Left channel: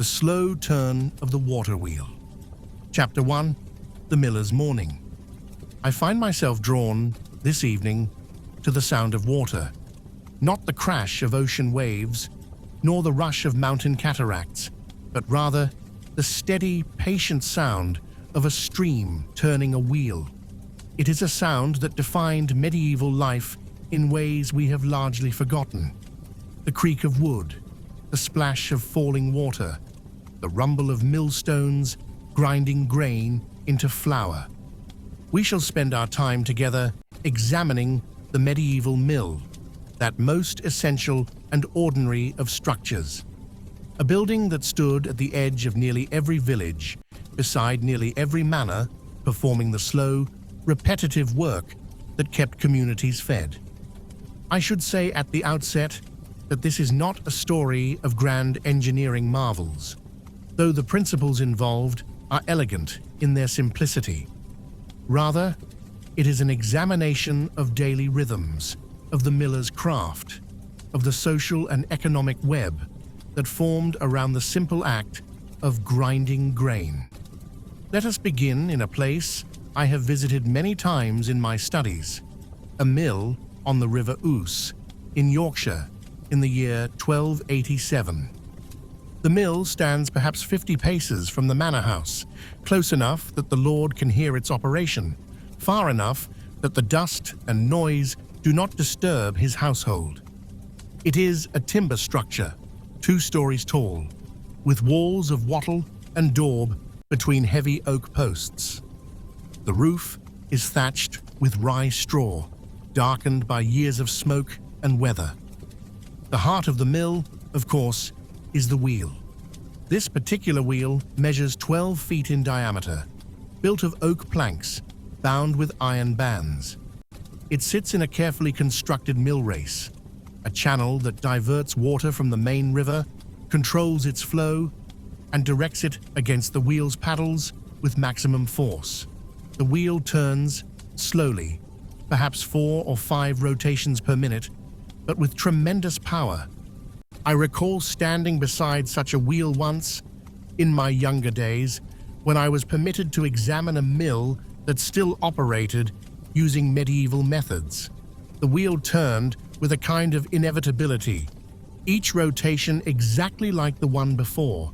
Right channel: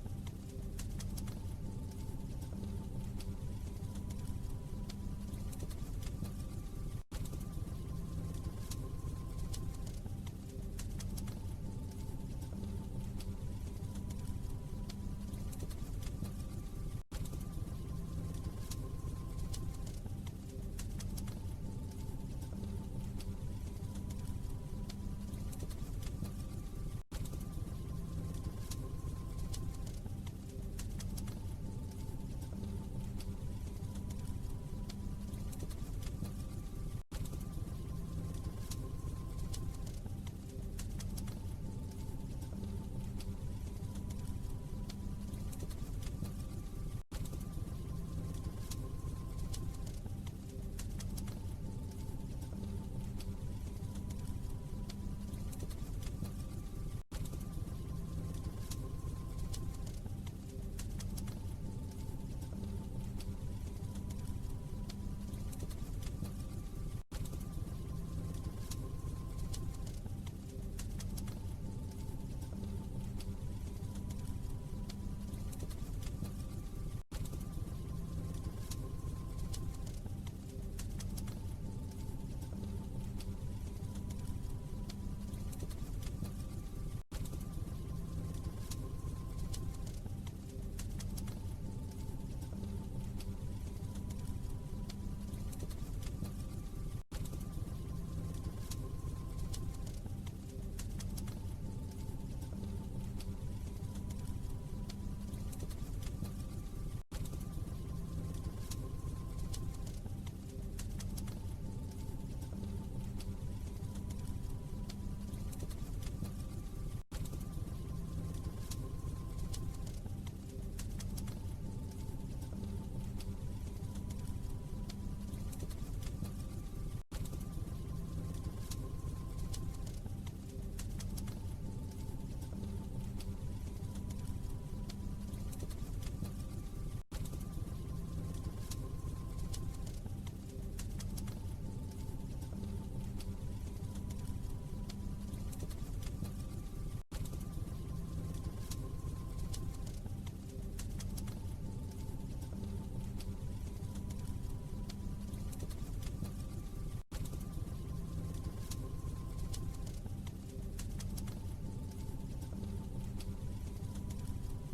The slow turn of the water wheel. Chapter 1. The Miller's Morning. I find myself drawn, this evening, to the sound of water. Not the crash of ocean waves, nor the rush of mountain cataracts, but rather the steady, patient sound of a stream turning a wheel. It is a sound that defined medieval life in ways we have largely forgotten. The creak of wood, the splash of falling water, the rumble of millstones grinding grain into flour. We shall spend our time together examining the medieval mill, that most essential and ordinary of structures. A building that stood at the edge of nearly every village, beside nearly every manor, performing the slow, repetitive work that kept communities fed. I should say at the outset that this is not a story of grand engineering marvels, though the principles involved are elegant in their simplicity. Rather, it is an examination of daily rhythms, of the miller's craft, of the social and economic web that formed around the simple act of grinding grain. Let us begin in a place I have visited many times in my studies, a mill on the River Ouse in Yorkshire in the year 1287. The mill stands perhaps 50 paces from the manor house, close enough that the lord can hear its operation, far enough that the dust and noise do not disturb his household. It is a timber structure, 2 stories tall, with walls of wattle and daub between heavy oak posts. The roof is thatched with rye straw, darkened by years of smoke and weather. The heart of the mill, of course, is the wheel. This particular wheel measures 12 feet in diameter, built of oak planks, bound with iron bands. It sits in a carefully constructed mill race, a channel that diverts water from the main river, controls its flow, and directs it against the wheel's paddles with maximum force. The wheel turns slowly, perhaps 4 or 5 rotations per minute, but with tremendous power. I recall standing beside such a wheel once, in my younger days, when I was permitted to examine a mill that still operated using medieval methods. The wheel turned with a kind of inevitability, each rotation exactly like the one before,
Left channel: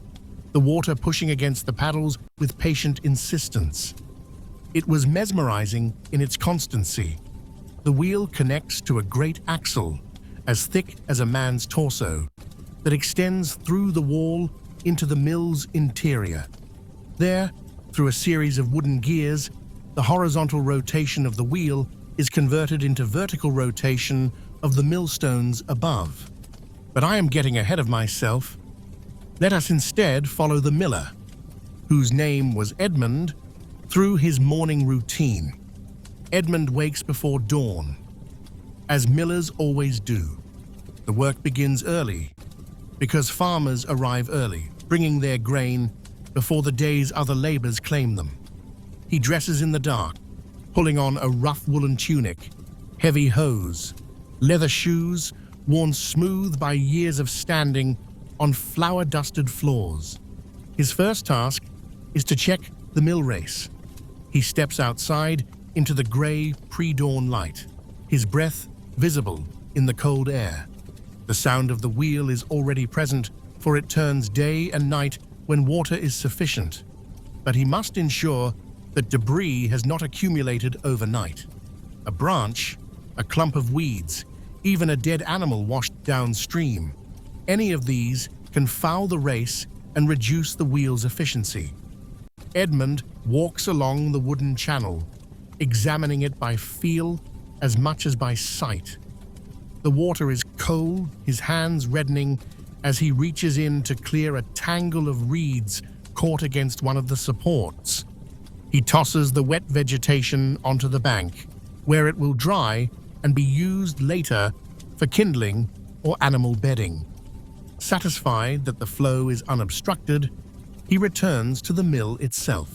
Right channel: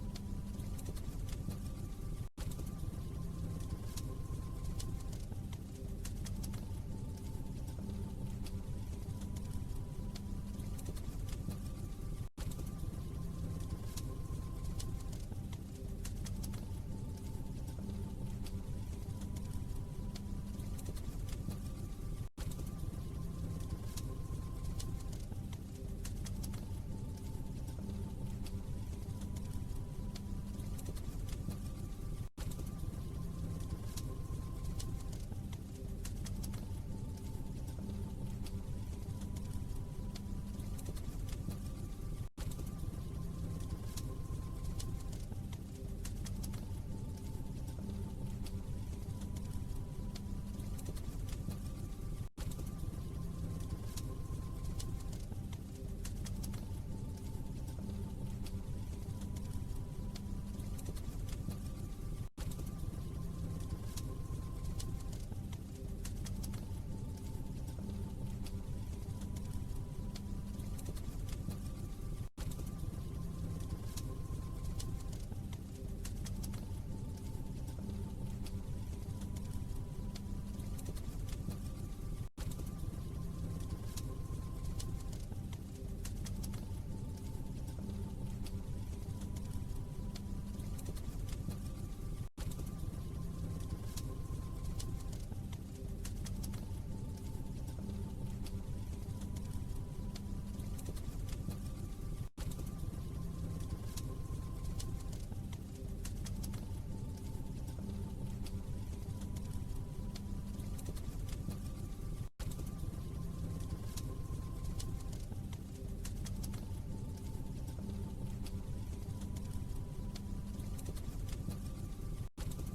the water pushing against the paddles with patient insistence. It was mesmerizing in its constancy. The wheel connects to a great axle, as thick as a man's torso, that extends through the wall into the mill's interior. There, through a series of wooden gears, the horizontal rotation of the wheel is converted into vertical rotation of the millstones above. But I am getting ahead of myself. Let us instead follow the miller, whose name was Edmund, through his morning routine. Edmund wakes before dawn, as millers always do. The work begins early, because farmers arrive early, bringing their grain before the day's other labors claim them. He dresses in the dark, pulling on a rough woolen tunic, heavy hose, leather shoes worn smooth by years of standing on flour-dusted floors. His first task is to check the mill race. He steps outside into the gray pre-dawn light, his breath visible in the cold air. The sound of the wheel is already present, for it turns day and night when water is sufficient. But he must ensure that debris has not accumulated overnight. A branch, a clump of weeds, even a dead animal washed downstream, any of these can foul the race and reduce the wheel's efficiency. Edmund walks along the wooden channel, examining it by feel as much as by sight. The water is cold, his hands reddening as he reaches in to clear a tangle of reeds caught against one of the supports. He tosses the wet vegetation onto the bank, where it will dry and be used later for kindling or animal bedding. Satisfied that the flow is unobstructed, he returns to the mill itself.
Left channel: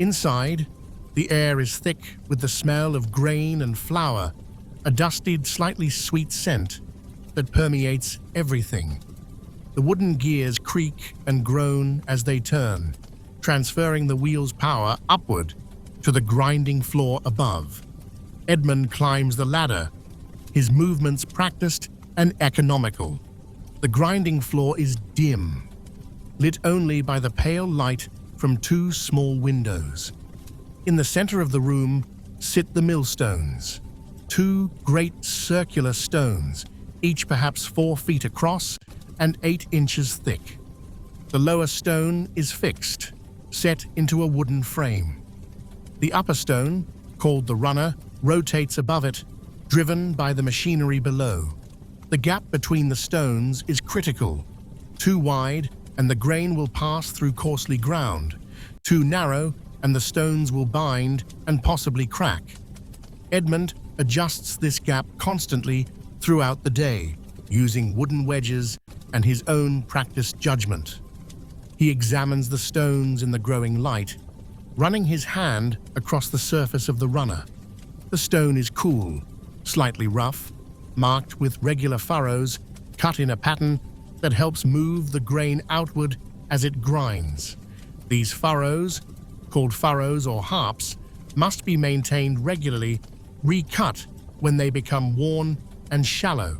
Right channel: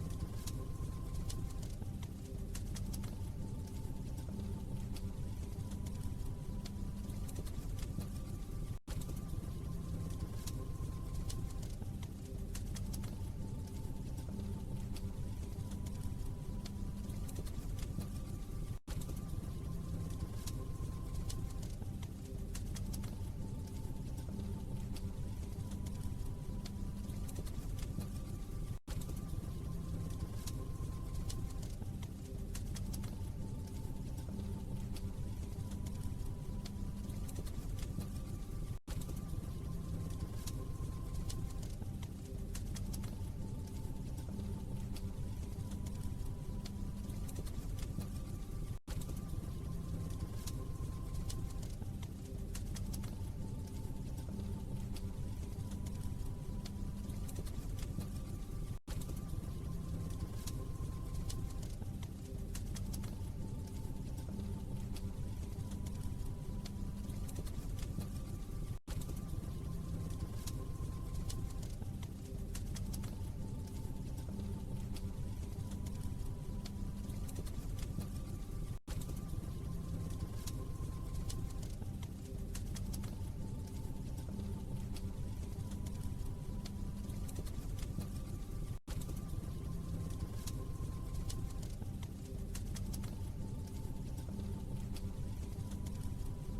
Inside, the air is thick with the smell of grain and flour, a dusty, slightly sweet scent that permeates everything. The wooden gears creak and groan as they turn, transferring the wheel's power upward to the grinding floor above. Edmund climbs the ladder, his movements practiced and economical. The grinding floor is dim, lit only by the pale light from two small windows. In the center of the room sit the millstones, two great circular stones, each perhaps 4 feet across and 8 inches thick. The lower stone is fixed, set into a wooden frame. The upper stone, called the runner, rotates above it, driven by the machinery below. The gap between the stones is critical. Too wide, and the grain will pass through coarsely ground. Too narrow, and the stones will bind and possibly crack. Edmund adjusts this gap constantly throughout the day, using wooden wedges and his own practiced judgment. He examines the stones in the growing light, running his hand across the surface of the runner. The stone is cool, slightly rough, marked with regular furrows, cut in a pattern that helps move the grain outward as it grinds. These furrows, called furrows or harps, must be maintained regularly, recut when they become worn and shallow.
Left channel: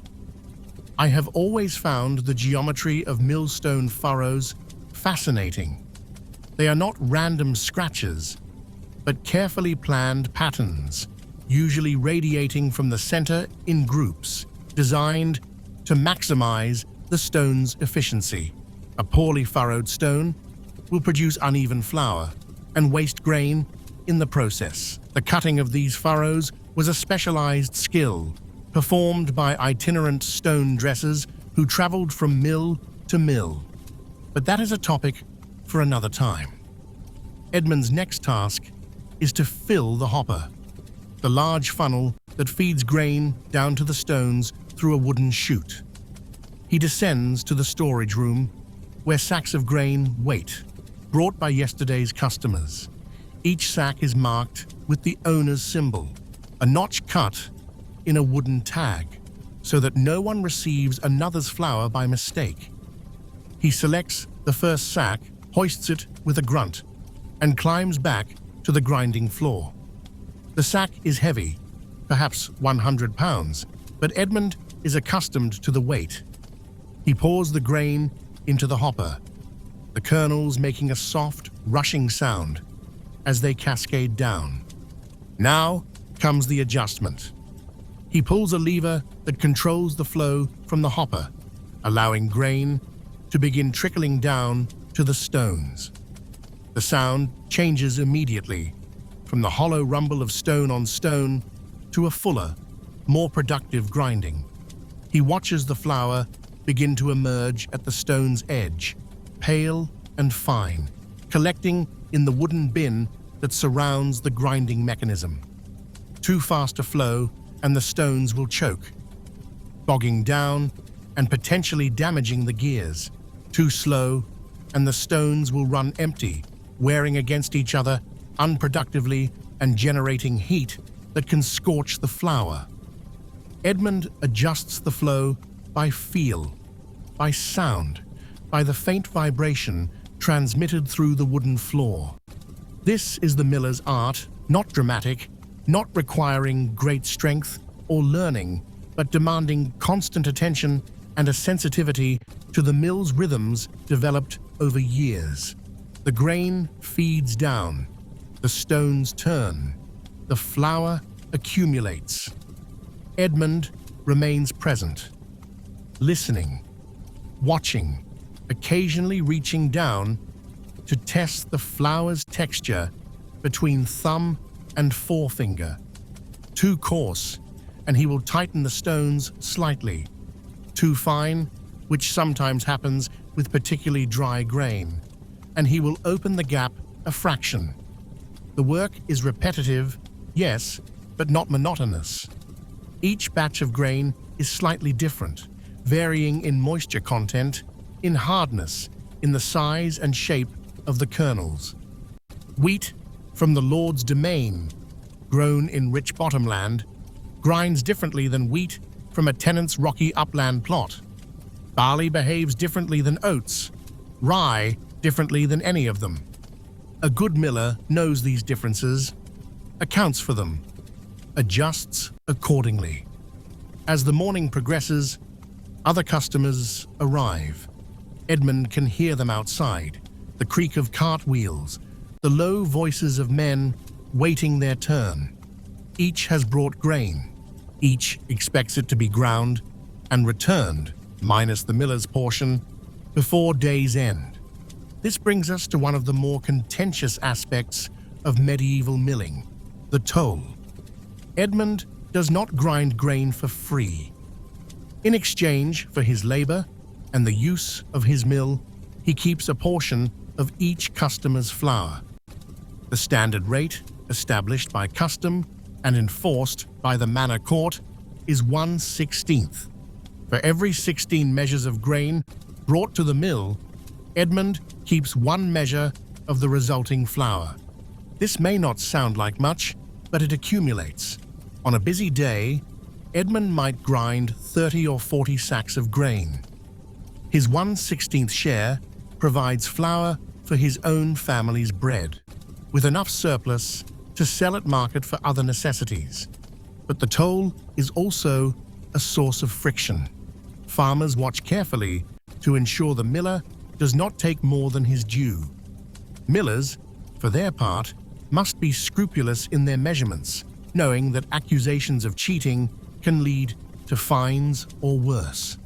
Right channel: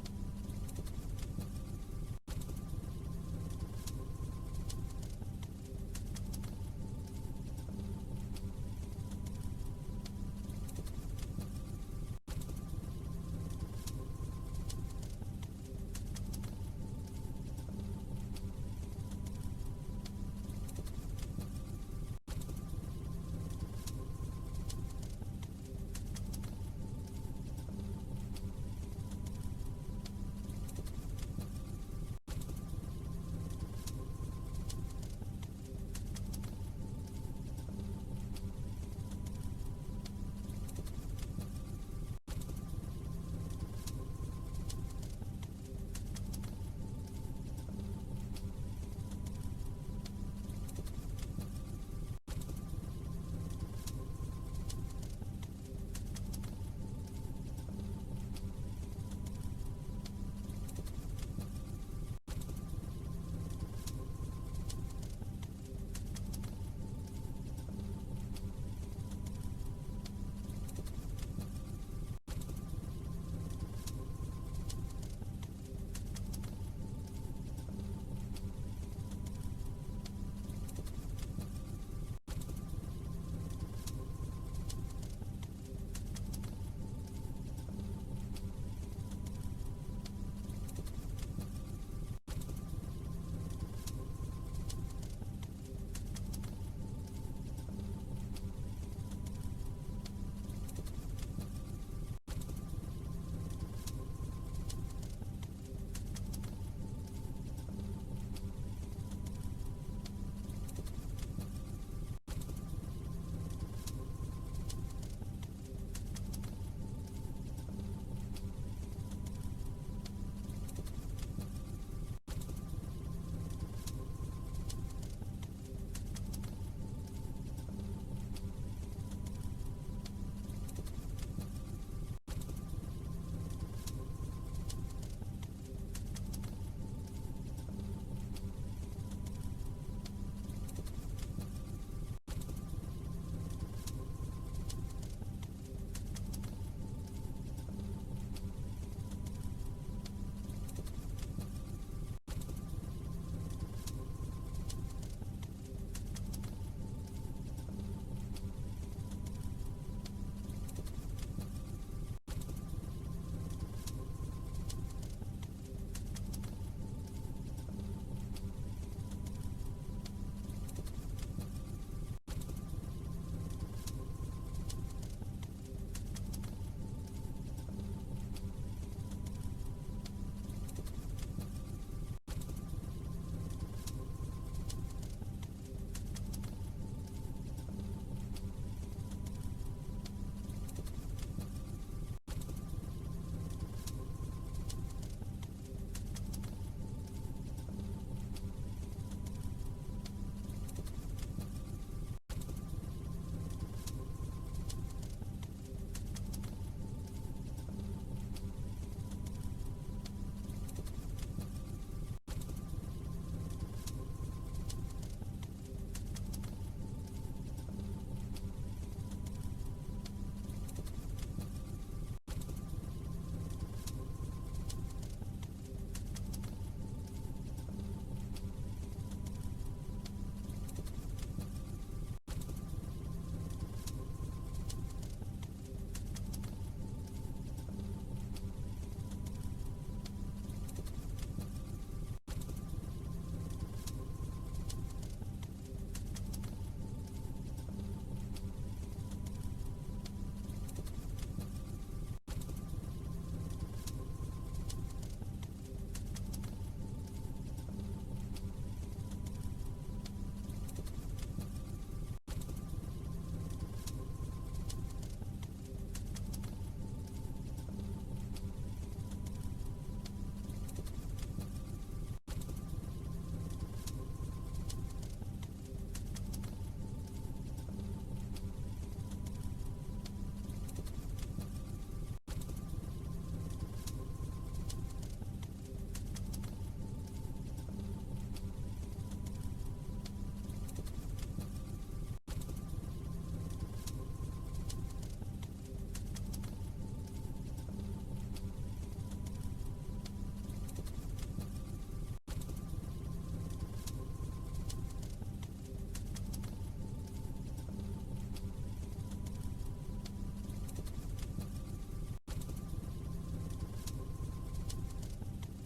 I have always found the geometry of millstone furrows fascinating. They are not random scratches, but carefully planned patterns, usually radiating from the center in groups, designed to maximize the stone's efficiency. A poorly furrowed stone will produce uneven flour and waste grain in the process. The cutting of these furrows was a specialized skill performed by itinerant stone dressers who traveled from mill to mill. But that is a topic for another time. Edmund's next task is to fill the hopper, the large funnel that feeds grain down to the stones through a wooden chute. He descends to the storage room where sacks of grain wait, brought by yesterday's customers. Each sack is marked with the owner's symbol, a notch cut in a wooden tag, so that no one receives another's flour by mistake. He selects the first sack, hoists it with a grunt, and climbs back to the grinding floor. The sack is heavy, perhaps 100 pounds, but Edmund is accustomed to the weight. He pours the grain into the hopper, the kernels making a soft, rushing sound as they cascade down. Now comes the adjustment. He pulls a lever that controls the flow from the hopper, allowing grain to begin trickling down to the stones. The sound changes immediately, from the hollow rumble of stone on stone to a fuller, more productive grinding. He watches the flour begin to emerge at the stone's edge, pale and fine, collecting in the wooden bin that surrounds the grinding mechanism. Too fast a flow and the stones will choke, bogging down and potentially damaging the gears. Too slow and the stones will run empty, wearing against each other unproductively and generating heat that can scorch the flour. Edmund adjusts the flow by feel, by sound, by the faint vibration transmitted through the wooden floor. This is the miller's art, not dramatic, not requiring great strength or learning, but demanding constant attention and a sensitivity to the mill's rhythms developed over years. The grain feeds down, the stones turn, the flour accumulates. Edmund remains present, listening, watching, occasionally reaching down to test the flour's texture between thumb and forefinger. Too coarse, and he will tighten the stones slightly. Too fine, which sometimes happens with particularly dry grain, and he will open the gap a fraction. The work is repetitive, yes, but not monotonous. Each batch of grain is slightly different, varying in moisture content, in hardness, in the size and shape of the kernels. Wheat from the Lord's domain, grown in rich bottomland, grinds differently than wheat from a tenant's rocky upland plot. Barley behaves differently than oats, rye differently than any of them. A good miller knows these differences, accounts for them, adjusts accordingly. As the morning progresses, other customers arrive. Edmund can hear them outside, the creak of cart wheels, the low voices of men waiting their turn. Each has brought grain. Each expects it to be ground and returned, minus the miller's portion, before day's end. This brings us to one of the more contentious aspects of medieval milling, the toll. Edmund does not grind grain for free. In exchange for his labor and the use of his mill, he keeps a portion of each customer's flour. The standard rate, established by custom and enforced by the manor court, is 1/16. For every 16 measures of grain brought to the mill, Edmund keeps 1 measure of the resulting flour. This may not sound like much, but it accumulates. On a busy day, Edmund might grind 30 or 40 sacks of grain. His 1/16 share provides flour for his own family's bread, with enough surplus to sell at market for other necessities. But the toll is also a source of friction. Farmers watch carefully to ensure the miller does not take more than his due. Millers, for their part, must be scrupulous in their measurements, knowing that accusations of cheating can lead to fines or worse.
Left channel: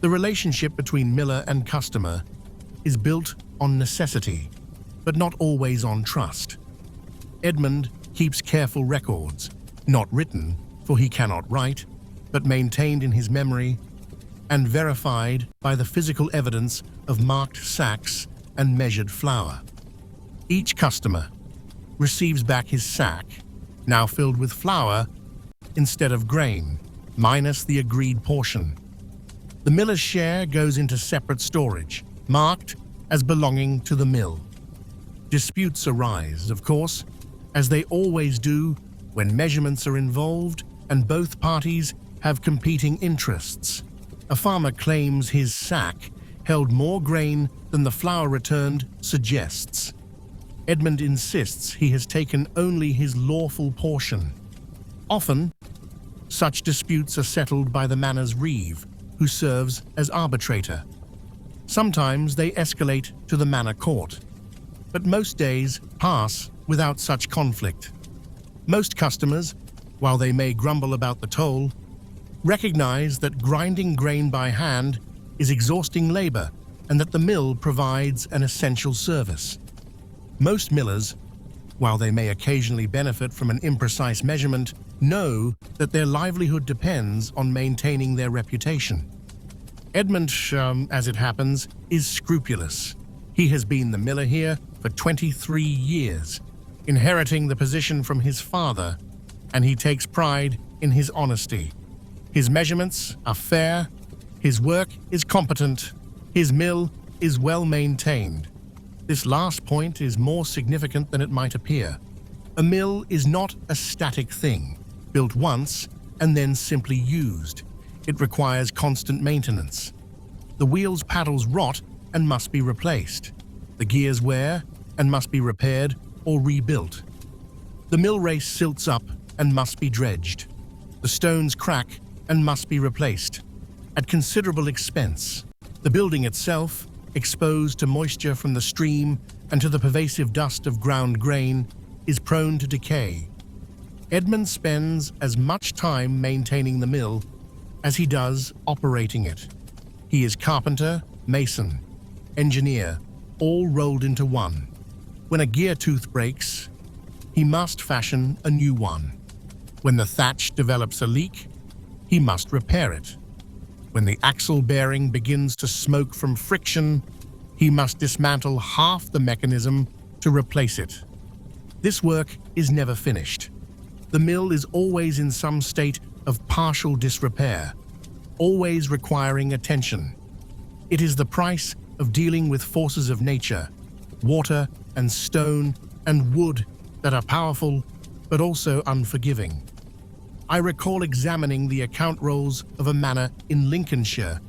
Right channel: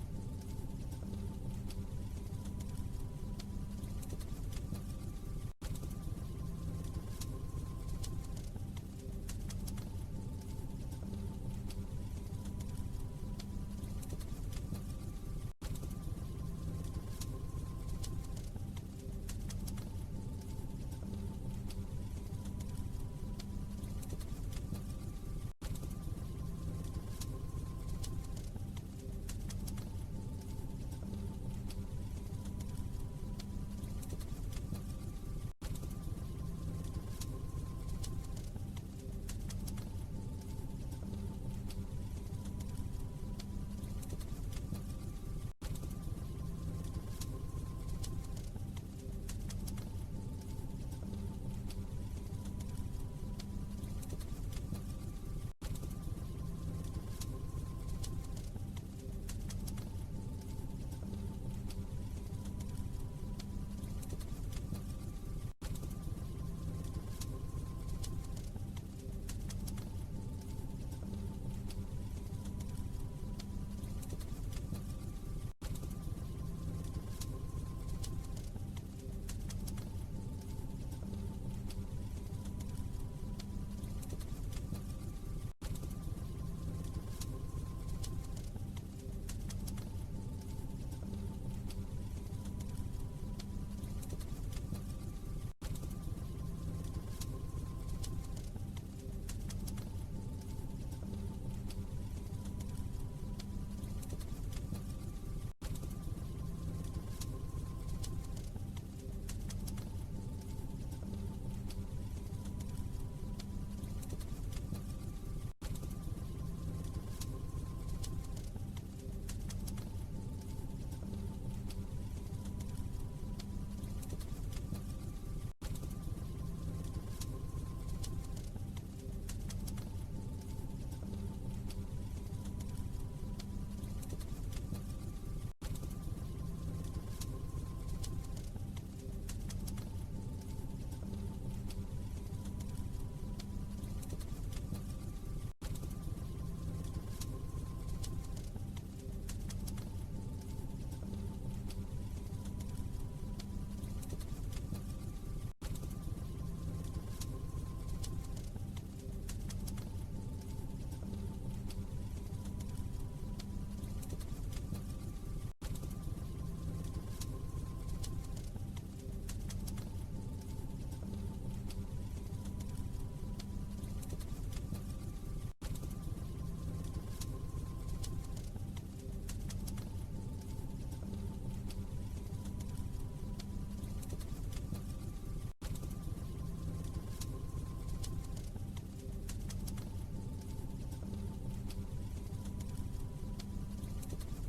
The relationship between miller and customer is built on necessity, but not always on trust. Edmund keeps careful records, not written, for he cannot write, but maintained in his memory and verified by the physical evidence of marked sacks and measured flour. Each customer receives back his sack, now filled with flour instead of grain, minus the agreed portion. The miller's share goes into separate storage, marked as belonging to the mill. Disputes arise, of course, as they always do when measurements are involved and both parties have competing interests. A farmer claims his sack held more grain than the flour returned suggests. Edmund insists he has taken only his lawful portion. Often, such disputes are settled by the manor's reeve, who serves as arbitrator. Sometimes they escalate to the manor court, but most days pass without such conflict. Most customers, while they may grumble about the toll, recognize that grinding grain by hand is exhausting labor and that the mill provides an essential service. Most millers, while they may occasionally benefit from an imprecise measurement, know that their livelihood depends on maintaining their reputation. Edmund, as it happens, is scrupulous. He has been the miller here for 23 years, inheriting the position from his father, and he takes pride in his honesty. His measurements are fair, his work is competent, his mill is well maintained. This last point is more significant than it might appear. A mill is not a static thing, built once and then simply used. It requires constant maintenance. The wheel's paddles rot and must be replaced. The gears wear and must be repaired or rebuilt. The mill race silts up and must be dredged. The stones crack and must be replaced, at considerable expense. The building itself, exposed to moisture from the stream and to the pervasive dust of ground grain, is prone to decay. Edmund spends as much time maintaining the mill as he does operating it. He is carpenter, mason, engineer, all rolled into one. When a gear tooth breaks, he must fashion a new one. When the thatch develops a leak, he must repair it. When the axle bearing begins to smoke from friction, he must dismantle half the mechanism to replace it. This work is never finished. The mill is always in some state of partial disrepair, always requiring attention. It is the price of dealing with forces of nature, water and stone and wood that are powerful but also unforgiving. I recall examining the account rolls of a manor in Lincolnshire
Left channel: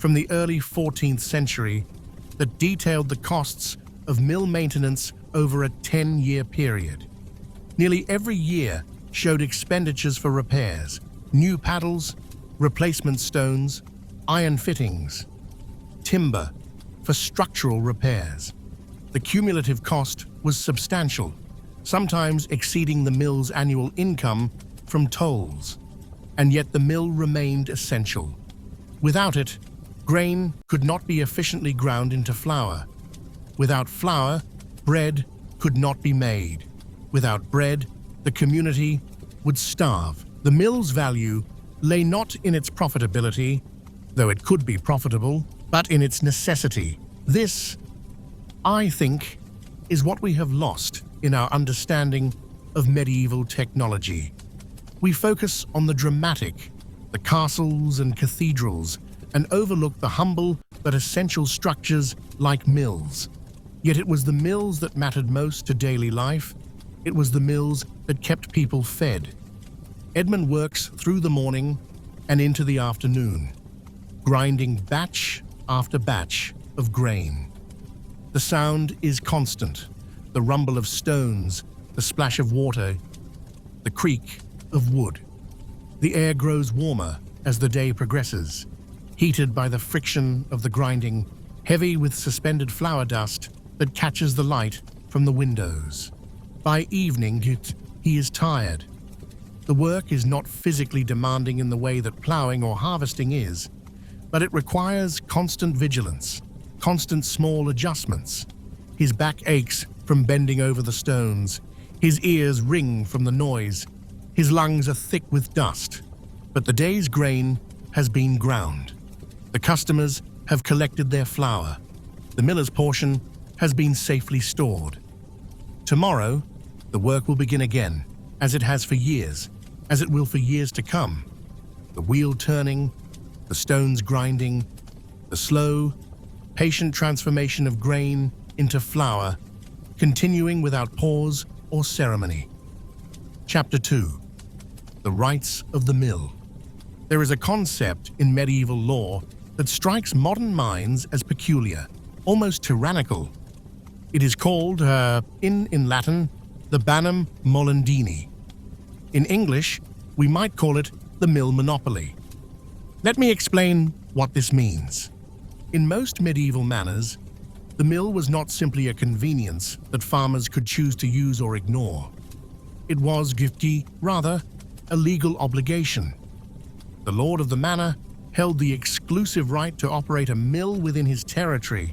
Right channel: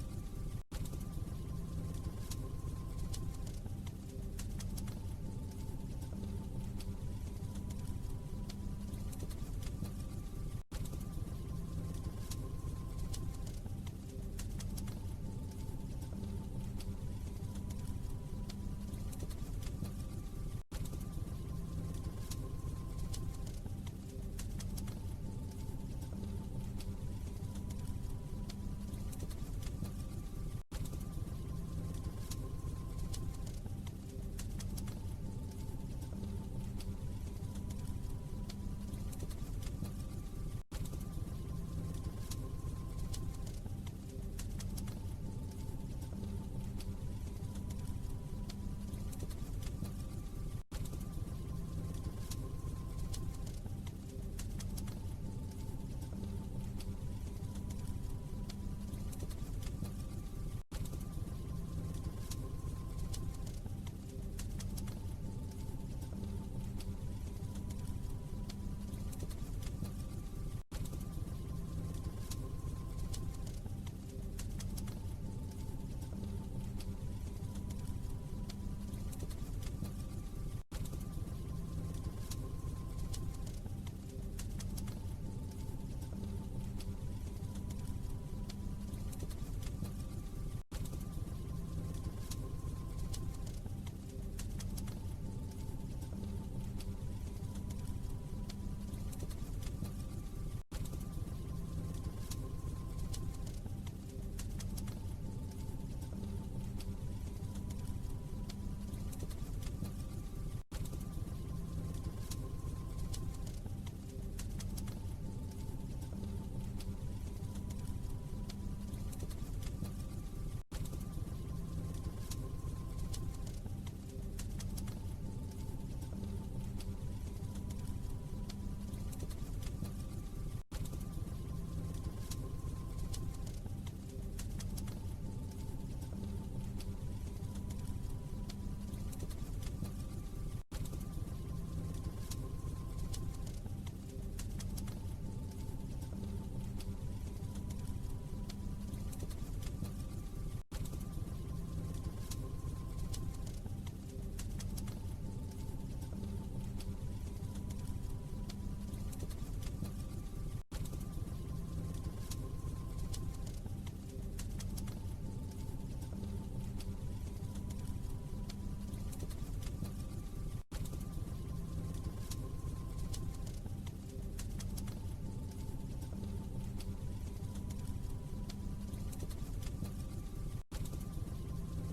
from the early 14th century that detailed the costs of mill maintenance over a 10-year period. Nearly every year showed expenditures for repairs, new paddles, replacement stones, iron fittings, timber for structural repairs. The cumulative cost was substantial, sometimes exceeding the mill's annual income from tolls, and yet the mill remained essential. Without it, grain could not be efficiently ground into flour. Without flour, bread could not be made. Without bread, the community would starve. The mill's value lay not in its profitability, though it could be profitable, but in its necessity. This, I think, is what we have lost in our understanding of medieval technology. We focus on the dramatic, the castles and cathedrals, and overlook the humble but essential structures like mills. Yet it was the mills that mattered most to daily life. It was the mills that kept people fed. Edmund works through the morning and into the afternoon, grinding batch after batch of grain. The sound is constant, the rumble of stones, the splash of water, the creak of wood. The air grows warmer as the day progresses, heated by the friction of the grinding, heavy with suspended flour dust that catches the light from the windows. By evening, he is tired. The work is not physically demanding in the way that plowing or harvesting is, but it requires constant vigilance, constant small adjustments. His back aches from bending over the stones. His ears ring from the noise. His lungs are thick with dust. But the day's grain has been ground. The customers have collected their flour. The miller's portion has been safely stored. Tomorrow, the work will begin again, as it has for years, as it will for years to come. The wheel turning, the stones grinding, the slow, patient transformation of grain into flour, continuing without pause or ceremony. Chapter 2. The Rights of the Mill. There is a concept in medieval law that strikes modern minds as peculiar, almost tyrannical. It is called, in Latin, the banum molendini. In English, we might call it the mill monopoly. Let me explain what this means. In most medieval manors, the mill was not simply a convenience that farmers could choose to use or ignore. It was, rather, a legal obligation. The lord of the manor held the exclusive right to operate a mill within his territory,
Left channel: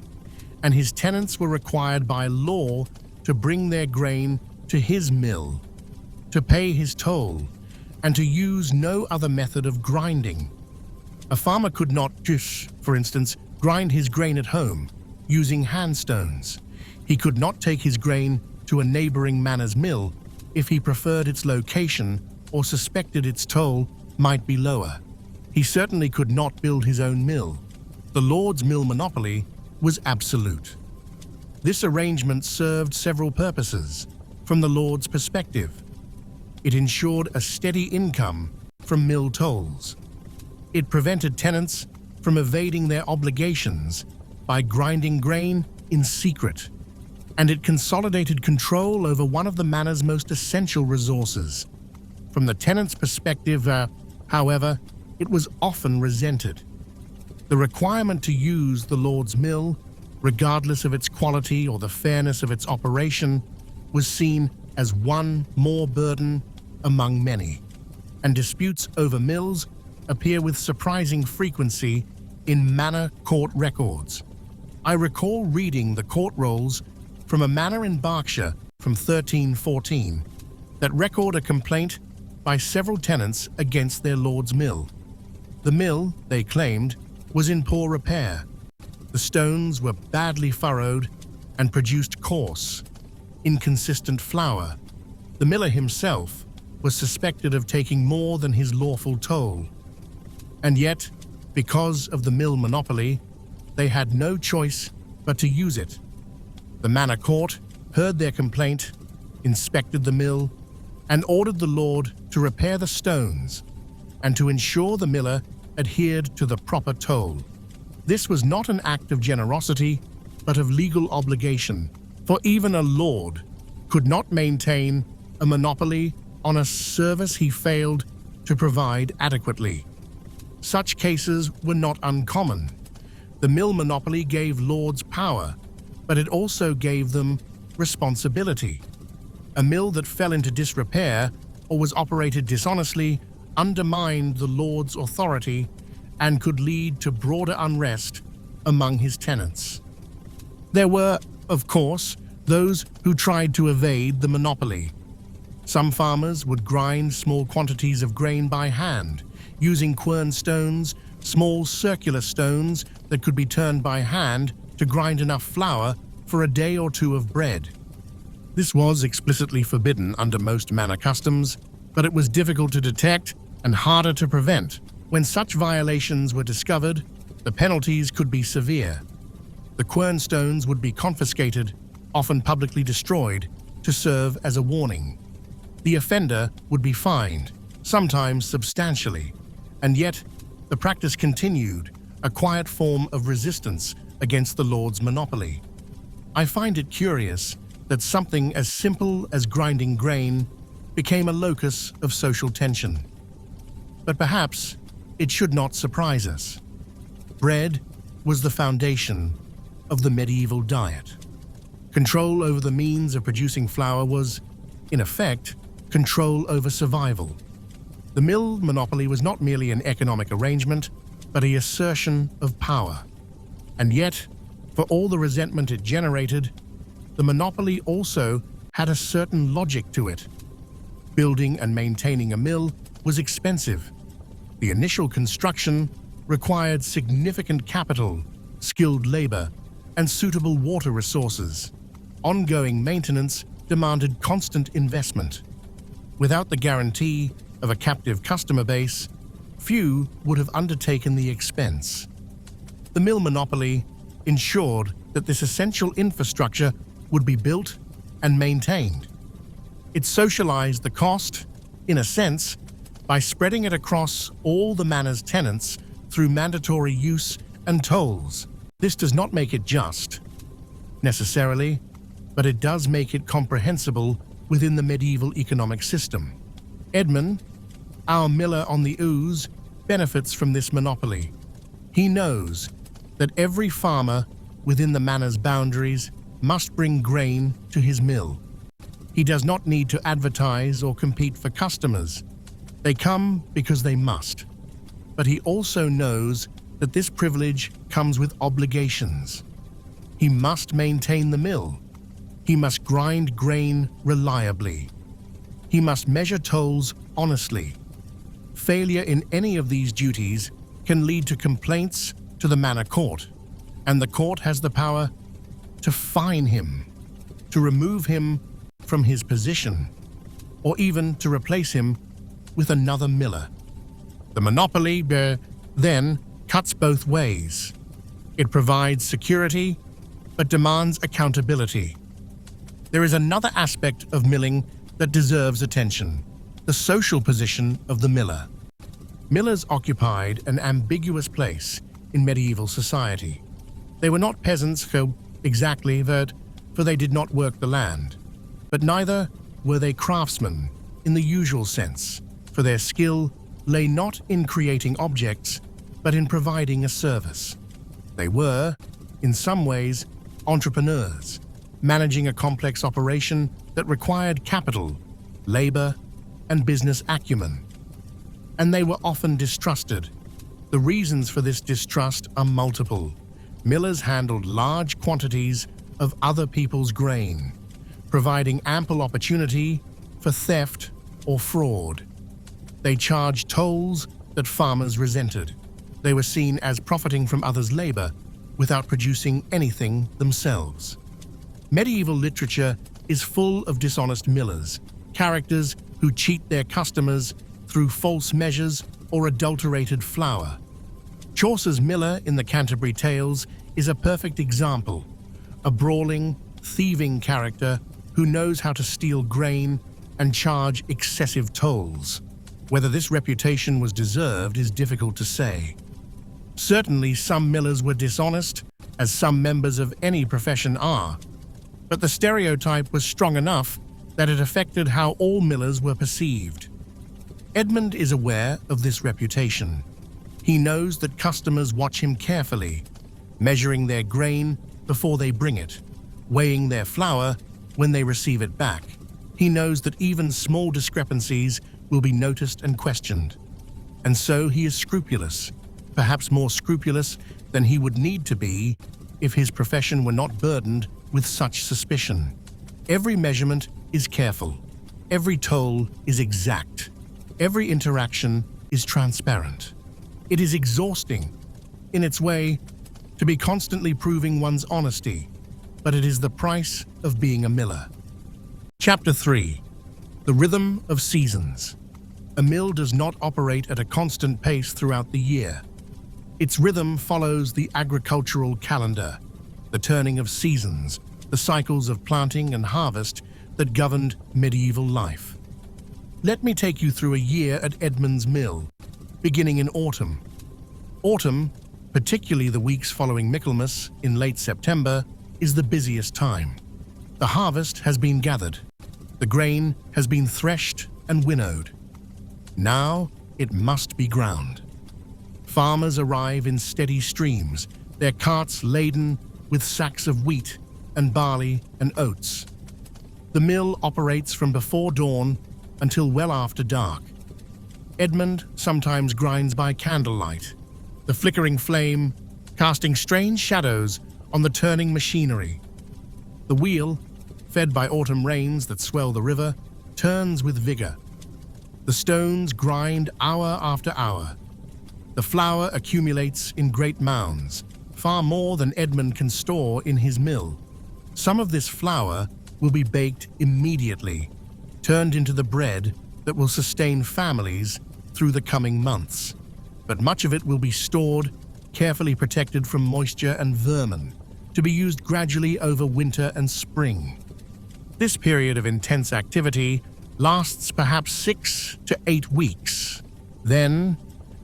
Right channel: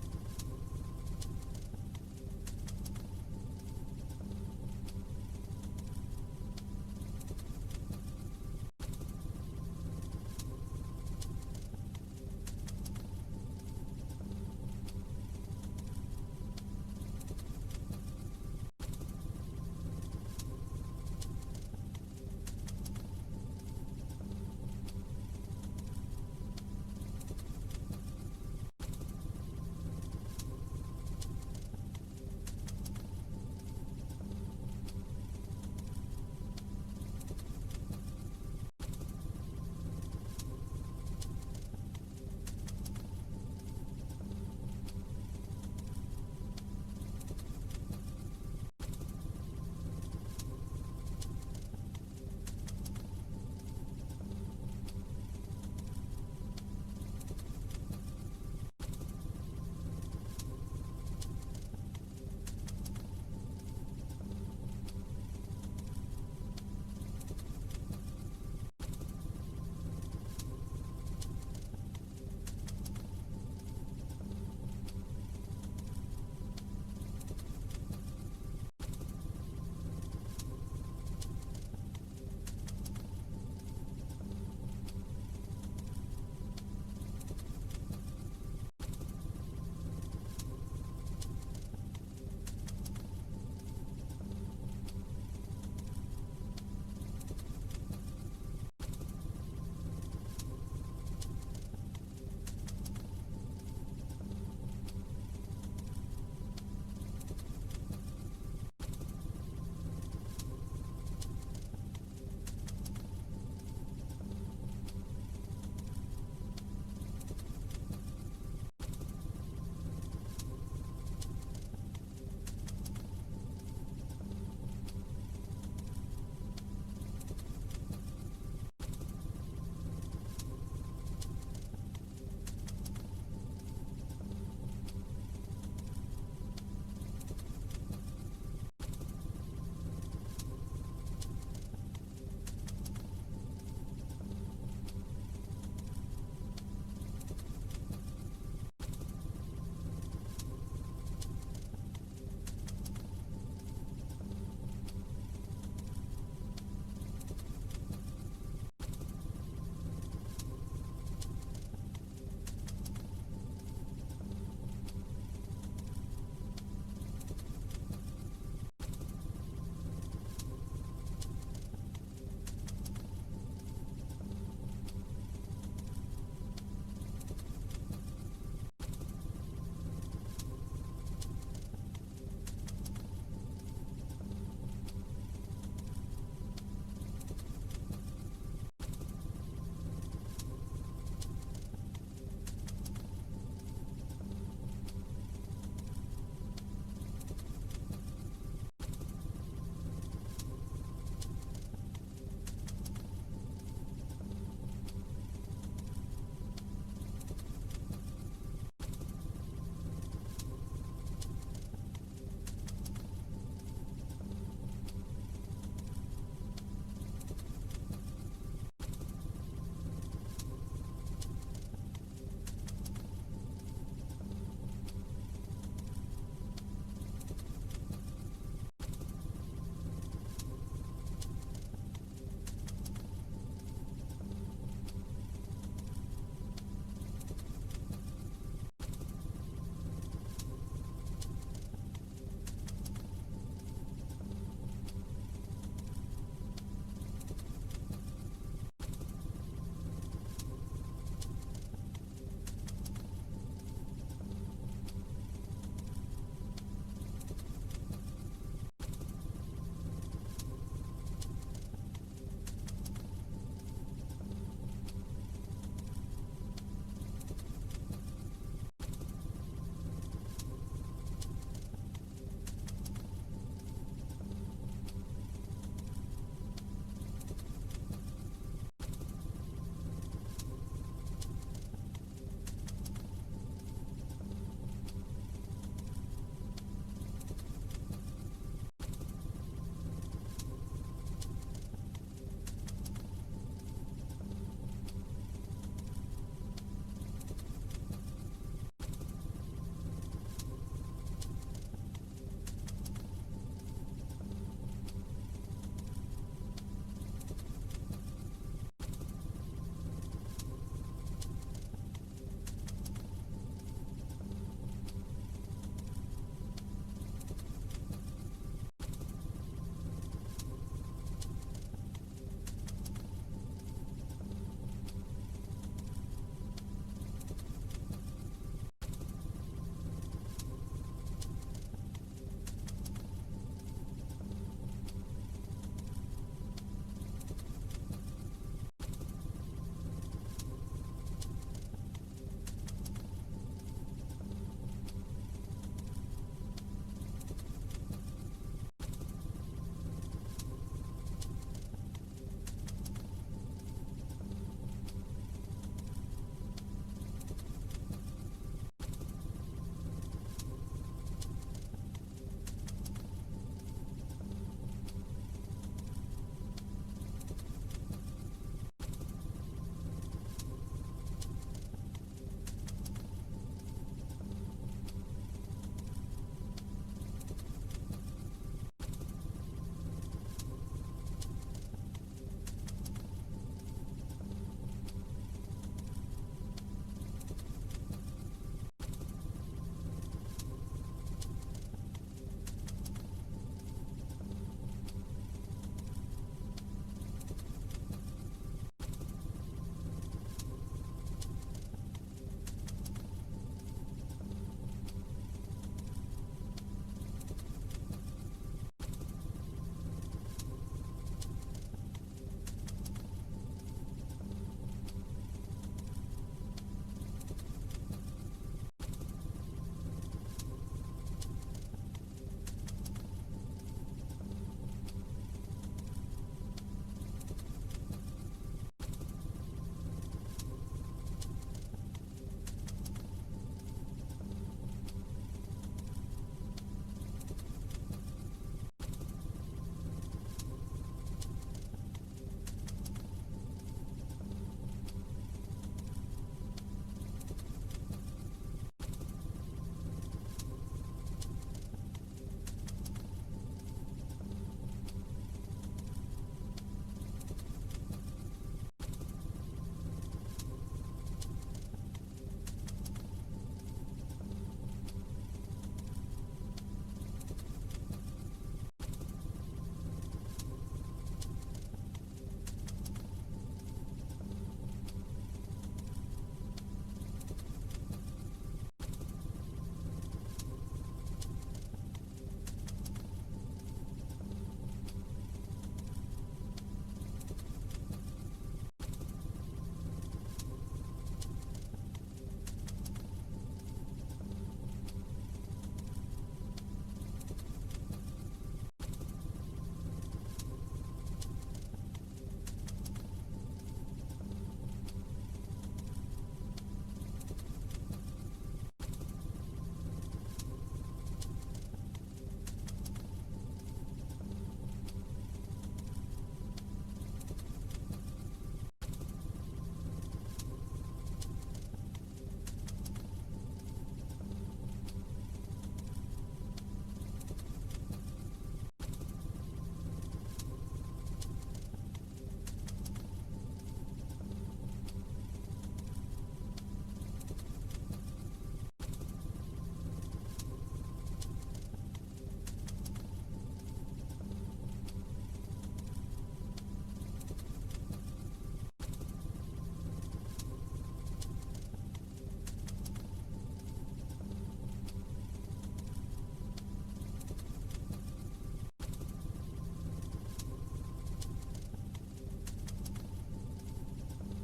and his tenants were required by law to bring their grain to his mill, to pay his toll, and to use no other method of grinding. A farmer could not just, for instance, grind his grain at home using handstones. He could not take his grain to a neighboring manor's mill if he preferred its location or suspected its toll might be lower. He certainly could not build his own mill. The lord's mill monopoly was absolute. This arrangement served several purposes. From the lord's perspective, it ensured a steady income from mill tolls. It prevented tenants from evading their obligations by grinding grain in secret, and it consolidated control over one of the manor's most essential resources. From the tenant's perspective, however, it was often resented. The requirement to use the lord's mill, regardless of its quality or the fairness of its operation, was seen as one more burden among many, and disputes over mills appear with surprising frequency in manor court records. I recall reading the court rolls from a manor in Berkshire from 1314 that record a complaint by several tenants against their lord's mill. The mill, they claimed, was in poor repair. The stones were badly furrowed and produced coarse, inconsistent flour. The miller himself was suspected of taking more than his lawful toll. And yet, because of the mill monopoly, they had no choice but to use it. The manor court heard their complaint, inspected the mill, and ordered the lord to repair the stones and to ensure the miller adhered to the proper toll. This was not an act of generosity, but of legal obligation, for even a lord could not maintain a monopoly on a service he failed to provide adequately. Such cases were not uncommon. The mill monopoly gave lords power, but it also gave them responsibility. A mill that fell into disrepair or was operated dishonestly undermined the lord's authority and could lead to broader unrest among his tenants. There were, of course, those who tried to evade the monopoly. Some farmers would grind small quantities of grain by hand, using quern stones, small circular stones that could be turned by hand to grind enough flour for a day or two of bread. This was explicitly forbidden under most manor customs, but it was difficult to detect and harder to prevent. When such violations were discovered, the penalties could be severe. The quern stones would be confiscated, often publicly destroyed, to serve as a warning. The offender would be fined, sometimes substantially, and yet the practice continued, a quiet form of resistance against the lord's monopoly. I find it curious that something as simple as grinding grain became a locus of social tension. But perhaps it should not surprise us. Bread was the foundation of the medieval diet. Control over the means of producing flour was, in effect, control over survival. The mill monopoly was not merely an economic arrangement, but an assertion of power. And yet, for all the resentment it generated, the monopoly also had a certain logic to it. Building and maintaining a mill was expensive. The initial construction required significant capital, skilled labor, and suitable water resources. Ongoing maintenance demanded constant investment. Without the guarantee of a captive customer base, few would have undertaken the expense. The mill monopoly ensured that this essential infrastructure would be built and maintained. It socialized the cost, in a sense, by spreading it across all the manor's tenants through mandatory use and tolls. This does not make it just, necessarily, but it does make it comprehensible within the medieval economic system. Edmund, our miller on the Ouse, benefits from this monopoly. He knows that every farmer within the manor's boundaries must bring grain to his mill. He does not need to advertise or compete for customers. They come because they must. But he also knows that this privilege comes with obligations. He must maintain the mill. He must grind grain reliably. He must measure tolls honestly. Failure in any of these duties can lead to complaints to the manor court, and the court has the power to fine him, to remove him from his position, or even to replace him with another miller. The monopoly, then, cuts both ways. It provides security, but demands accountability. There is another aspect of milling that deserves attention: the social position of the miller. Millers occupied an ambiguous place in medieval society. They were not peasants exactly, for they did not work the land. But neither were they craftsmen in the usual sense, for their skill lay not in creating objects, but in providing a service. They were, in some ways, entrepreneurs, managing a complex operation that required capital, labor, and business acumen. And they were often distrusted. The reasons for this distrust are multiple. Millers handled large quantities of other people's grain, providing ample opportunity for theft or fraud. They charged tolls that farmers resented. They were seen as profiting from others' labor without producing anything themselves. Medieval literature is full of dishonest millers, characters who cheat their customers through false measures or adulterated flour. Chaucer's miller in the Canterbury Tales is a perfect example, a brawling, thieving character who knows how to steal grain and charge excessive tolls. Whether this reputation was deserved is difficult to say. Certainly some millers were dishonest, as some members of any profession are, but the stereotype was strong enough that it affected how all millers were perceived. Edmund is aware of this reputation. He knows that customers watch him carefully, measuring their grain before they bring it, weighing their flour when they receive it back. He knows that even small discrepancies will be noticed and questioned. And so he is scrupulous, perhaps more scrupulous than he would need to be if his profession were not burdened with such suspicion. Every measurement is careful. Every toll is exact. Every interaction is transparent. It is exhausting, in its way, to be constantly proving one's honesty, but it is the price of being a miller. Chapter 3. The Rhythm of Seasons. A mill does not operate at a constant pace throughout the year. Its rhythm follows the agricultural calendar, the turning of seasons, the cycles of planting and harvest that governed medieval life. Let me take you through a year at Edmund's mill, beginning in autumn. Autumn, particularly the weeks following Michaelmas in late September, is the busiest time. The harvest has been gathered. The grain has been threshed and winnowed. Now it must be ground. Farmers arrive in steady streams, their carts laden with sacks of wheat and barley and oats. The mill operates from before dawn until well after dark. Edmund sometimes grinds by candlelight, the flickering flame casting strange shadows on the turning machinery. The wheel, fed by autumn rains that swell the river, turns with vigor. The stones grind hour after hour. The flour accumulates in great mounds, far more than Edmund can store in his mill. Some of this flour will be baked immediately, turned into the bread that will sustain families through the coming months. But much of it will be stored, carefully protected from moisture and vermin, to be used gradually over winter and spring. This period of intense activity lasts perhaps 6 to 8 weeks. Then,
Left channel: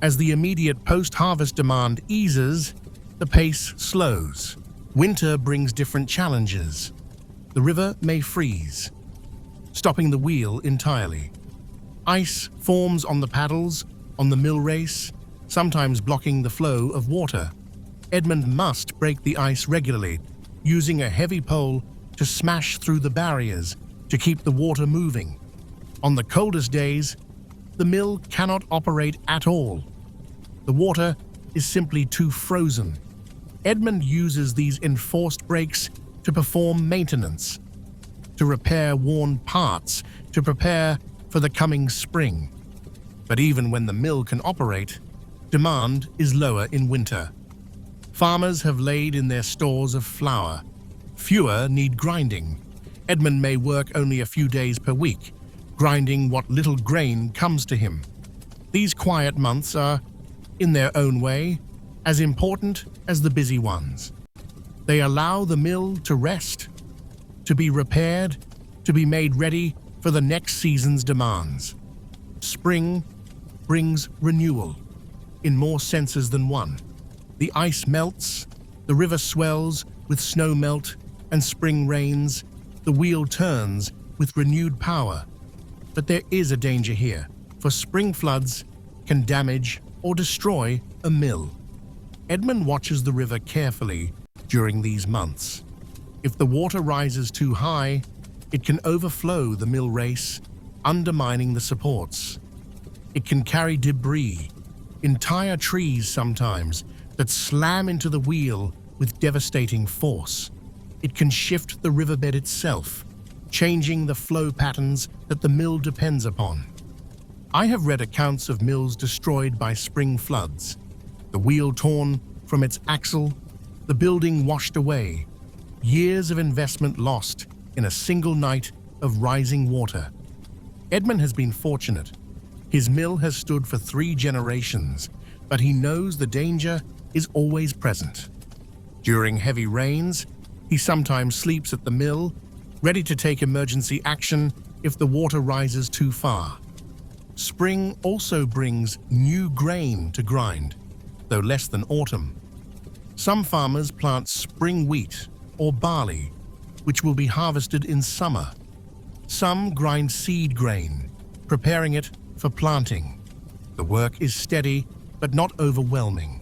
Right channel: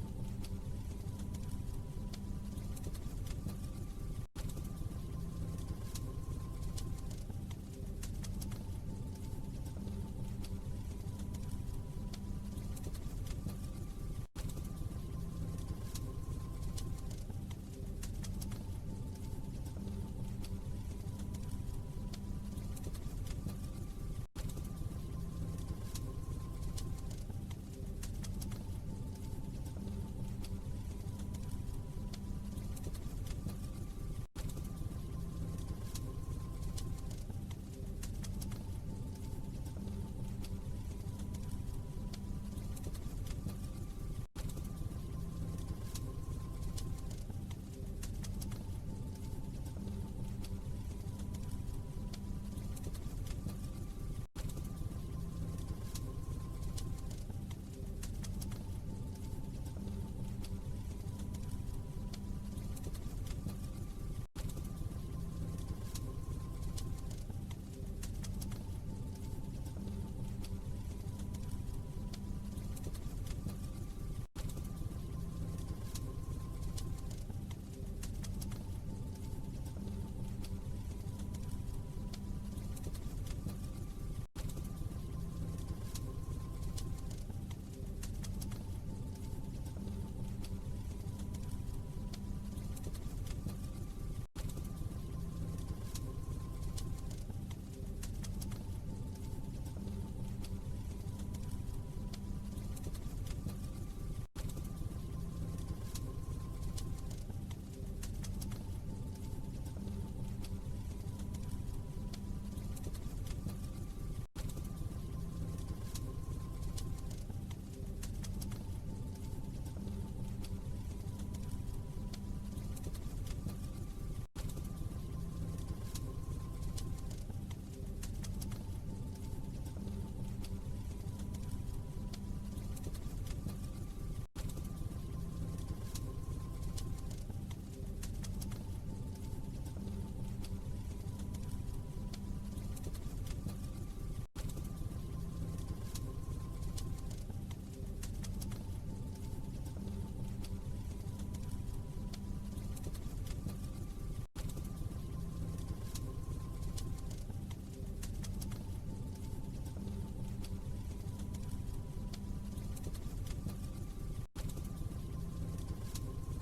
as the immediate post-harvest demand eases, the pace slows. Winter brings different challenges. The river may freeze, stopping the wheel entirely. Ice forms on the paddles, on the mill race, sometimes blocking the flow of water. Edmund must break the ice regularly, using a heavy pole to smash through the barriers to keep the water moving. On the coldest days, the mill cannot operate at all. The water is simply too frozen. Edmund uses these enforced breaks to perform maintenance, to repair worn parts, to prepare for the coming spring. But even when the mill can operate, demand is lower in winter. Farmers have laid in their stores of flour. Fewer need grinding. Edmund may work only a few days per week, grinding what little grain comes to him. These quiet months are, in their own way, as important as the busy ones. They allow the mill to rest, to be repaired, to be made ready for the next season's demands. Spring brings renewal, in more senses than one. The ice melts, the river swells with snow melt and spring rains, the wheel turns with renewed power. But there is a danger here, for spring floods can damage or destroy a mill. Edmund watches the river carefully during these months. If the water rises too high, it can overflow the mill race, undermining the supports. It can carry debris, entire trees sometimes, that slam into the wheel with devastating force. It can shift the riverbed itself, changing the flow patterns that the mill depends upon. I have read accounts of mills destroyed by spring floods, the wheel torn from its axle, the building washed away, years of investment lost in a single night of rising water. Edmund has been fortunate. His mill has stood for 3 generations, but he knows the danger is always present. During heavy rains, he sometimes sleeps at the mill, ready to take emergency action if the water rises too far. Spring also brings new grain to grind. though less than autumn. Some farmers plant spring wheat or barley, which will be harvested in summer. Some grind seed grain, preparing it for planting. The work is steady, but not overwhelming.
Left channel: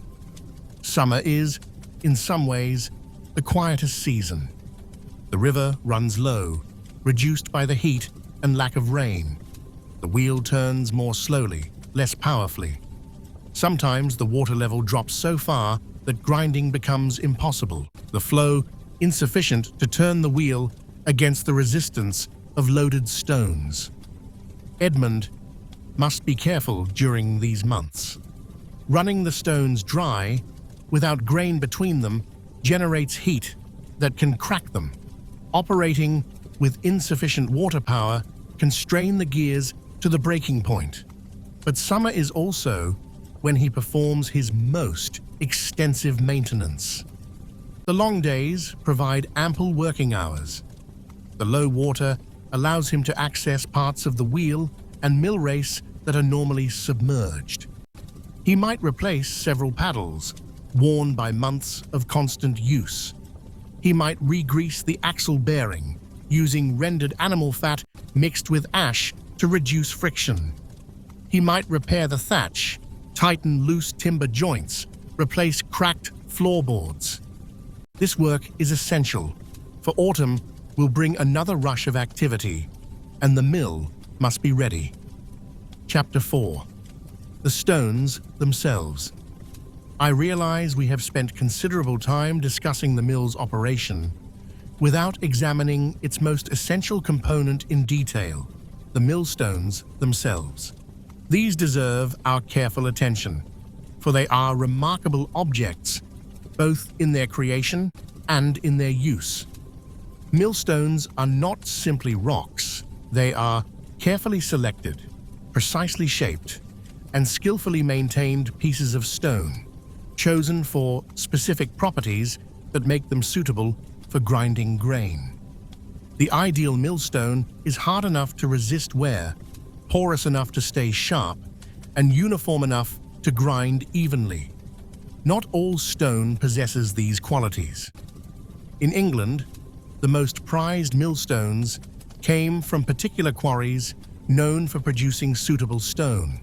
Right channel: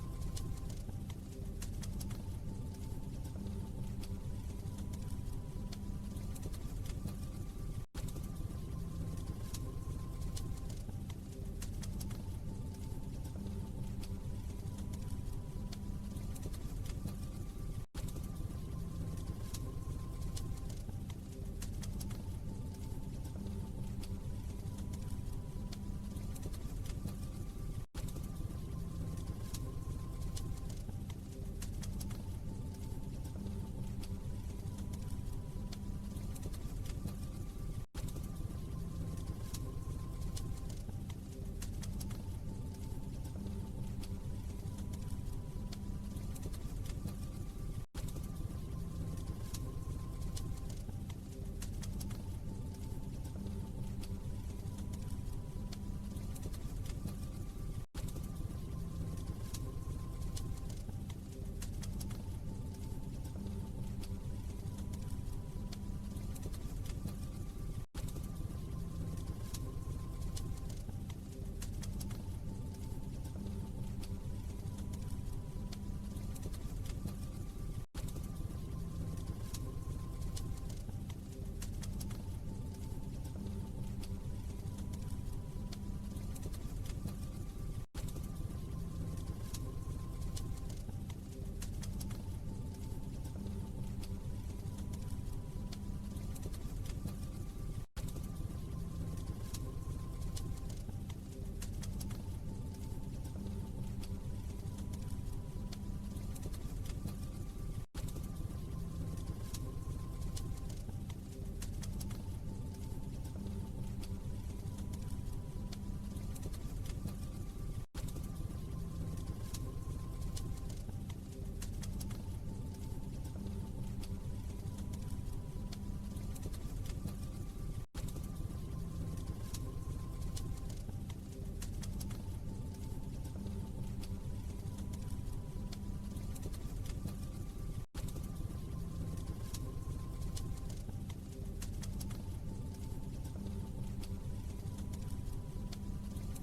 Summer is, in some ways, the quietest season. The river runs low, reduced by the heat and lack of rain. The wheel turns more slowly, less powerfully. Sometimes the water level drops so far that grinding becomes impossible, the flow insufficient to turn the wheel against the resistance of loaded stones. Edmund must be careful during these months. Running the stones dry, without grain between them, generates heat that can crack them. Operating with insufficient water power can strain the gears to the breaking point. But summer is also when he performs his most extensive maintenance. The long days provide ample working hours. The low water allows him to access parts of the wheel and mill race that are normally submerged. He might replace several paddles, worn by months of constant use. He might re-grease the axle bearing, using rendered animal fat mixed with ash to reduce friction. He might repair the thatch, tighten loose timber joints, replace cracked floorboards. This work is essential, for autumn will bring another rush of activity, and the mill must be ready. Chapter 4. The stones themselves. I realize we have spent considerable time discussing the mill's operation without examining its most essential component in detail, the millstones themselves. These deserve our careful attention, for they are remarkable objects, both in their creation and in their use. Millstones are not simply rocks. They are carefully selected, precisely shaped, and skillfully maintained pieces of stone, chosen for specific properties that make them suitable for grinding grain. The ideal millstone is hard enough to resist wear, porous enough to stay sharp, and uniform enough to grind evenly. Not all stone possesses these qualities. In England, the most prized millstones came from particular quarries known for producing suitable stone.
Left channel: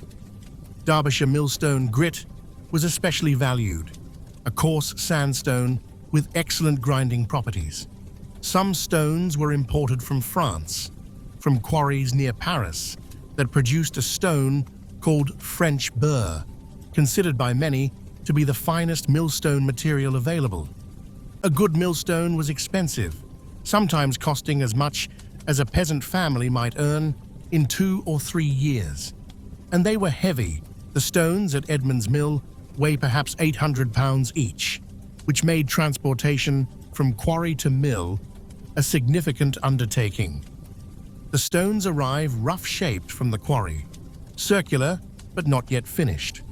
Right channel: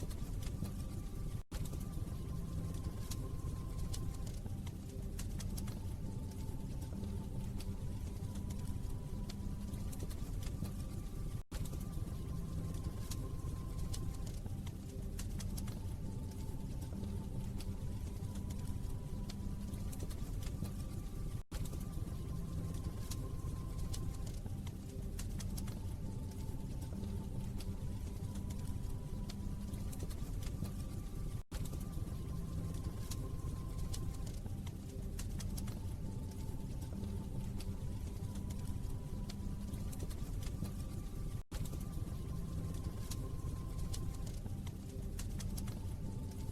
Derbyshire millstone grit was especially valued, a coarse sandstone with excellent grinding properties. Some stones were imported from France, from quarries near Paris, that produced a stone called French burr, considered by many to be the finest millstone material available. A good millstone was expensive, sometimes costing as much as a peasant family might earn in 2 or 3 years. And they were heavy. The stones at Edmund's mill weigh perhaps 800 pounds each, which made transportation from quarry to mill a significant undertaking. The stones arrive rough-shaped from the quarry, circular but not yet finished.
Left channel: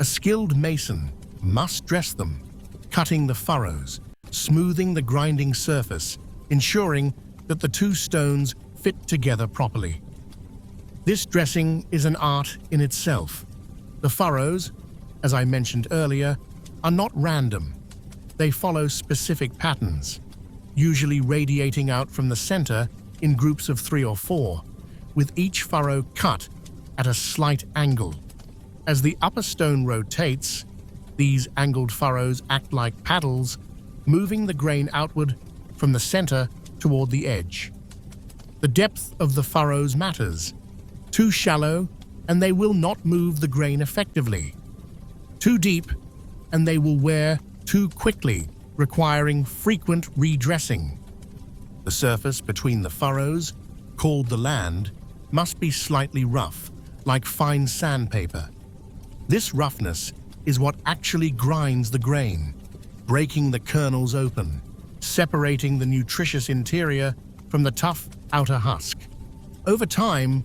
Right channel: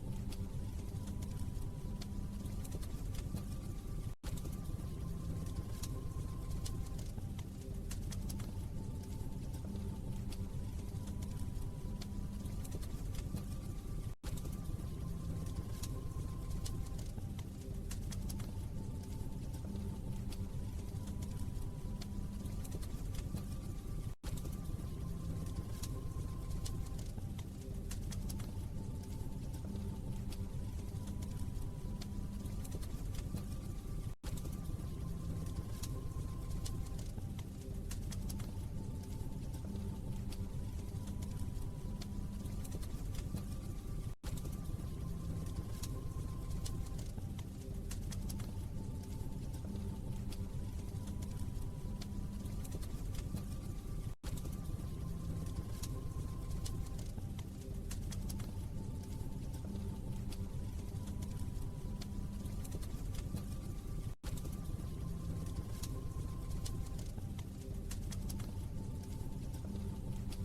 A skilled mason must dress them, cutting the furrows, smoothing the grinding surface, ensuring that the two stones fit together properly. This dressing is an art in itself. The furrows, as I mentioned earlier, are not random. They follow specific patterns, usually radiating out from the center in groups of 3 or 4, with each furrow cut at a slight angle. As the upper stone rotates, these angled furrows act like paddles, moving the grain outward from the center toward the edge. The depth of the furrows matters. Too shallow, and they will not move the grain effectively. Too deep, and they will wear too quickly, requiring frequent redressing. The surface between the furrows, called the land, must be slightly rough, like fine sandpaper. This roughness is what actually grinds the grain, breaking the kernels open, separating the nutritious interior from the tough outer husk. Over time,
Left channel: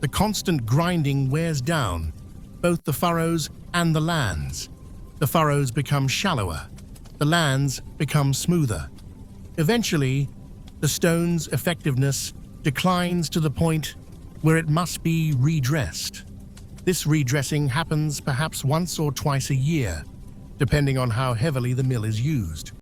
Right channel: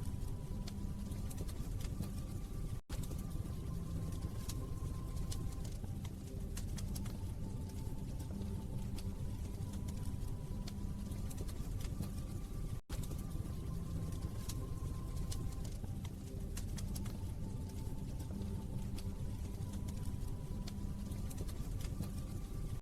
the constant grinding wears down both the furrows and the lands. The furrows become shallower, the lands become smoother. Eventually, the stone's effectiveness declines to the point where it must be redressed. This redressing happens perhaps once or twice a year, depending on how heavily the mill is used.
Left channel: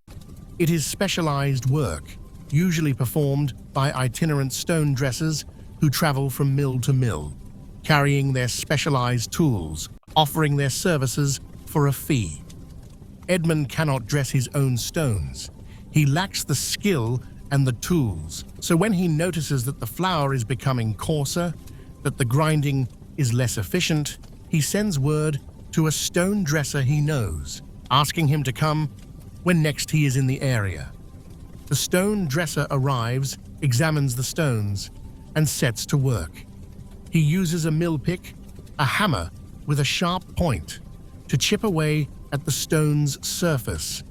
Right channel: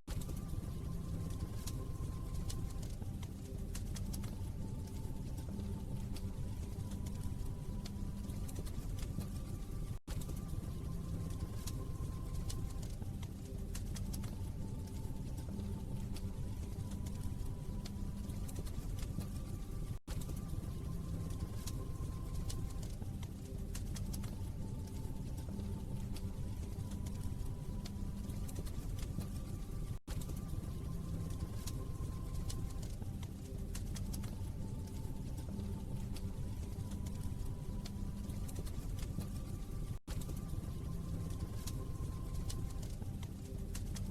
It is specialized work, usually performed by itinerant stone dressers who travel from mill to mill, carrying their specialized tools, offering their services for a fee. Edmund cannot dress his own stones. He lacks the skill and the tools, so when he notices that the flour is becoming coarser, that the grinding is less efficient, he sends word to a stone dresser he knows, asking him to come when next he is in the area. The stone dresser arrives, examines the stones, and sets to work. He uses a mill pick, a hammer with a sharp point, to chip away at the stone's surface,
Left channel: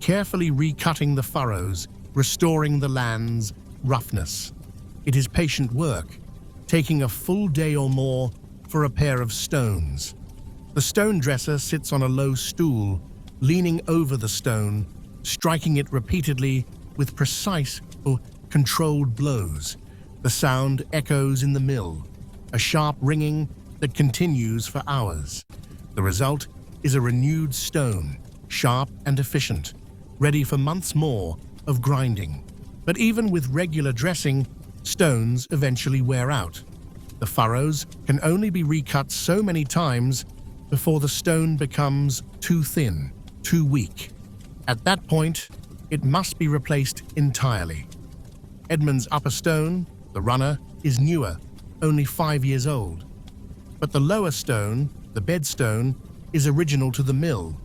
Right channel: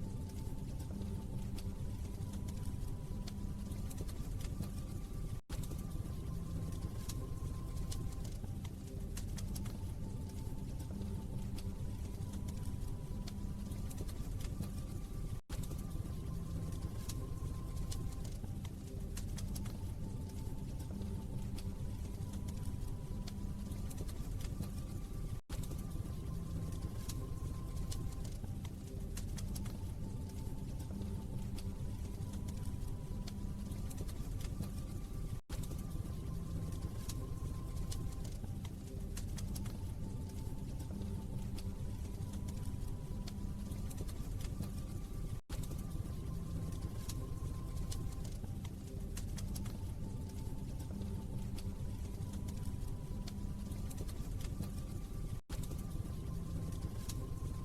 carefully recutting the furrows, restoring the land's roughness. It is patient work, taking a full day or more for a pair of stones. The stone dresser sits on a low stool, leaning over the stone, striking it repeatedly with precise or controlled blows. The sound echoes in the mill, a sharp ringing that continues for hours. The result is a renewed stone, sharp and efficient, ready for months more of grinding. But even with regular dressing, stones eventually wear out. The furrows can only be recut so many times before the stone becomes too thin, too weak. At that point, it must be replaced entirely. Edmund's upper stone, the runner, is newer, only 5 years old. But the lower stone, the bedstone, is original to the mill,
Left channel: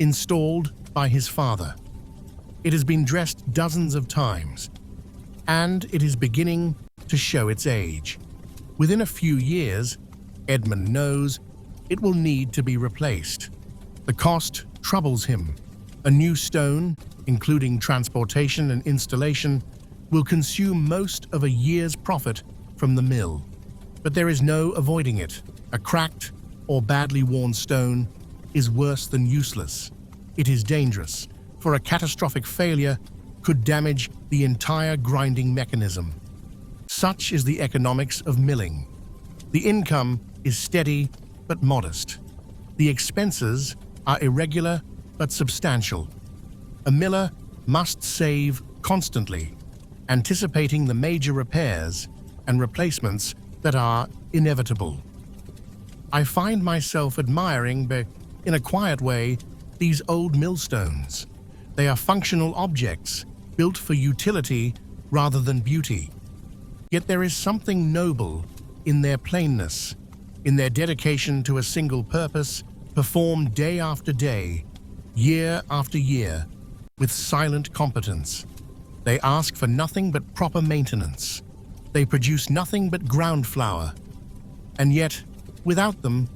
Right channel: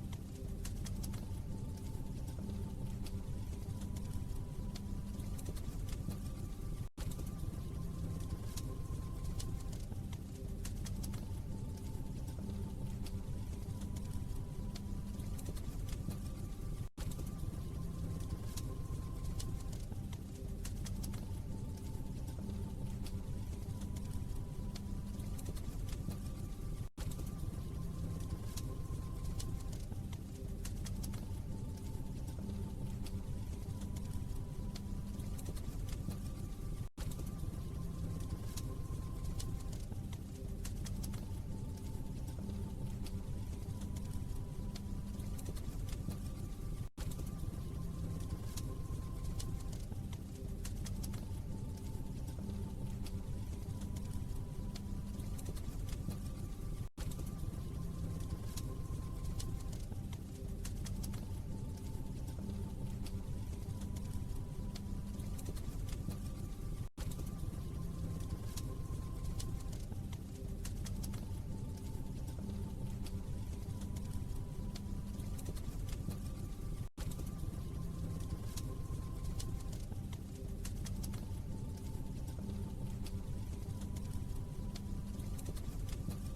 installed by his father. It has been dressed dozens of times, and it is beginning to show its age. Within a few years, Edmund knows it will need to be replaced. The cost troubles him. A new stone, including transportation and installation, will consume most of a year's profit from the mill. But there is no avoiding it. A cracked or badly worn stone is worse than useless. It is dangerous, for a catastrophic failure could damage the entire grinding mechanism. Such is the economics of milling. The income is steady but modest. The expenses are irregular but substantial. A miller must save constantly, anticipating the major repairs and replacements that are inevitable. I find myself admiring, in a quiet way, these old millstones. They are functional objects, built for utility rather than beauty. Yet there is something noble in their plainness, in their dedication to a single purpose, performed day after day, year after year, with silent competence. They ask for nothing but proper maintenance. They produce nothing but ground flour. And yet, without them,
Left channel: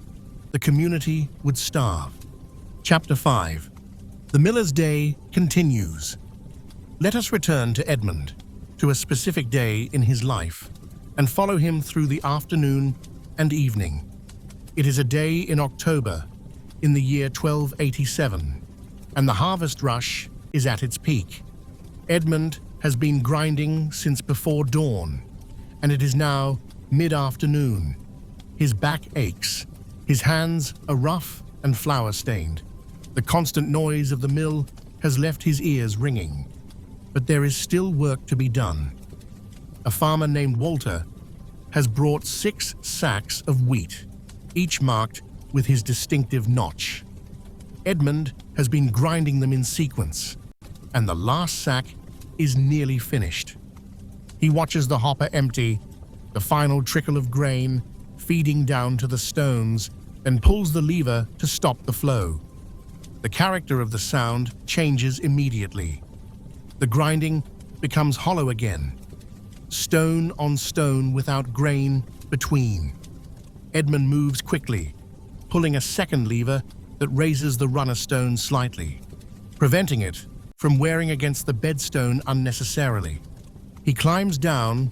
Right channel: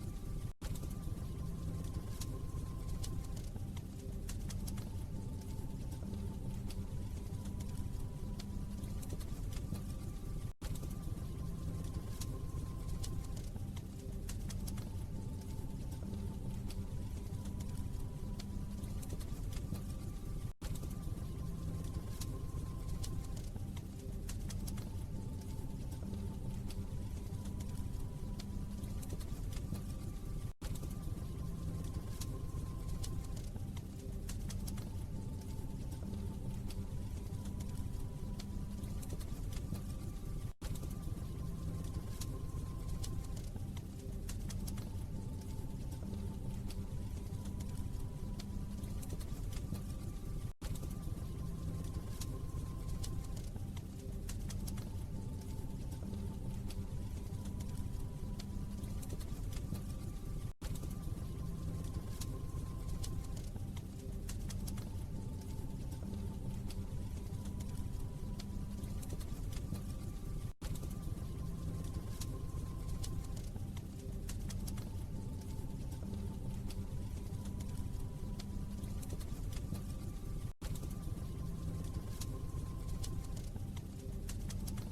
the community would starve. Chapter 5. The Miller's Day continues. Let us return to Edmund, to a specific day in his life, and follow him through the afternoon and evening. It is a day in October, in the year 1287, and the harvest rush is at its peak. Edmund has been grinding since before dawn, and it is now mid-afternoon. His back aches. His hands are rough and flour-stained. The constant noise of the mill has left his ears ringing. But there is still work to be done. A farmer named Walter has brought 6 sacks of wheat, each marked with his distinctive notch. Edmund has been grinding them in sequence, and the last sack is nearly finished. He watches the hopper empty, the final trickle of grain feeding down to the stones, and pulls the lever to stop the flow. The character of the sound changes immediately. The grinding becomes hollow again, stone on stone without grain between. Edmund moves quickly, pulling a second lever that raises the runner stone slightly, preventing it from wearing against the bedstone unnecessarily. He climbs down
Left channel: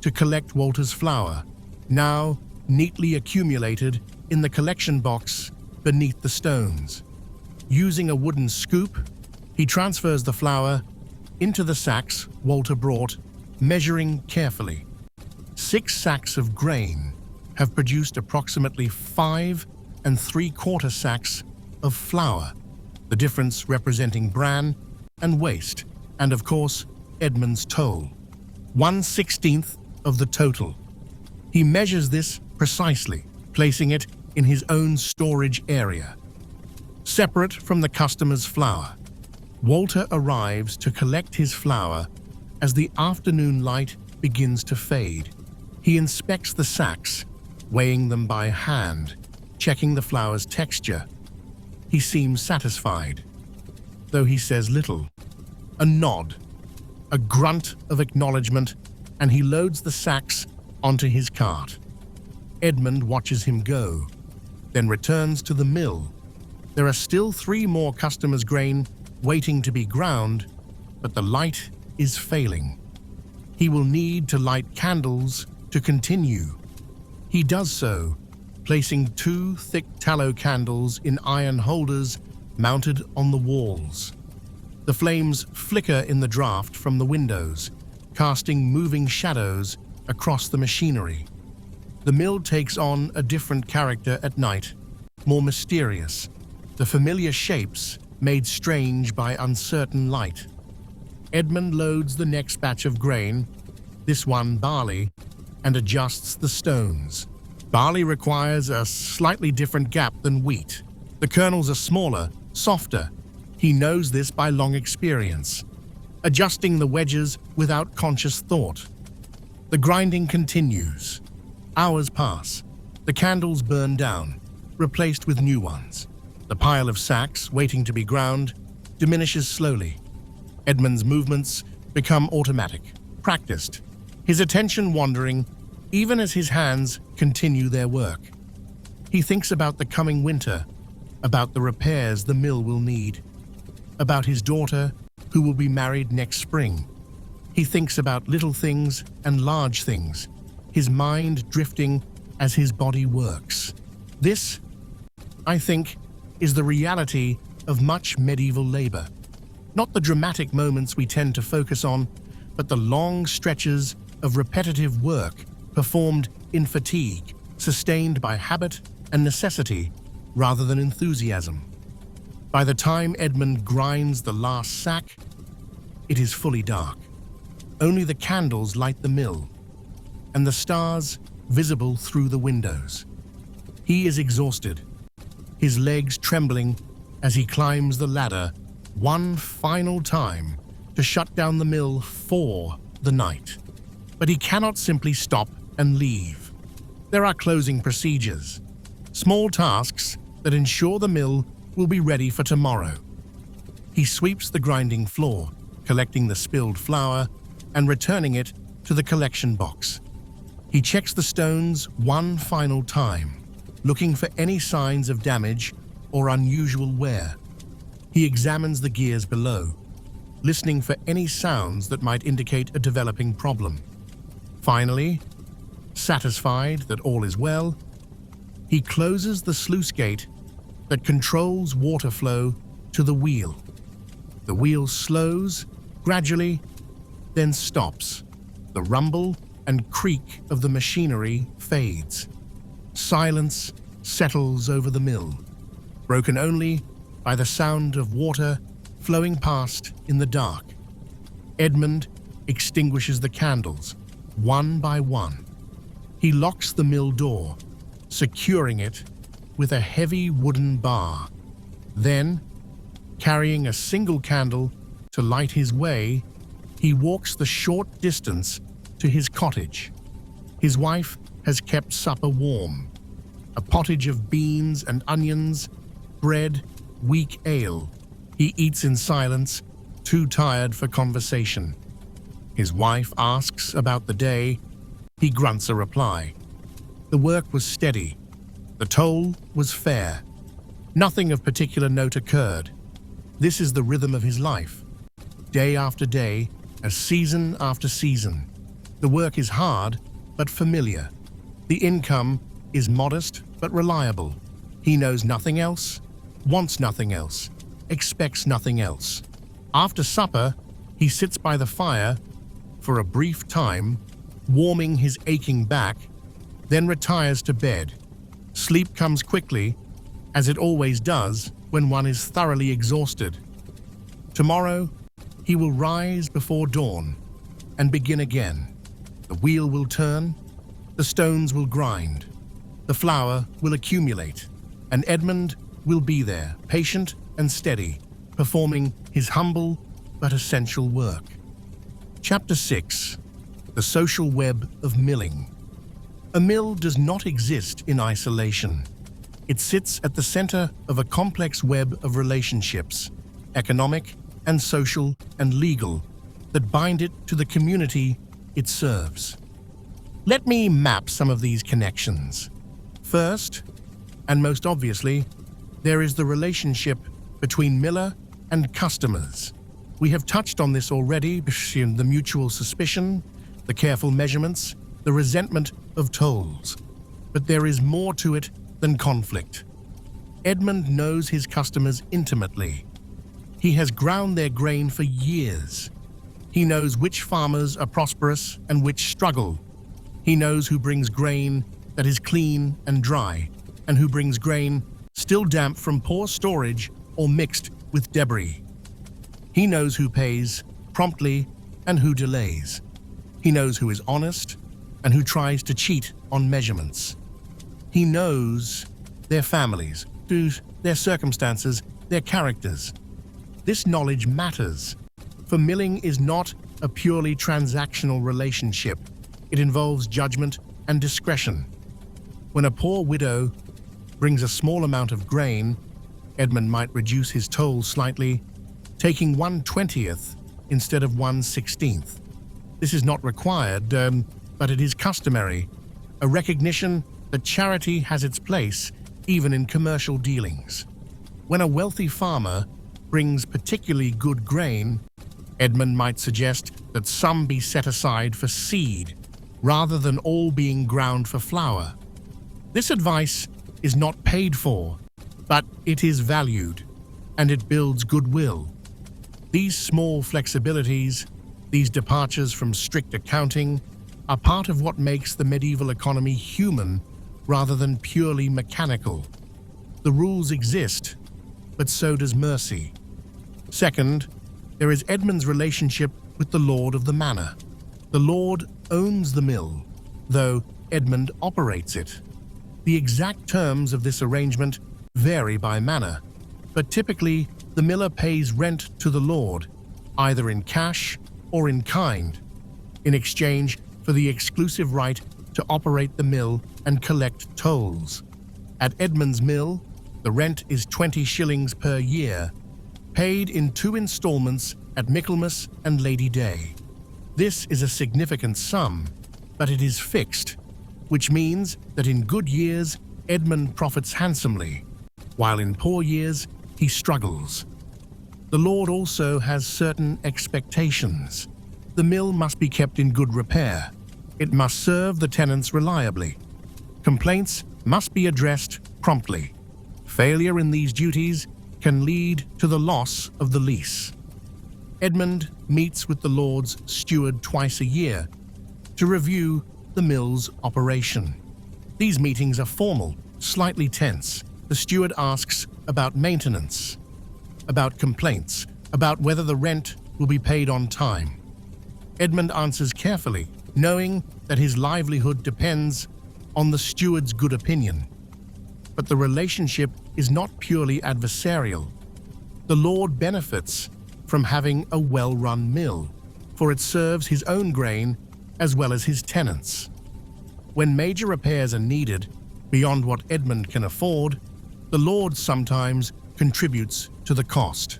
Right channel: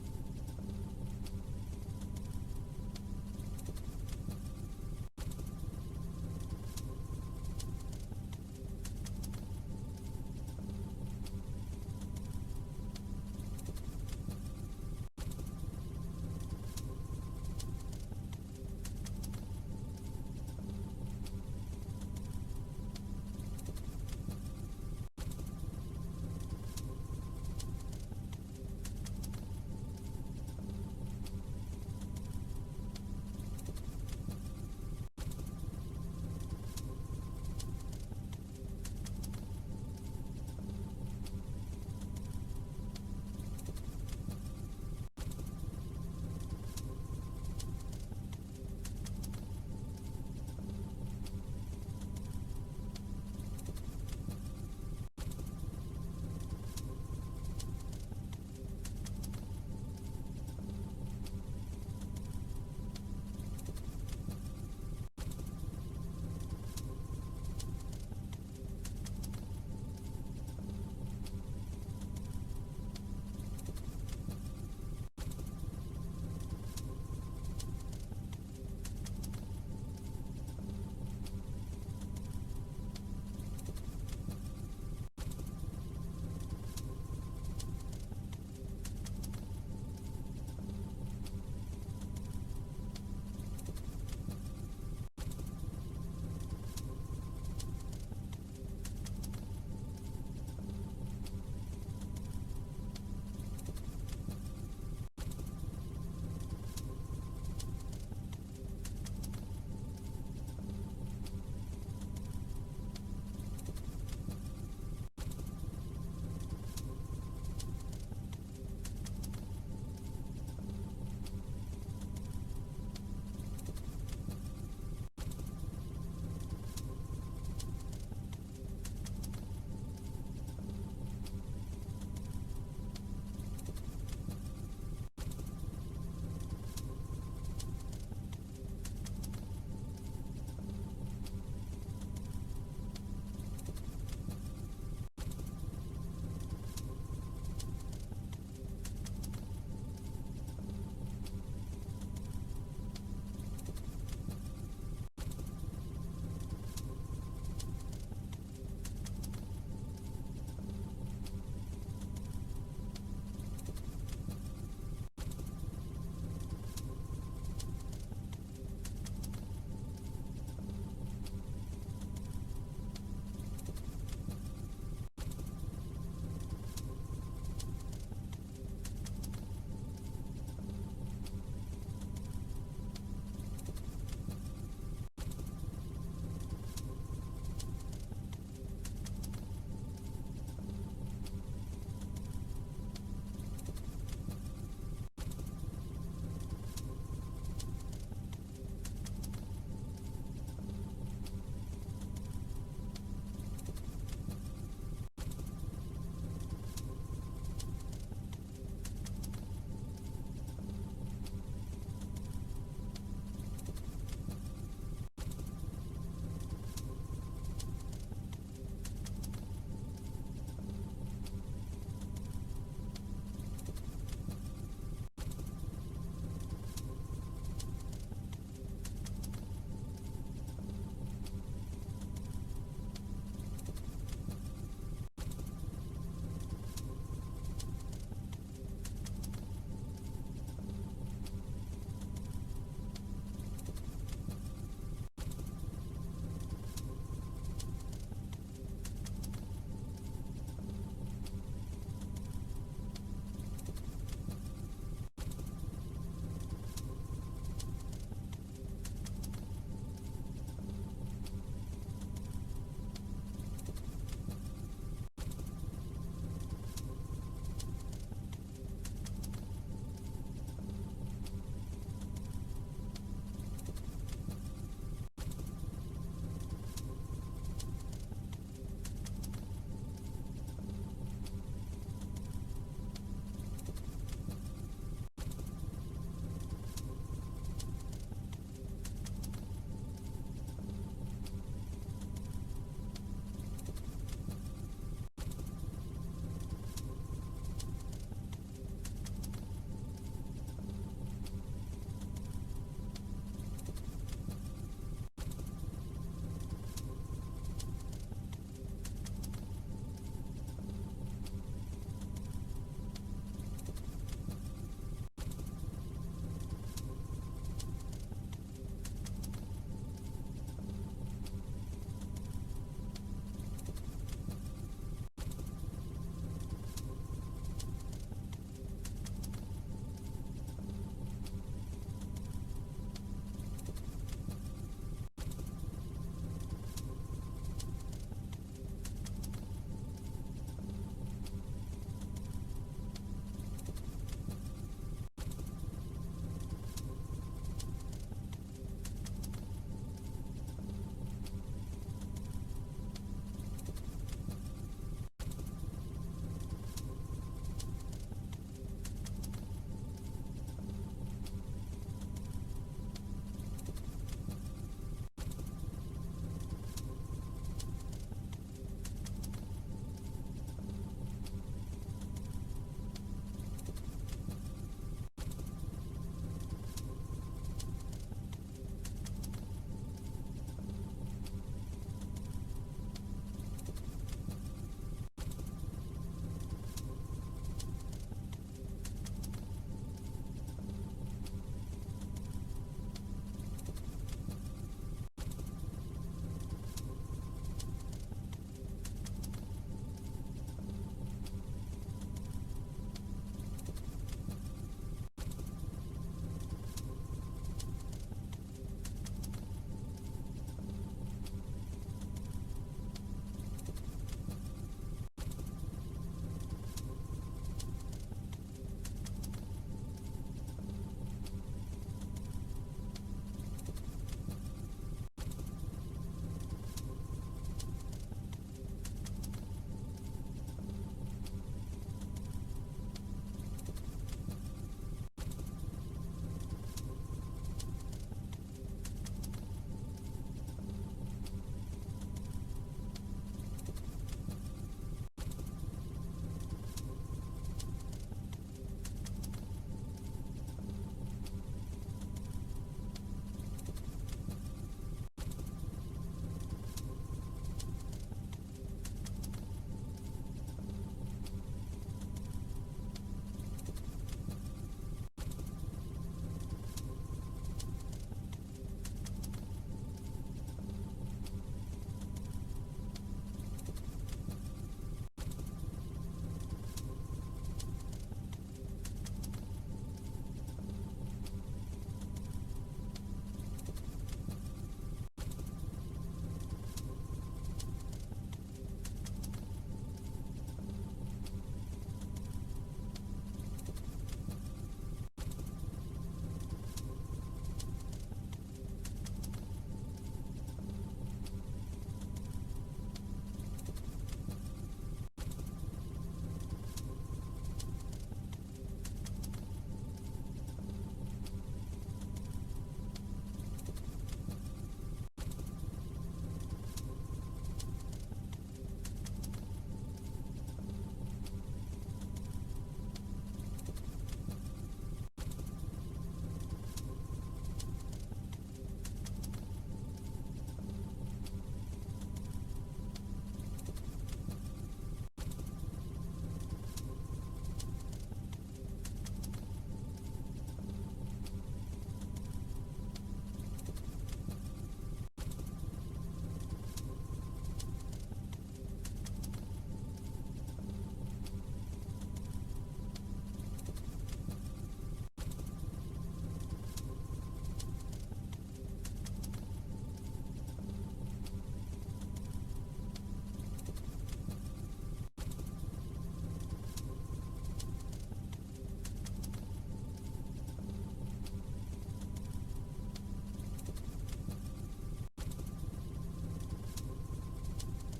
to collect Walter's flour, now neatly accumulated in the collection box beneath the stones. Using a wooden scoop, he transfers the flour into the sacks Walter brought, measuring carefully. 6 sacks of grain, have produced approximately 5 3/4 sacks of flour, the difference representing bran and waste, and of course, Edmund's toll, 1/16 of the total. He measures this precisely, placing it in his own storage area. Separate from the customer's flour, Walter arrives to collect his flour as the afternoon light begins to fade. He inspects the sacks, weighing them by hand, checking the flour's texture. He seems satisfied, though he says little. A nod, a grunt of acknowledgement, and he loads the sacks onto his cart. Edmund watches him go, then returns to the mill. There are still 3 more customers' grain waiting to be ground, but the light is failing. He will need to light candles to continue. He does so, placing 2 thick tallow candles in iron holders mounted on the walls. The flames flicker in the draft from the windows, casting moving shadows across the machinery. The mill takes on a different character at night, more mysterious, the familiar shapes made strange by uncertain light. Edmund loads the next batch of grain, this one barley, and adjusts the stones. Barley requires a slightly different gap than wheat. The kernels are smaller, softer. He knows this by long experience, adjusting the wedges without conscious thought. The grinding continues. Hours pass. The candles burn down, replaced with new ones. The pile of sacks waiting to be ground diminishes slowly. Edmund's movements become automatic, practiced, his attention wandering even as his hands continue their work. He thinks about the coming winter, about the repairs the mill will need, about his daughter who will be married next spring. He thinks about little things and large things, his mind drifting as his body works. This, I think, is the reality of much medieval labor. Not the dramatic moments we tend to focus on, but the long stretches of repetitive work performed in fatigue, sustained by habit and necessity rather than enthusiasm. By the time Edmund grinds the last sack, it is fully dark. Only the candles light the mill, and the stars visible through the windows. He is exhausted, his legs trembling as he climbs the ladder one final time to shut down the mill for the night. But he cannot simply stop and leave. There are closing procedures, small tasks that ensure the mill will be ready for tomorrow. He sweeps the grinding floor, collecting the spilled flour and returning it to the collection box. He checks the stones one final time, looking for any signs of damage or unusual wear. He examines the gears below, listening for any sounds that might indicate a developing problem. Finally, satisfied that all is well, he closes the sluice gate that controls water flow to the wheel. The wheel slows, gradually, then stops. The rumble and creak of the machinery fades. Silence settles over the mill, broken only by the sound of water flowing past in the dark. Edmund extinguishes the candles, one by one. He locks the mill door, securing it with a heavy wooden bar. Then, carrying a single candle to light his way, he walks the short distance to his cottage. His wife has kept supper warm, a pottage of beans and onions, bread, weak ale. He eats in silence, too tired for conversation. His wife asks about the day. He grunts a reply. The work was steady. The toll was fair. Nothing of particular note occurred. This is the rhythm of his life. Day after day, as season after season. The work is hard, but familiar. The income is modest, but reliable. He knows nothing else, wants nothing else, expects nothing else. After supper, he sits by the fire for a brief time, warming his aching back then retires to bed. Sleep comes quickly, as it always does when one is thoroughly exhausted. Tomorrow, he will rise before dawn and begin again. The wheel will turn, the stones will grind, the flour will accumulate, and Edmund will be there, patient and steady, performing his humble but essential work. Chapter 6. The Social Web of Milling. A mill does not exist in isolation. It sits at the center of a complex web of relationships, economic and social and legal, that bind it to the community it serves. Let me map some of these connections. First, and most obviously, there is the relationship between miller and customers. We have touched on this already, the mutual suspicion, the careful measurements, the resentment of tolls. But there is more to it than conflict. Edmund knows his customers intimately. He has ground their grain for years. He knows which farmers are prosperous and which struggle. He knows who brings grain that is clean and dry, and who brings grain still damp from poor storage or mixed with debris. He knows who pays promptly and who delays. He knows who is honest and who tries to cheat on measurements. He knows their families, their circumstances, their characters. This knowledge matters, for milling is not a purely transactional relationship. It involves judgment and discretion. When a poor widow brings a small amount of grain, Edmund might reduce his toll slightly, taking 1/20th instead of 1/16th. This is not required, but it is customary, a recognition that charity has its place even in commercial dealings. When a wealthy farmer brings particularly good grain, Edmund might suggest that some be set aside for seed, rather than all being ground for flour. This advice is not paid for, but it is valued, and it builds goodwill. These small flexibilities, these departures from strict accounting, are part of what makes the medieval economy human rather than purely mechanical. The rules exist, but so does mercy. Second, there is Edmund's relationship with the lord of the manor. The lord owns the mill, though Edmund operates it. The exact terms of this arrangement vary by manor, but typically the miller pays rent to the lord, either in cash or in kind, in exchange for the exclusive right to operate the mill and collect tolls. At Edmund's mill, the rent is 20 shillings per year, paid in 2 installments at Michaelmas and Lady Day. This is a significant sum, but it is fixed, which means that in good years, Edmund profits handsomely, while in poor years, he struggles. The lord also has certain expectations. The mill must be kept in good repair. It must serve the tenants reliably. Complaints must be addressed promptly. Failure in these duties can lead to the loss of the lease. Edmund meets with the lord's steward twice a year to review the mill's operation. These meetings are formal, slightly tense. The steward asks about maintenance, about complaints, about whether the rent will be paid on time. Edmund answers carefully, knowing that his livelihood depends on the steward's good opinion. But the relationship is not purely adversarial. The lord benefits from having a well-run mill, for it serves his own grain as well as his tenants. When major repairs are needed, beyond what Edmund can afford, the lord sometimes contributes to the cost.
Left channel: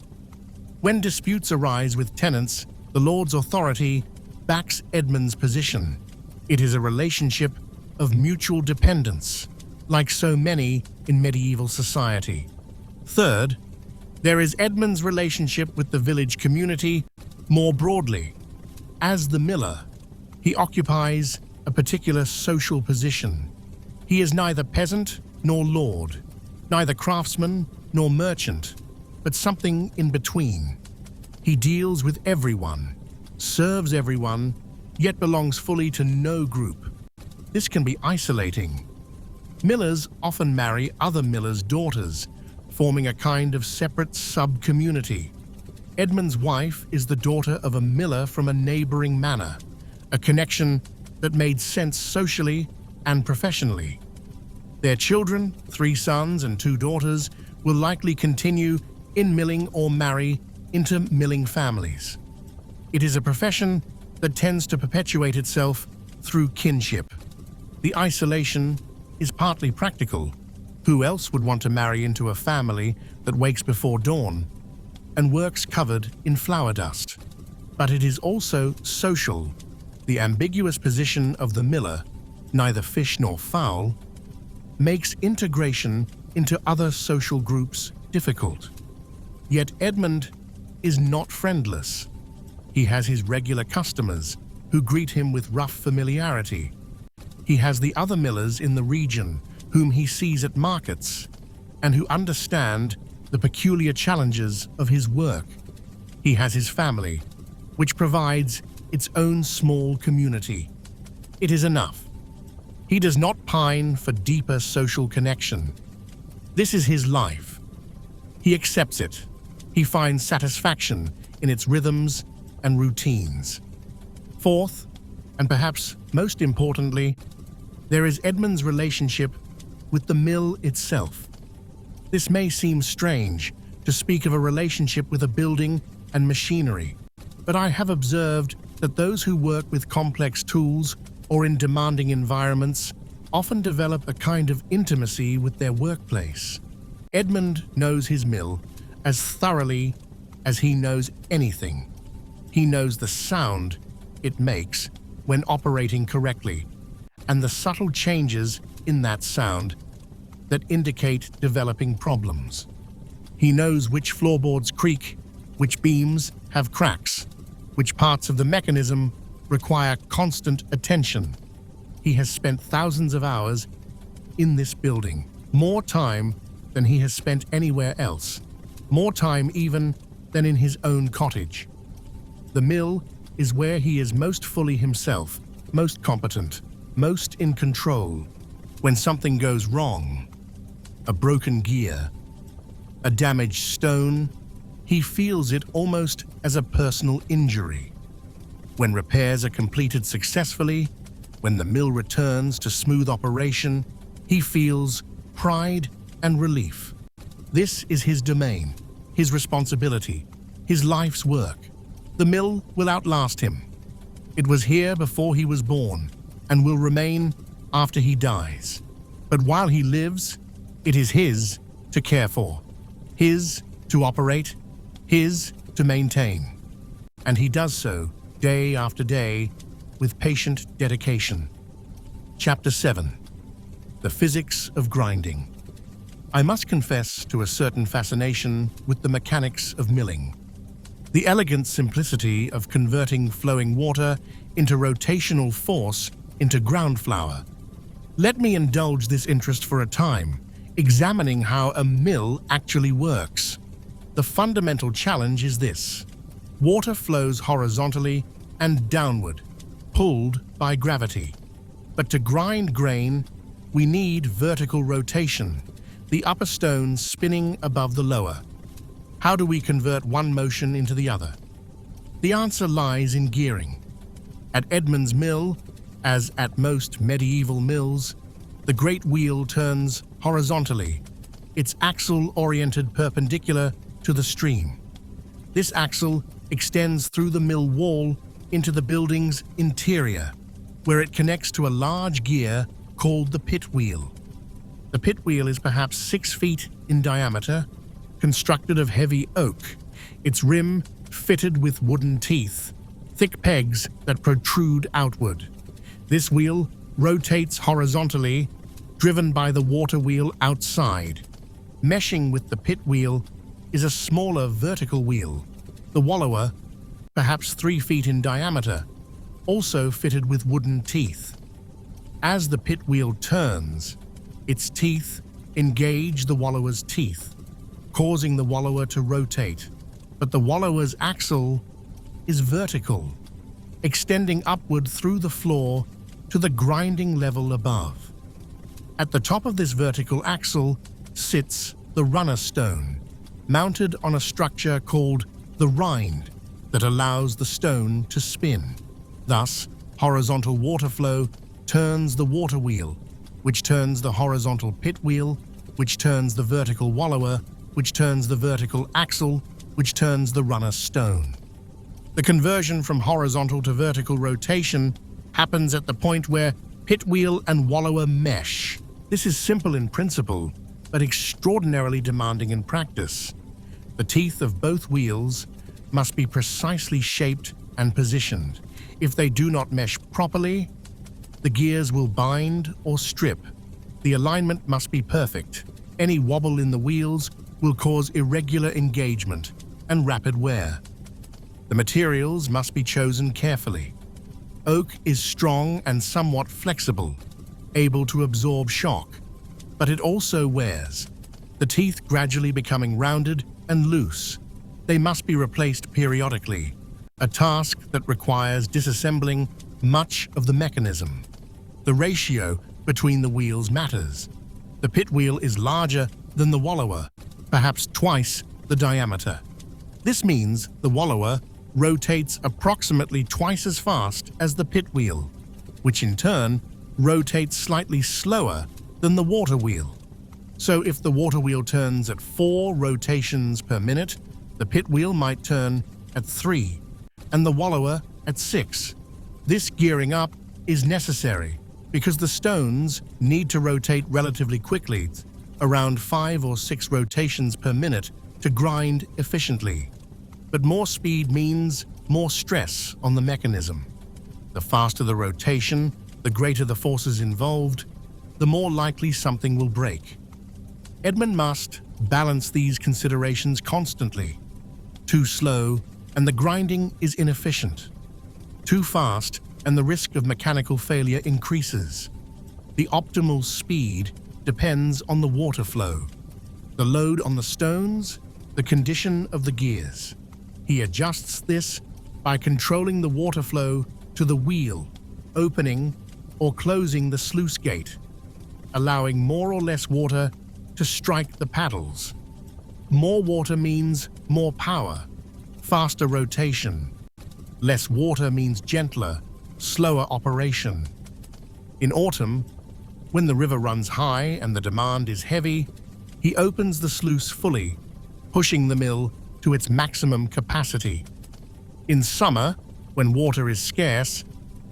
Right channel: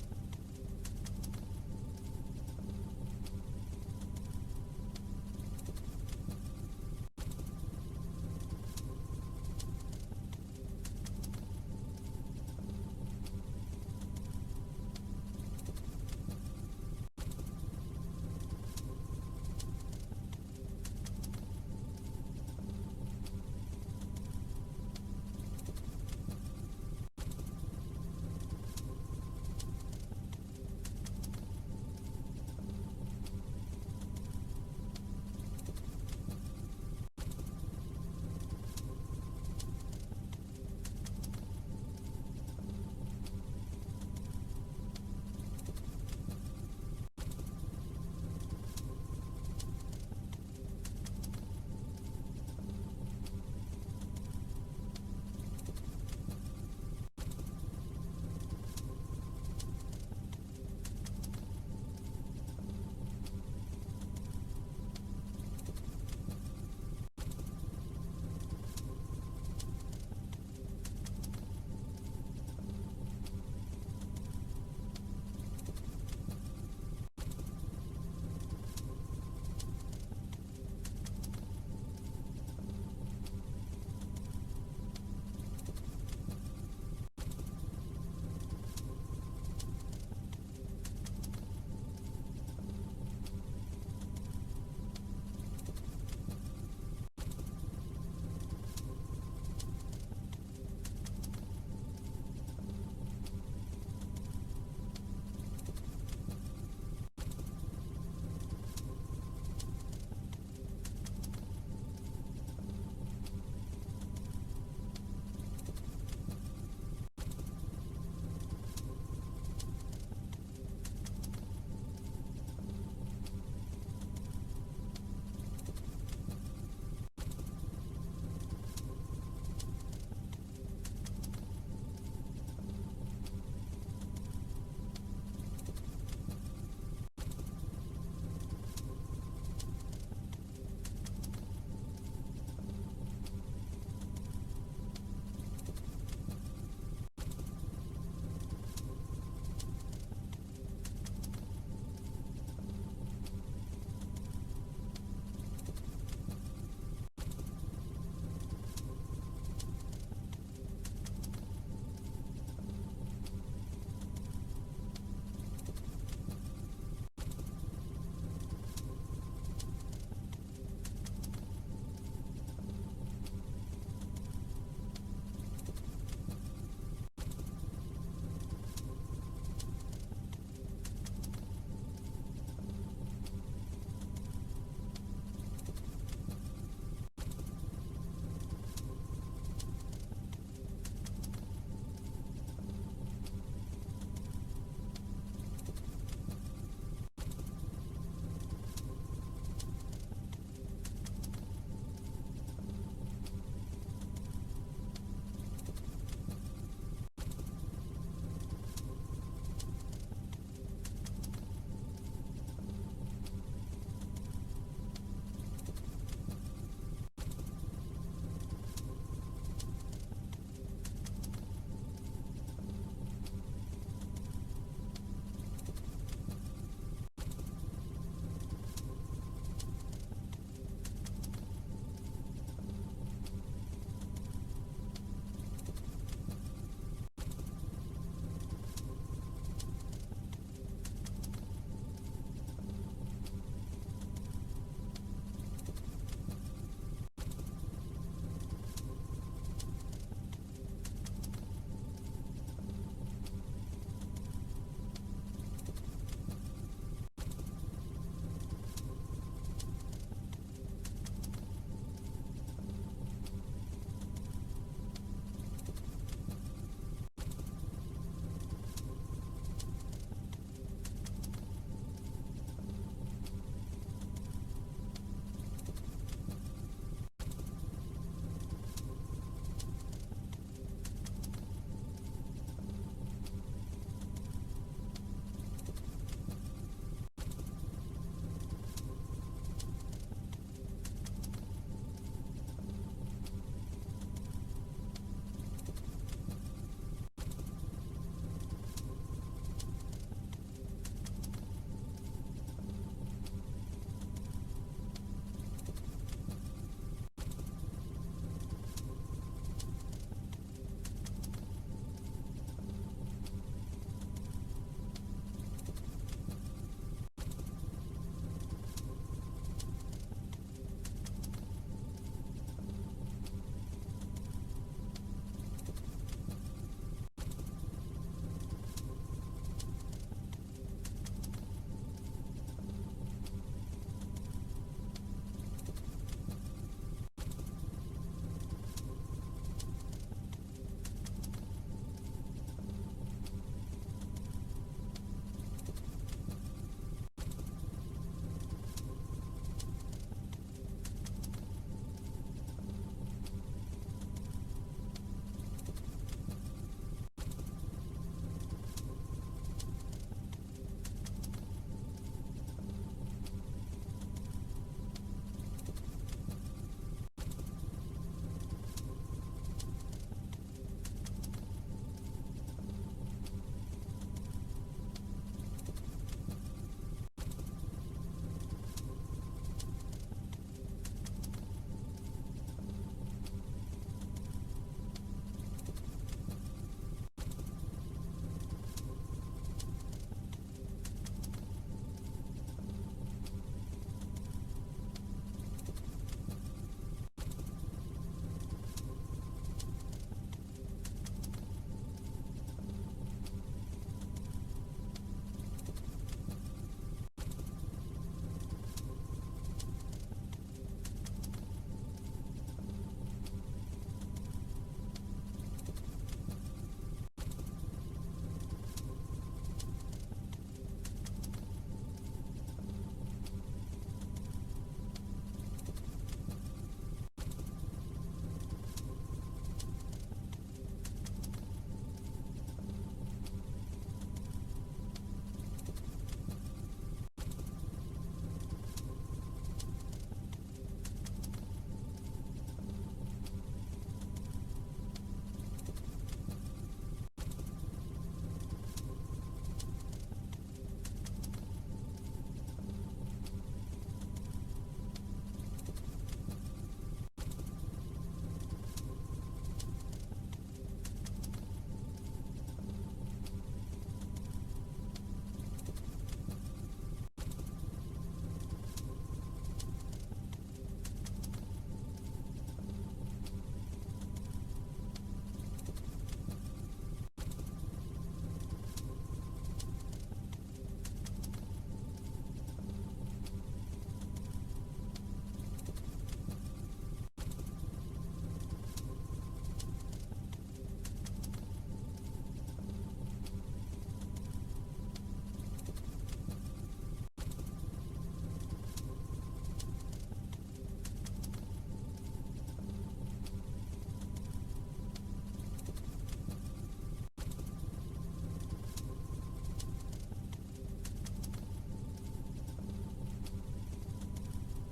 When disputes arise with tenants, the lord's authority backs Edmund's position. It is a relationship of mutual dependence, like so many in medieval society. Third, there is Edmund's relationship with the village community more broadly. As the miller, he occupies a particular social position. He is neither peasant nor lord, neither craftsman nor merchant, but something in between. He deals with everyone, serves everyone, yet belongs fully to no group. This can be isolating. Millers often marry other millers' daughters, forming a kind of separate sub-community. Edmund's wife is the daughter of a miller from a neighboring manor, a connection that made sense socially and professionally. Their children, 3 sons and 2 daughters, will likely continue in milling or marry into milling families. It is a profession that tends to perpetuate itself through kinship. The isolation is partly practical. Who else would want to marry into a family that wakes before dawn and works covered in flower dust? But it is also social. The ambiguous position of the miller, neither fish nor fowl, makes integration into other social groups difficult. Yet Edmund is not friendless. He has his regular customers who greet him with rough familiarity. He has the other millers in the region whom he sees at markets and who understand the peculiar challenges of his work. He has his family, which provides its own small community. It is enough. He does not pine for deeper social connection. This is his life. He accepts it. He finds satisfaction in its rhythms and routines. Fourth, and perhaps most importantly, there is Edmund's relationship with the mill itself. This may seem strange to speak of a relationship with a building and machinery, but I have observed that those who work with complex tools or in demanding environments often develop a kind of intimacy with their workplace. Edmund knows his mill as thoroughly as he knows anything. He knows the sound it makes when operating correctly, and the subtle changes in that sound that indicate developing problems. He knows which floorboards creak, which beams have cracks, which parts of the mechanism require constant attention. He has spent thousands of hours in this building, more time than he has spent anywhere else, more time even than in his own cottage. The mill is where he is most fully himself, most competent, most in control. When something goes wrong, a broken gear, a damaged stone, he feels it almost as a personal injury. When repairs are completed successfully, when the mill returns to smooth operation, he feels pride and relief. This is his domain, his responsibility, his life's work. The mill will outlast him. It was here before he was born and will remain after he dies. But while he lives, it is his to care for, his to operate, his to maintain. And he does so day after day with patient dedication. Chapter 7. The Physics of Grinding. I must confess to a certain fascination with the mechanics of milling. The elegant simplicity of converting flowing water into rotational force into ground flour. Let me indulge this interest for a time, examining how a mill actually works. The fundamental challenge is this. Water flows horizontally and downward, pulled by gravity. But to grind grain, we need vertical rotation, the upper stones spinning above the lower. How do we convert one motion into the other? The answer lies in gearing. At Edmund's mill, as at most medieval mills, the great wheel turns horizontally, its axle oriented perpendicular to the stream. This axle extends through the mill wall into the building's interior, where it connects to a large gear called the pit wheel. The pit wheel is perhaps 6 feet in diameter, constructed of heavy oak, its rim fitted with wooden teeth, thick pegs that protrude outward. This wheel rotates horizontally, driven by the water wheel outside. Meshing with the pit wheel is a smaller vertical wheel, the wallower, perhaps 3 feet in diameter, also fitted with wooden teeth. As the pit wheel turns, its teeth engage the wallower's teeth, causing the wallower to rotate. But the wallower's axle is vertical, extending upward through the floor to the grinding level above. At the top of this vertical axle sits the runner stone, mounted on a structure called the rind that allows the stone to spin. Thus, horizontal water flow turns the water wheel, which turns the horizontal pit wheel, which turns the vertical wallower, which turns the vertical axle, which turns the runner stone. The conversion from horizontal to vertical rotation happens at the point where pit wheel and wallower mesh. This is simple in principle, but extraordinarily demanding in practice. The teeth of both wheels must be precisely shaped and positioned. If they do not mesh properly, the gears will bind or strip. The alignment must be perfect. Any wobble in the wheels will cause irregular engagement and rapid wear. The materials must be chosen carefully. Oak is strong and somewhat flexible, able to absorb shock, but it also wears, the teeth gradually becoming rounded and loose. They must be replaced periodically, a task that requires disassembling much of the mechanism. The ratio between the wheels matters. The pit wheel is larger than the wallower, perhaps twice the diameter. This means the wallower rotates approximately twice as fast as the pit wheel, which in turn rotates slightly slower than the water wheel. So if the water wheel turns at 4 rotations per minute, the pit wheel might turn at 3, and the wallower at 6. This gearing up is necessary because the stones need to rotate relatively quickly, around 5 or 6 rotations per minute, to grind efficiently. But more speed means more stress on the mechanism. The faster the rotation, the greater the forces involved, the more likely something will break. Edmund must balance these considerations constantly. Too slow, and the grinding is inefficient. Too fast, and the risk of mechanical failure increases. The optimal speed depends on the water flow, the load on the stones, the condition of the gears. He adjusts this by controlling the water flow to the wheel, opening or closing the sluice gate, allowing more or less water to strike the paddles. More water means more power, faster rotation. Less water means gentler, slower operation. In autumn, when the river runs high and the demand is heavy, he opens the sluice fully, pushing the mill to its maximum capacity. In summer, when water is scarce,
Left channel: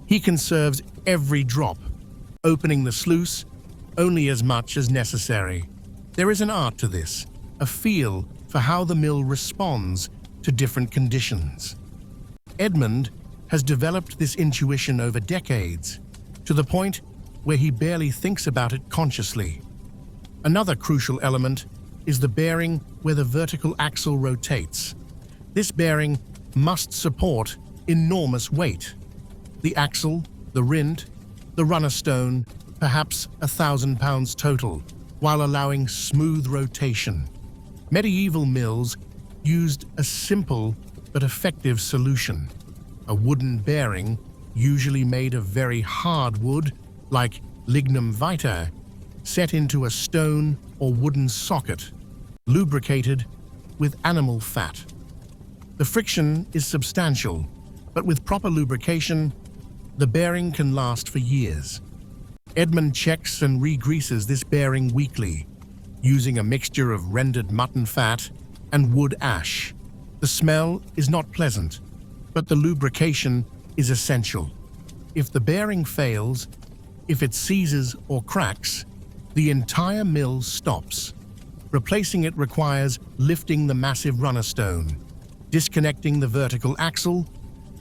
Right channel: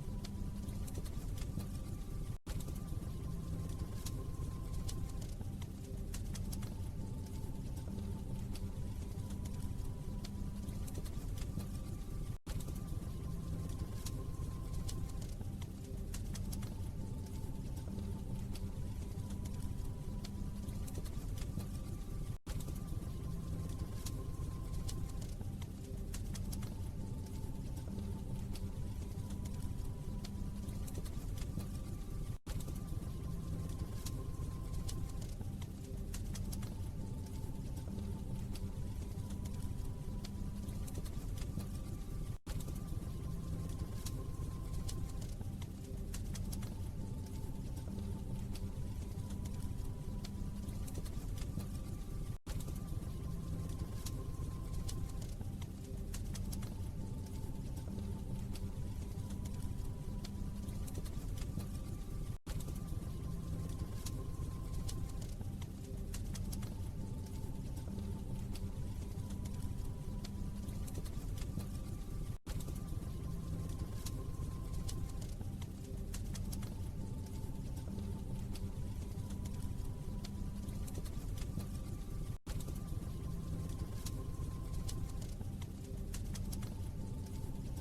he conserves every drop, opening the sluice only as much as necessary. There is an art to this, a feel for how the mill responds to different conditions. Edmund has developed this intuition over decades, to the point where he barely thinks about it consciously. Another crucial element is the bearing where the vertical axle rotates. This bearing must support enormous weight. The axle, the rind, the runner stone, perhaps 1,000 pounds total, while allowing smooth rotation. Medieval mills used a simple but effective solution. A wooden bearing, usually made of very hard wood, like lignum vitae, set into a stone or wooden socket, lubricated with animal fat. The friction is substantial, but with proper lubrication, the bearing can last for years. Edmund checks and re-greases this bearing weekly, using a mixture of rendered mutton fat and wood ash. The smell is not pleasant, but the lubrication is essential. If the bearing fails, if it seizes or cracks, the entire mill stops. Replacing it requires lifting the massive runner stone, disconnecting the vertical axle,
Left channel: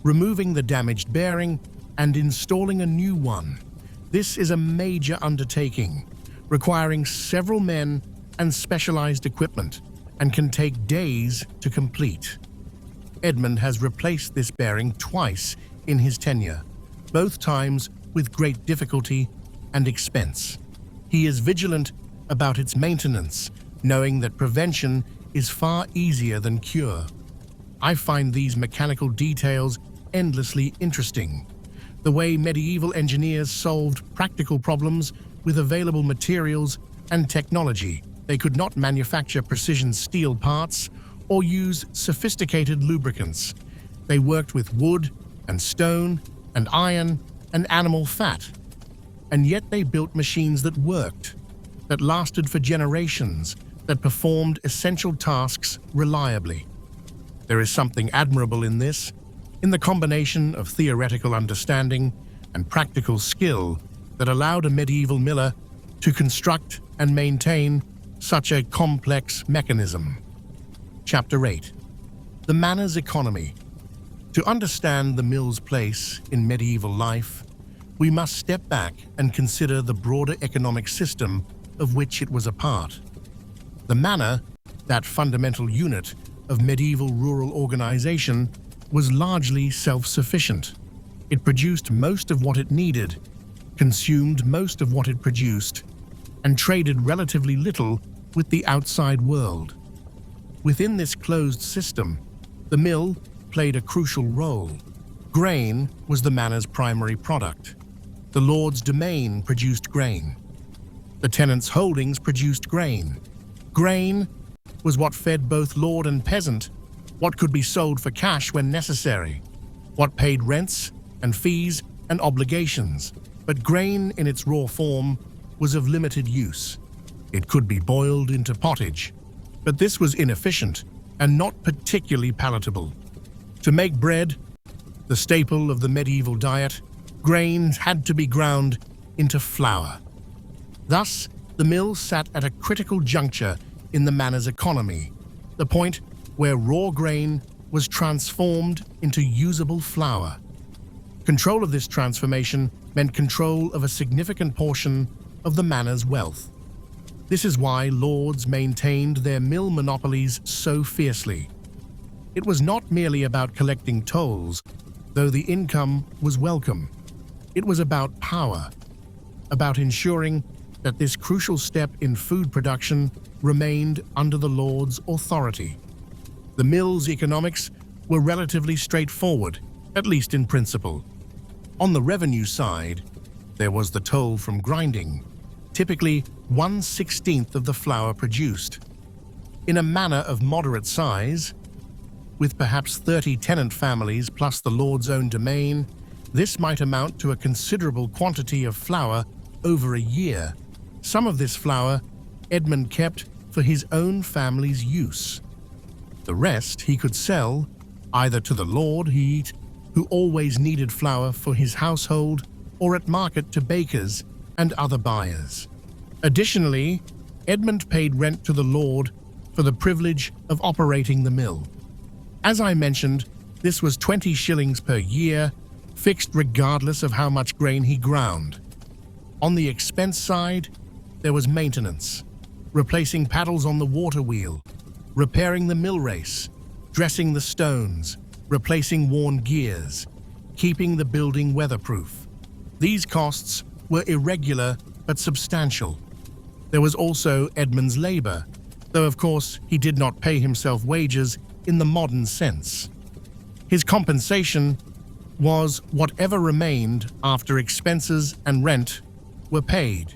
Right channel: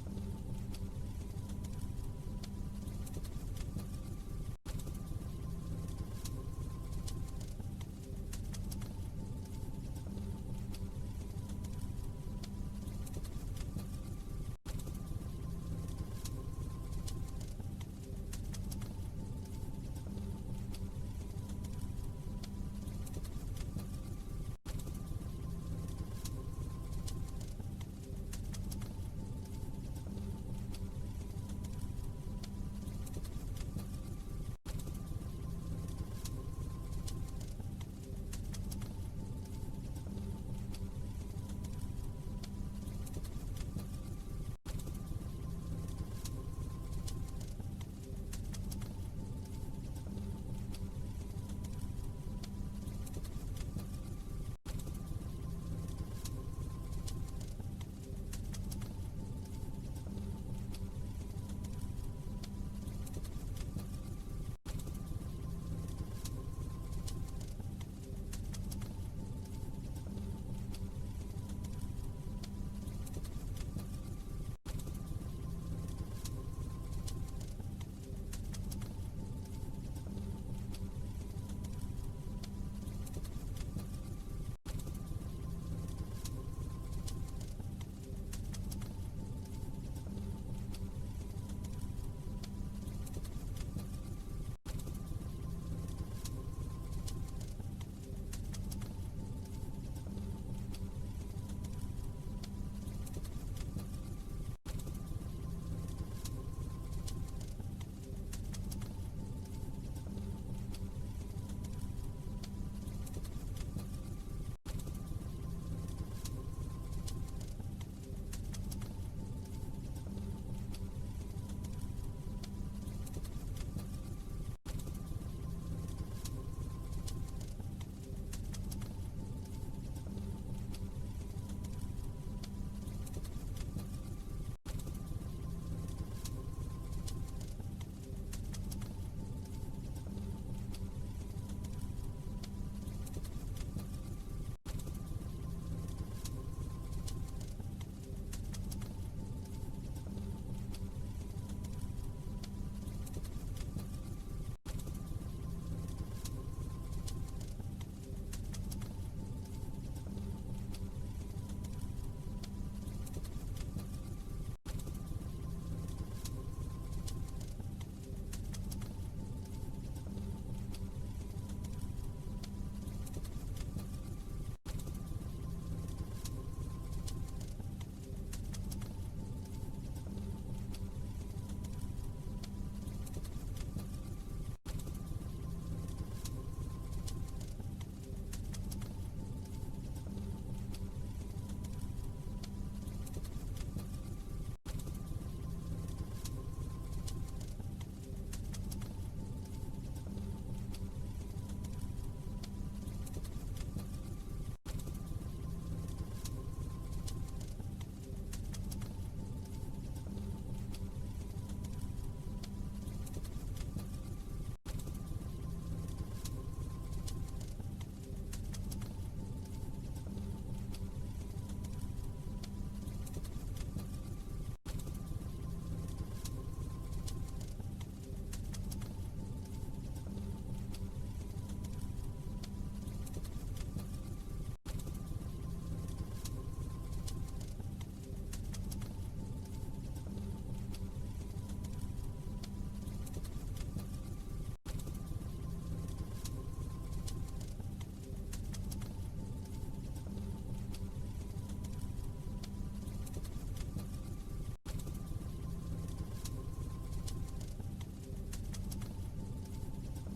removing the damaged bearing, and installing a new one. This is a major undertaking, requiring several men and specialized equipment, and can take days to complete. Edmund has replaced this bearing twice in his tenure, both times with great difficulty and expense. He is vigilant about its maintenance, knowing that prevention is far easier than cure. I find these mechanical details endlessly interesting. the way medieval engineers solved practical problems with available materials and technology. They could not manufacture precision steel parts or use sophisticated lubricants. They worked with wood and stone and iron and animal fat. And yet they built machines that worked, that lasted for generations, that performed essential tasks reliably. There is something admirable in this, in the combination of theoretical understanding and practical skill that allowed a medieval miller to construct and maintain such a complex mechanism. Chapter 8. The manor's economy. To understand the mill's place in medieval life, we must step back and consider the broader economic system of which it was a part. The manor, that fundamental unit of medieval rural organization, was largely self-sufficient. It produced most of what it needed, consumed most of what it produced, and traded relatively little with the outside world. Within this closed system, the mill played a crucial role. Grain was the manor's primary product. The lord's domain produced grain. The tenant's holdings produced grain. Grain was what fed both lord and peasant, what could be sold for cash when necessary, what paid rents and fees and obligations. But grain in its raw form was of limited use. It could be boiled into pottage, but this was inefficient and not particularly palatable. To make bread, the staple of the medieval diet, grain had to be ground into flour. Thus, the mill sat at a critical juncture in the manor's economy, the point where raw grain was transformed into usable flour. Control of this transformation meant control of a significant portion of the manor's wealth. This is why lords maintained their mill monopolies so fiercely. It was not merely about collecting tolls, though the income was welcome. It was about power, about ensuring that this crucial step in food production remained under the lord's authority. The mill's economics were relatively straightforward, at least in principle. On the revenue side, there was the toll from grinding, typically 1/16 of the flour produced. In a manor of moderate size, with perhaps 30 tenant families plus the lord's own domain, this might amount to a considerable quantity of flour over a year. Some of this flour Edmund kept for his own family's use. The rest he could sell either to the lord, who always needed flour for his household, or at market to bakers and other buyers. Additionally, Edmund paid rent to the lord for the privilege of operating the mill. As I mentioned, this was 20 shillings per year, fixed regardless of how much grain he ground. On the expense side, there was maintenance, replacing paddles on the water wheel, repairing the mill race, dressing the stones, replacing worn gears, keeping the building weatherproof. These costs were irregular but substantial. There was also Edmund's labor, though of course he did not pay himself wages in the modern sense. His compensation was whatever remained after expenses and rent were paid.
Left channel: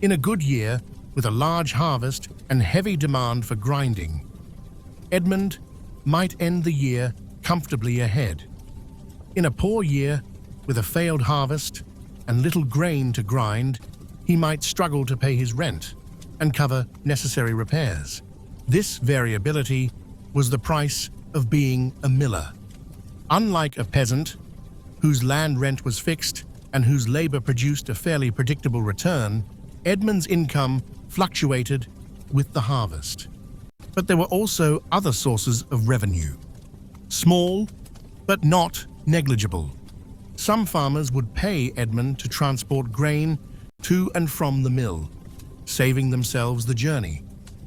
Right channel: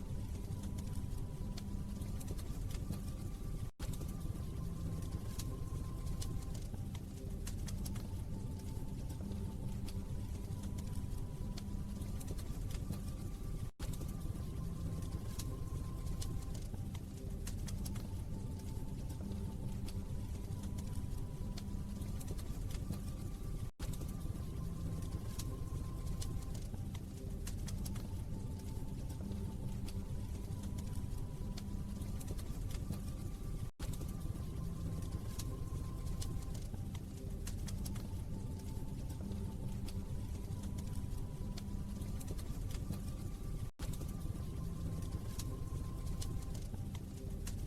In a good year, with a large harvest and heavy demand for grinding, Edmund might end the year comfortably ahead. In a poor year, with a failed harvest and little grain to grind, he might struggle to pay his rent and cover necessary repairs. This variability was the price of being a miller. Unlike a peasant, whose land rent was fixed and whose labor produced a fairly predictable return, Edmund's income fluctuated with the harvest. But there were also other sources of revenue. Small, but not negligible. Some farmers would pay Edmund to transport grain to and from the mill, saving themselves the journey.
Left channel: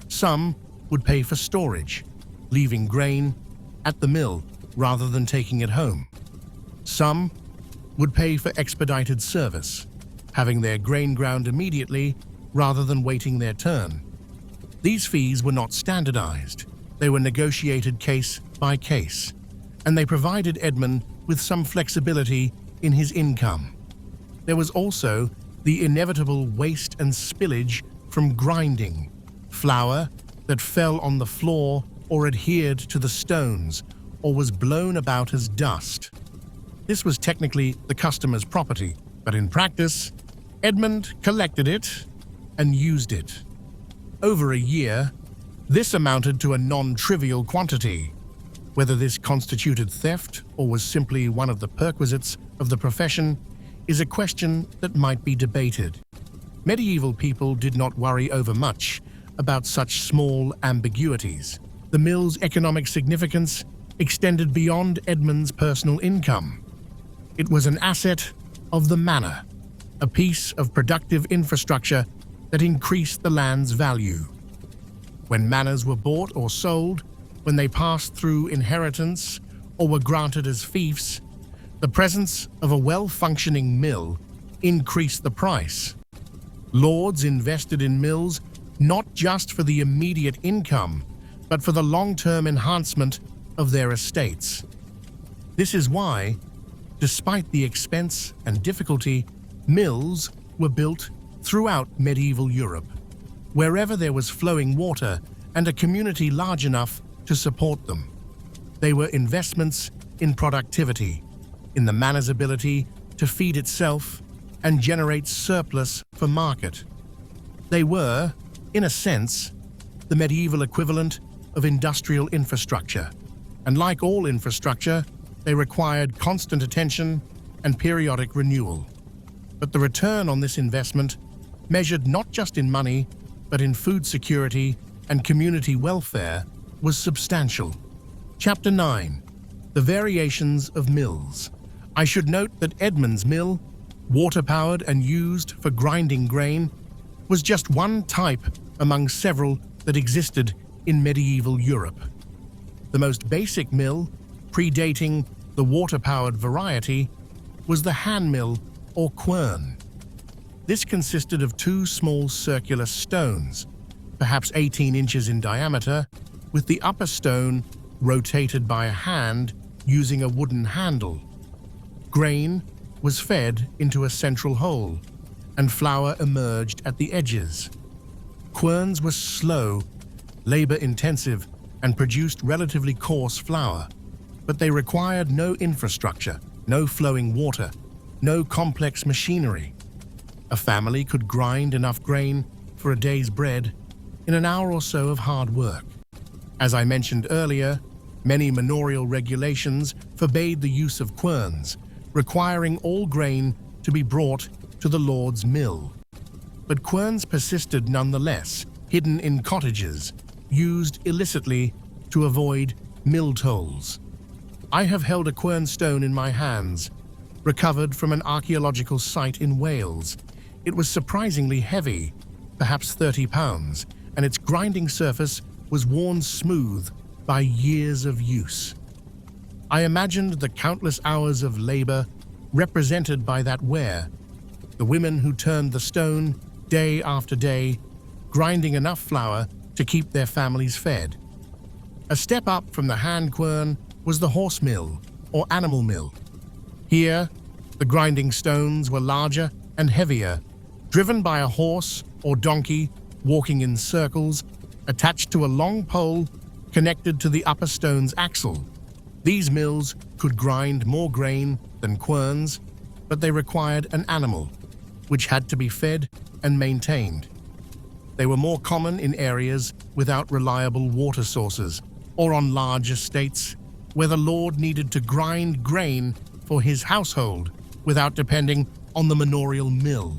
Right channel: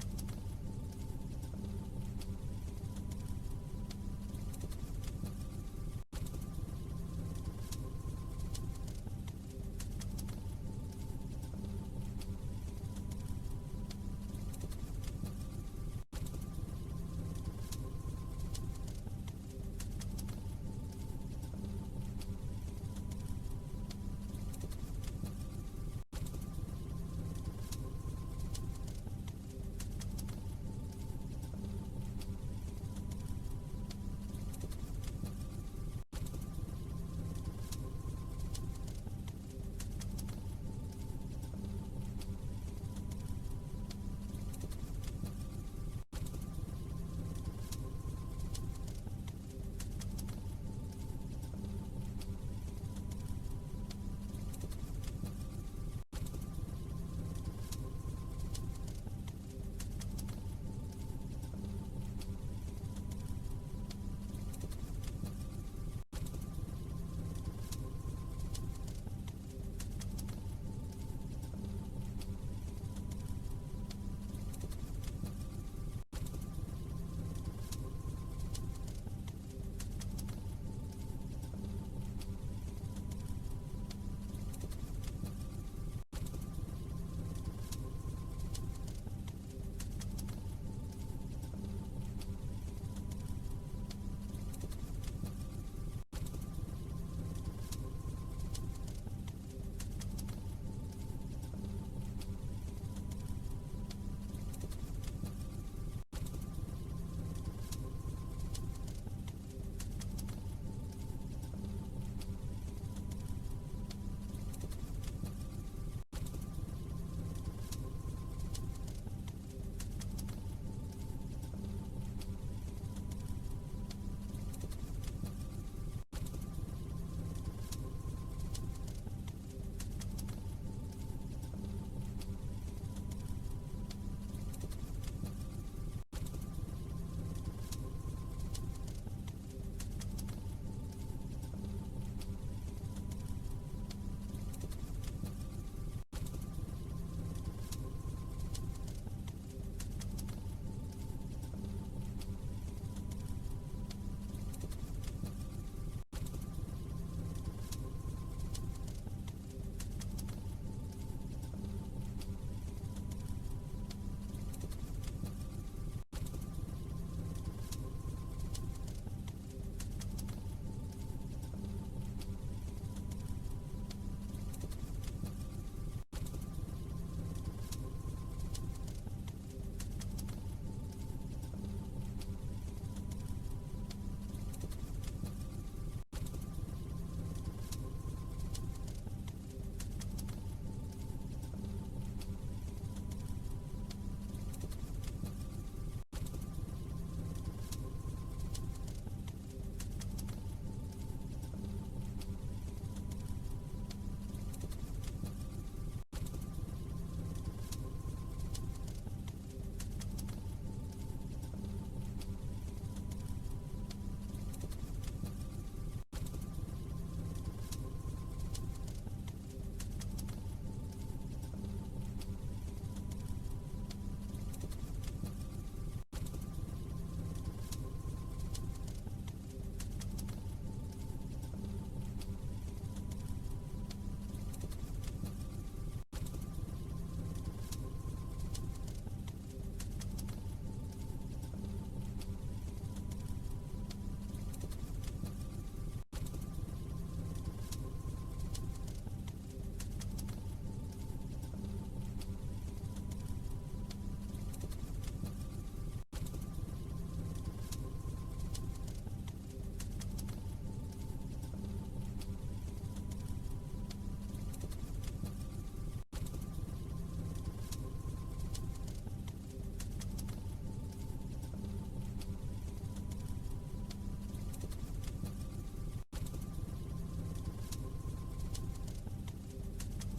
Some would pay for storage, leaving grain at the mill rather than taking it home. Some would pay for expedited service, having their grain ground immediately rather than waiting their turn. These fees were not standardized. They were negotiated case by case, and they provided Edmund with some flexibility in his income. There was also the inevitable waste and spillage from grinding, flour that fell on the floor or adhered to the stones or was blown about as dust. This was technically the customer's property, but in practice, Edmund collected it and used it. Over a year, this amounted to a non-trivial quantity. Whether this constituted theft or was simply one of the perquisites of the profession is a question that might be debated. Medieval people did not worry over much about such small ambiguities. The mill's economic significance extended beyond Edmund's personal income. It was an asset of the manor, a piece of productive infrastructure that increased the land's value. When manors were bought or sold, when they passed through inheritance or were granted as fiefs, the presence of a well-functioning mill increased the price. Lords invested in mills not just for the immediate income, but for the long-term enhancement of their estates. This is why, despite the expense and difficulty, mills were built throughout medieval Europe, wherever there was flowing water and a community large enough to support them. They were investments in productivity, in the manor's ability to feed itself and generate surplus for market. They were, in a sense, the medieval equivalent of industrial infrastructure, and like all infrastructure, they required constant attention and periodic renewal. But the return on this investment, measured not just in money, but in food security and community welfare, was substantial. Chapter 9. The Variations of Mills. I should note that Edmund's mill, water-powered and used for grinding grain, was just one type among several that existed in medieval Europe. The most basic mill, predating the water-powered variety, was the hand mill or quern. This consisted of two small circular stones, perhaps 18 inches in diameter, with the upper stone rotated by a hand using a wooden handle. Grain was fed into a central hole, and flour emerged at the edges. Querns were slow, labor-intensive, and produced relatively coarse flour, but they required no infrastructure, no flowing water, no complex machinery. A family could grind enough grain for a day's bread in an hour or so of hard work. As I mentioned earlier, many manorial regulations forbade the use of querns, requiring all grain to be brought to the lord's mill. But querns persisted nonetheless, hidden in cottages, used illicitly to avoid mill tolls. I have held a quern stone in my hands, recovered from an archaeological site in Wales. It was surprisingly heavy, perhaps 30 pounds, and its grinding surface was worn smooth by years of use. I imagined the countless hours of labor represented by that ware, the women who turned the stone day after day, grinding enough flour to keep their families fed. A step up from the hand quern was the horse mill or animal mill. Here, the grinding stones were larger and heavier, driven by a horse or donkey walking in circles, attached to a long pole connected to the upper stone's axle. These mills could grind more grain than querns, but they required an animal, which had to be fed and maintained. They were more common in areas without reliable water sources, or on large estates where the lord needed to grind grain for his household without depending on the manorial mill.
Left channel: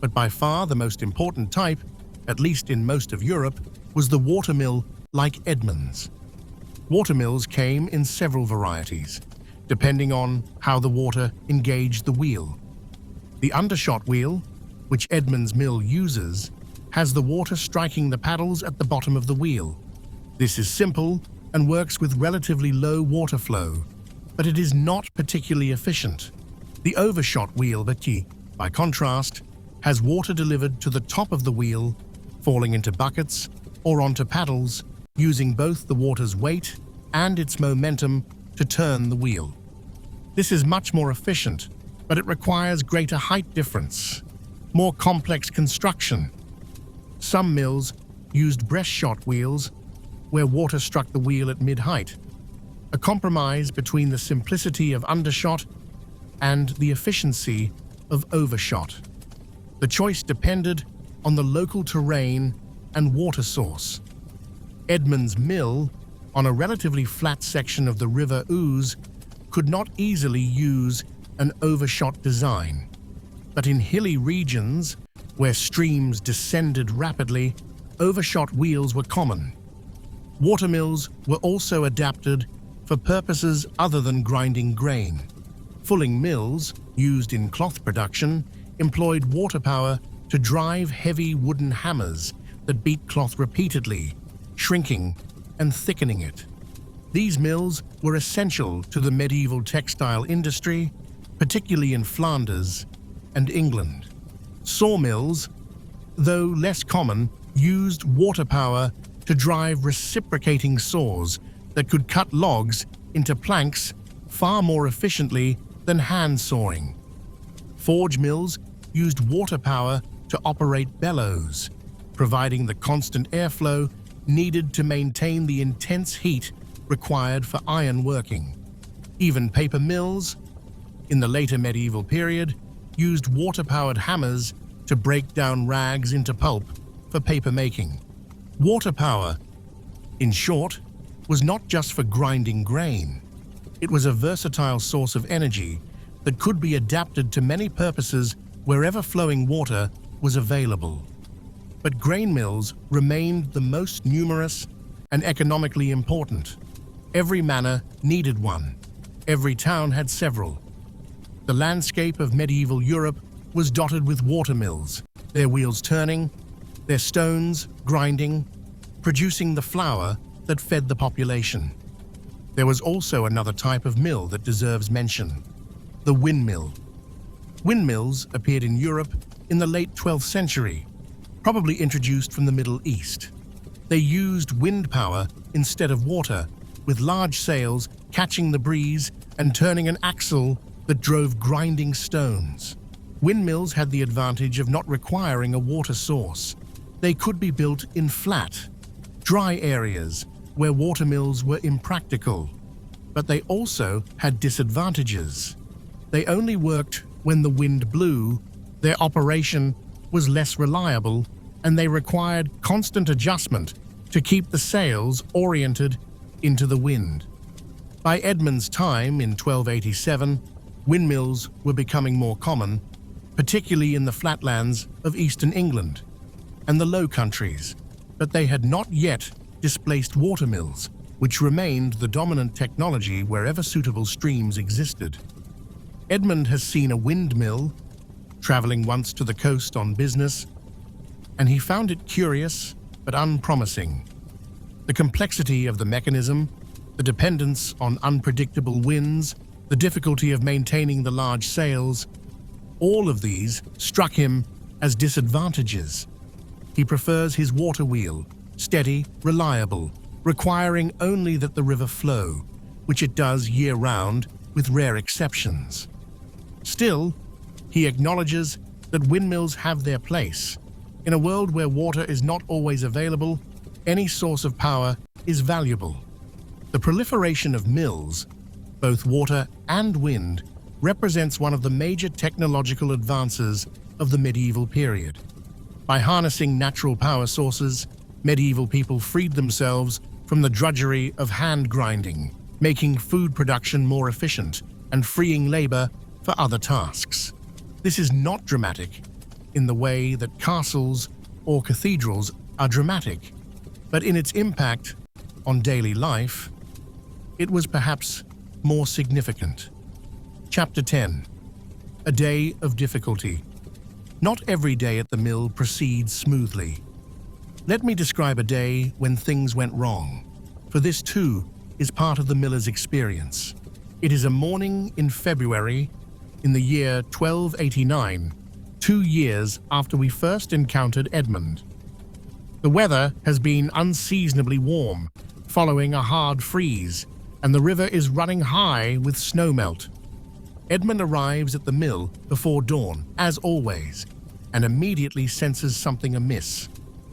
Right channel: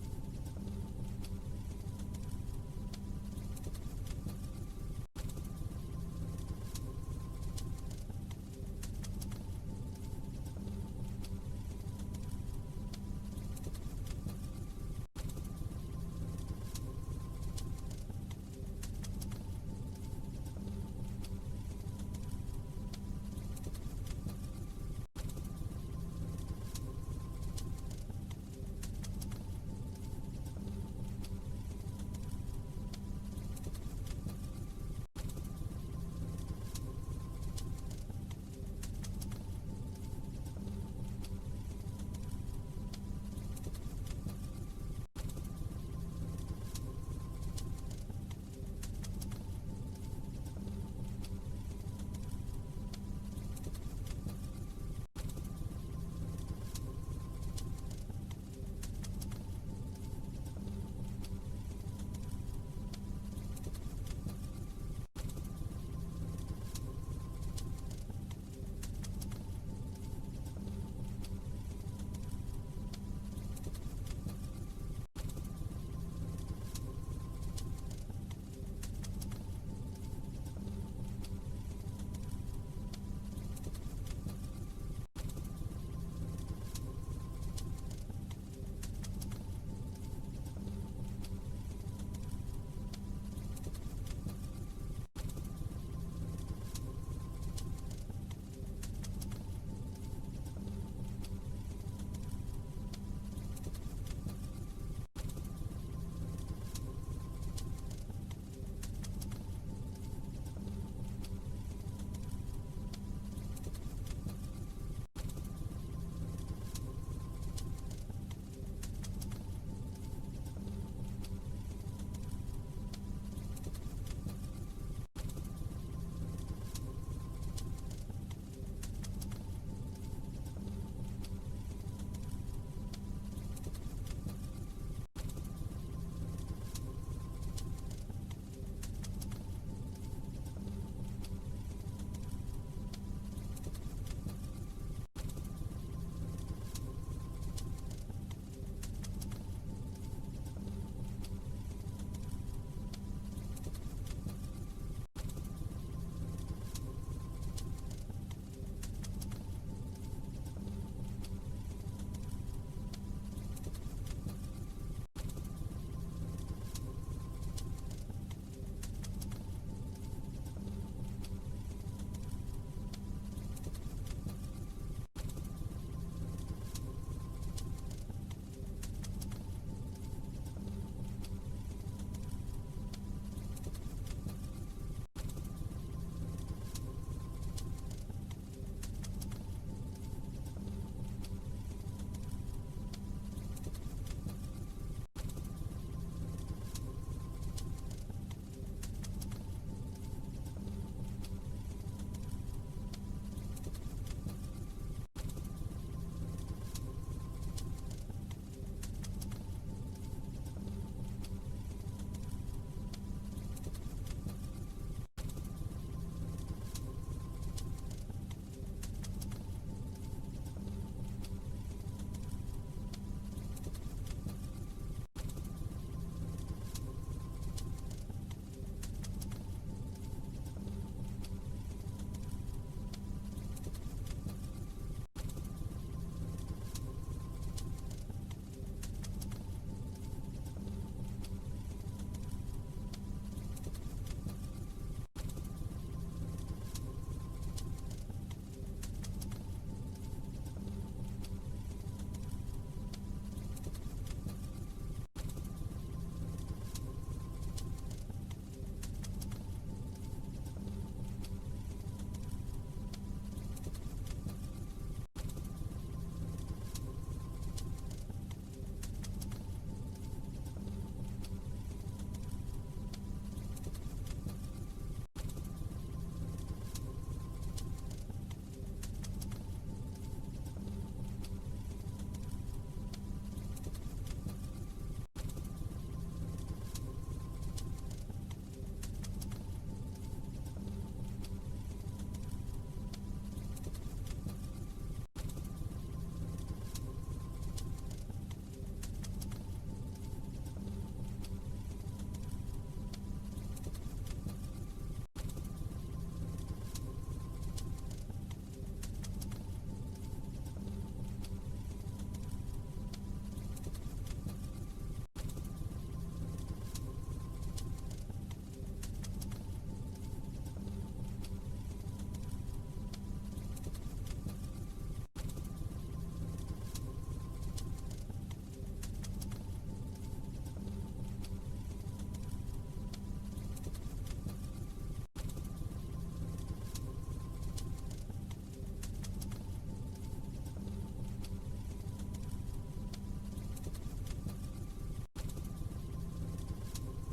But by far the most important type, at least in most of Europe, was the watermill like Edmund's. Watermills came in several varieties, depending on how the water engaged the wheel. The undershot wheel, which Edmund's mill uses, has the water striking the paddles at the bottom of the wheel. This is simple and works with relatively low water flow, but it is not particularly efficient. The overshot wheel, by contrast, has water delivered to the top of the wheel, falling into buckets or onto paddles, using both the water's weight and its momentum to turn the wheel. This is much more efficient but it requires greater height difference, more complex construction. Some mills used breast-shot wheels where water struck the wheel at mid-height, a compromise between the simplicity of undershot and the efficiency of overshot. The choice depended on the local terrain and water source. Edmund's mill, on a relatively flat section of the River Ouse, could not easily use an overshot design. But in hilly regions, where streams descended rapidly, overshot wheels were common. Watermills were also adapted for purposes other than grinding grain. Fulling mills, used in cloth production, employed water power to drive heavy wooden hammers that beat cloth repeatedly, shrinking and thickening it. These mills were essential to the medieval textile industry, particularly in Flanders and England. Sawmills, though less common, used water power to drive reciprocating saws that could cut logs into planks far more efficiently than hand sawing. Forge mills used water power to operate bellows, providing the constant airflow needed to maintain the intense heat required for iron working. Even paper mills, in the later medieval period, used water-powered hammers to break down rags into pulp for paper making. Water power, in short, was not just for grinding grain. It was a versatile source of energy that could be adapted to many purposes wherever flowing water was available. But grain mills remained the most numerous and economically important. Every manor needed one. Every town had several. The landscape of medieval Europe was dotted with watermills, their wheels turning, their stones grinding, producing the flour that fed the population. There was also another type of mill that deserves mention: the windmill. Windmills appeared in Europe in the late 12th century, probably introduced from the Middle East. They used wind power instead of water, with large sails catching the breeze and turning an axle that drove grinding stones. Windmills had the advantage of not requiring a water source. They could be built in flat, dry areas where watermills were impractical. But they also had disadvantages. They only worked when the wind blew, their operation was less reliable, and they required constant adjustment to keep the sails oriented into the wind. By Edmund's time in 1287, windmills were becoming more common, particularly in the flatlands of eastern England and the Low Countries, but they had not yet displaced watermills, which remained the dominant technology wherever suitable streams existed. Edmund has seen a windmill, traveling once to the coast on business, and he found it curious but unpromising. The complexity of the mechanism, the dependence on unpredictable winds, the difficulty of maintaining the large sails, all of these struck him as disadvantages. He prefers his water wheel, steady, reliable, requiring only that the river flow, which it does year-round with rare exceptions. Still, he acknowledges that windmills have their place. In a world where water is not always available, any source of power is valuable. The proliferation of mills, both water and wind, represents one of the major technological advances of the medieval period. By harnessing natural power sources, medieval people freed themselves from the drudgery of hand grinding, making food production more efficient and freeing labor for other tasks. This is not dramatic in the way that castles or cathedrals are dramatic, but in its impact on daily life, it was perhaps more significant. Chapter 10. A Day of Difficulty. Not every day at the mill proceeds smoothly. Let me describe a day when things went wrong, for this too is part of the miller's experience. It is a morning in February in the year 1289, 2 years after we first encountered Edmund. The weather has been unseasonably warm, following a hard freeze, and the river is running high with snowmelt. Edmund arrives at the mill before dawn, as always, and immediately senses something amiss.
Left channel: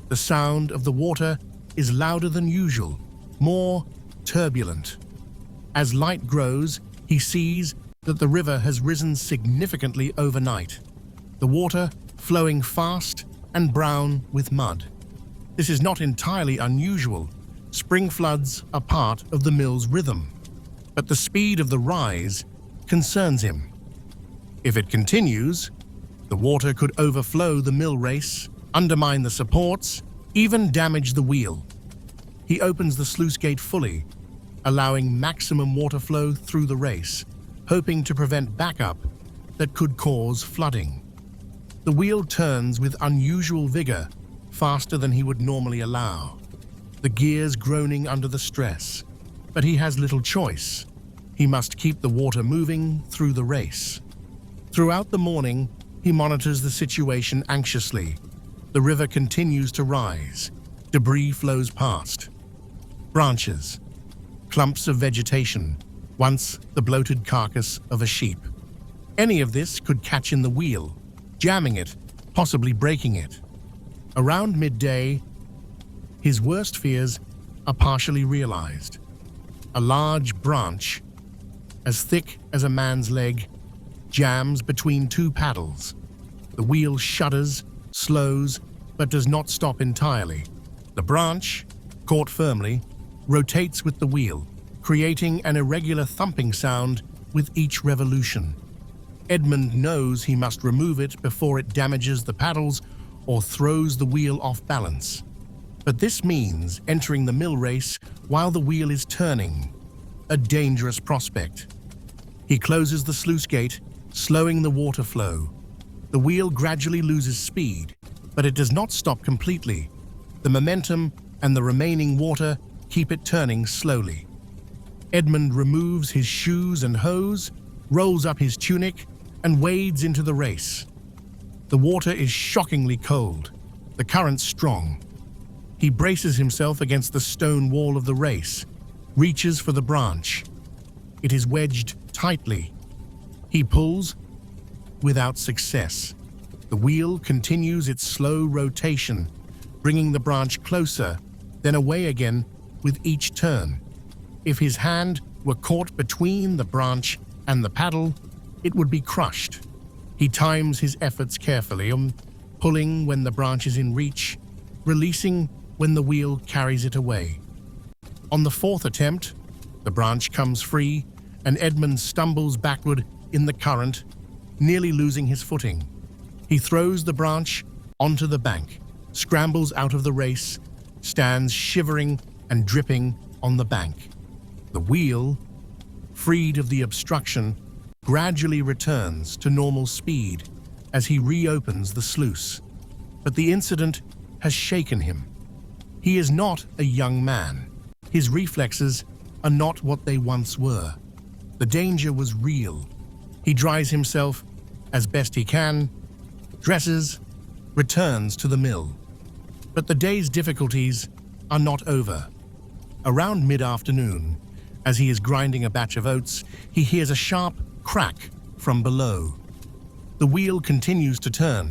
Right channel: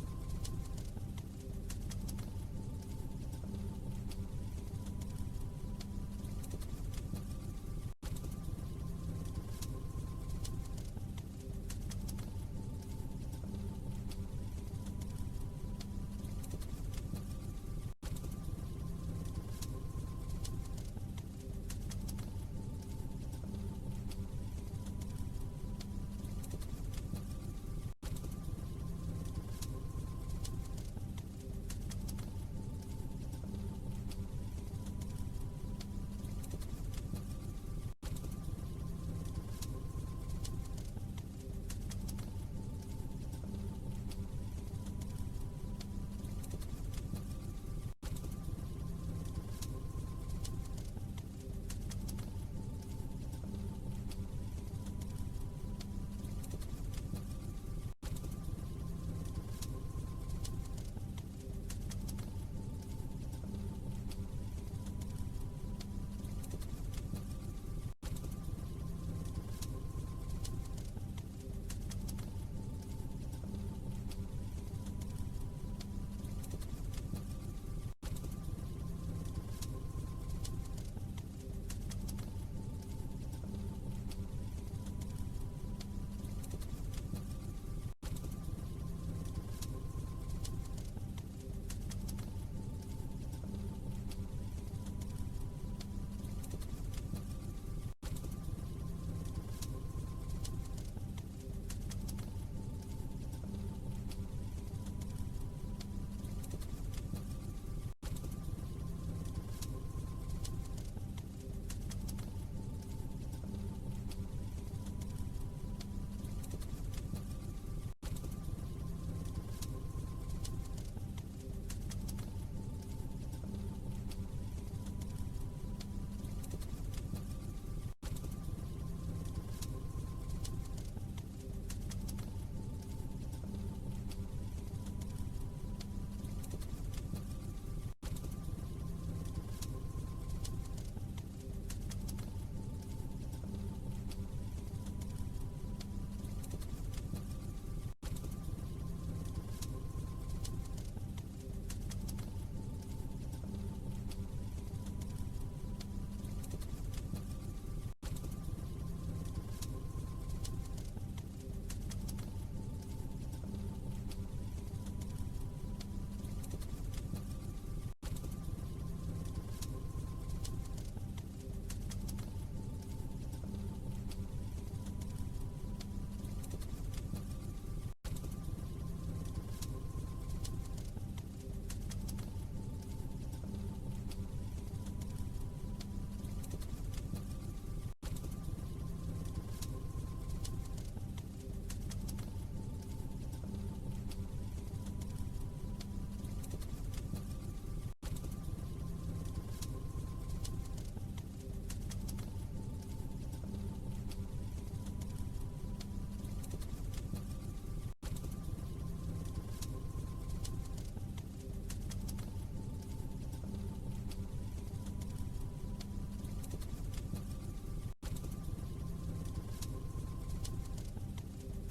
The sound of the water is louder than usual, more turbulent. As light grows, he sees that the river has risen significantly overnight, the water flowing fast and brown with mud. This is not entirely unusual. Spring floods are part of the mill's rhythm, but the speed of the rise concerns him. If it continues, the water could overflow the mill race, undermine the supports, even damage the wheel. He opens the sluice gate fully, allowing maximum water flow through the race, hoping to prevent backup that could cause flooding. The wheel turns with unusual vigor, faster than he would normally allow, the gears groaning under the stress. But he has little choice. He must keep the water moving through the race. Throughout the morning, he monitors the situation anxiously. The river continues to rise. Debris flows past. Branches, clumps of vegetation, once the bloated carcass of a sheep. Any of this could catch in the wheel, jamming it, possibly breaking it. Around midday, his worst fears are partially realized. A large branch, as thick as a man's leg, jams between two paddles. The wheel shudders, slows, but does not stop entirely. The branch, caught firmly, rotates with the wheel, creating an irregular thumping sound with each revolution. Edmund knows he must remove it before it damages the paddles or throws the wheel off balance. But this means entering the mill race while the wheel is turning, a dangerous prospect. He closes the sluice gate, slowing the water flow. The wheel gradually loses speed, but it does not stop completely. The momentum and the remaining water keep it turning slowly. Edmund removes his shoes and hose, rolls up his tunic, and wades into the race. The water is shockingly cold, the current strong. He braces himself against the stone wall of the race, reaches for the branch. It is wedged tightly. He pulls, without success. The wheel continues its slow rotation, bringing the branch closer, then away again with each turn. If his hand were caught between the branch and the paddle, it would be crushed. He times his efforts carefully, pulling when the branch is in reach, releasing when the wheel carries it away. On the fourth attempt, the branch comes free, and Edmund stumbles backward in the current, nearly losing his footing. He throws the branch onto the bank, scrambles out of the race, stands shivering and dripping on the bank. The wheel, freed of the obstruction, gradually returns to normal speed as he reopens the sluice. But the incident has shaken him. He is not a young man. His reflexes are not what they once were. The danger was real. He dries himself as best he can, dresses, returns to the mill. But the day's difficulties are not over. Around mid-afternoon, as he is grinding a batch of oats, he hears a sharp crack from below. The wheel continues to turn,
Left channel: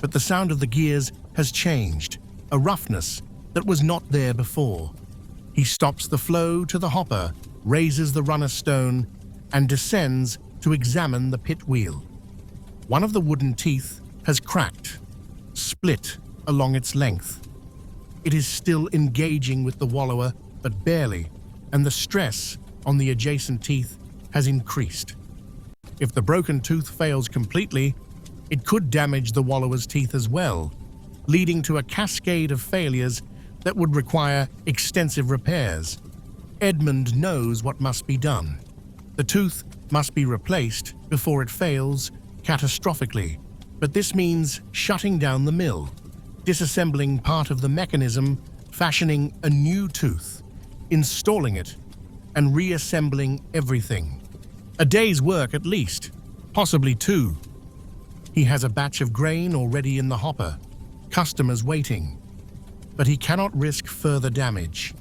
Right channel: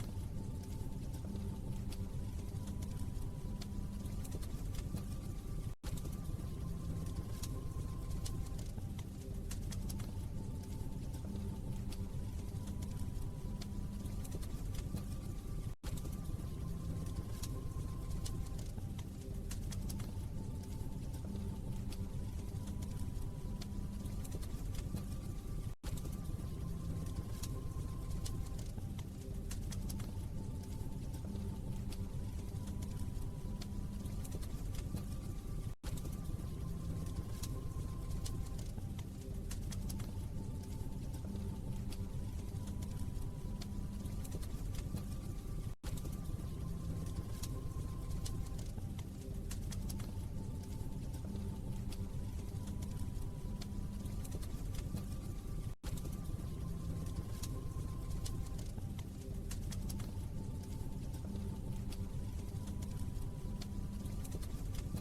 but the sound of the gears has changed, a roughness that was not there before. He stops the flow to the hopper, raises the runner stone, and descends to examine the pit wheel. One of the wooden teeth has cracked, split along its length. It is still engaging with the wallower, but barely, and the stress on the adjacent teeth has increased. If the broken tooth fails completely, it could damage the wallower's teeth as well, leading to a cascade of failures that would require extensive repairs. Edmund knows what must be done. The tooth must be replaced before it fails catastrophically, but this means shutting down the mill, disassembling part of the mechanism, fashioning a new tooth, installing it, and reassembling everything. A day's work at least, possibly two. He has a batch of grain already in the hopper, customers waiting, but he cannot risk further damage.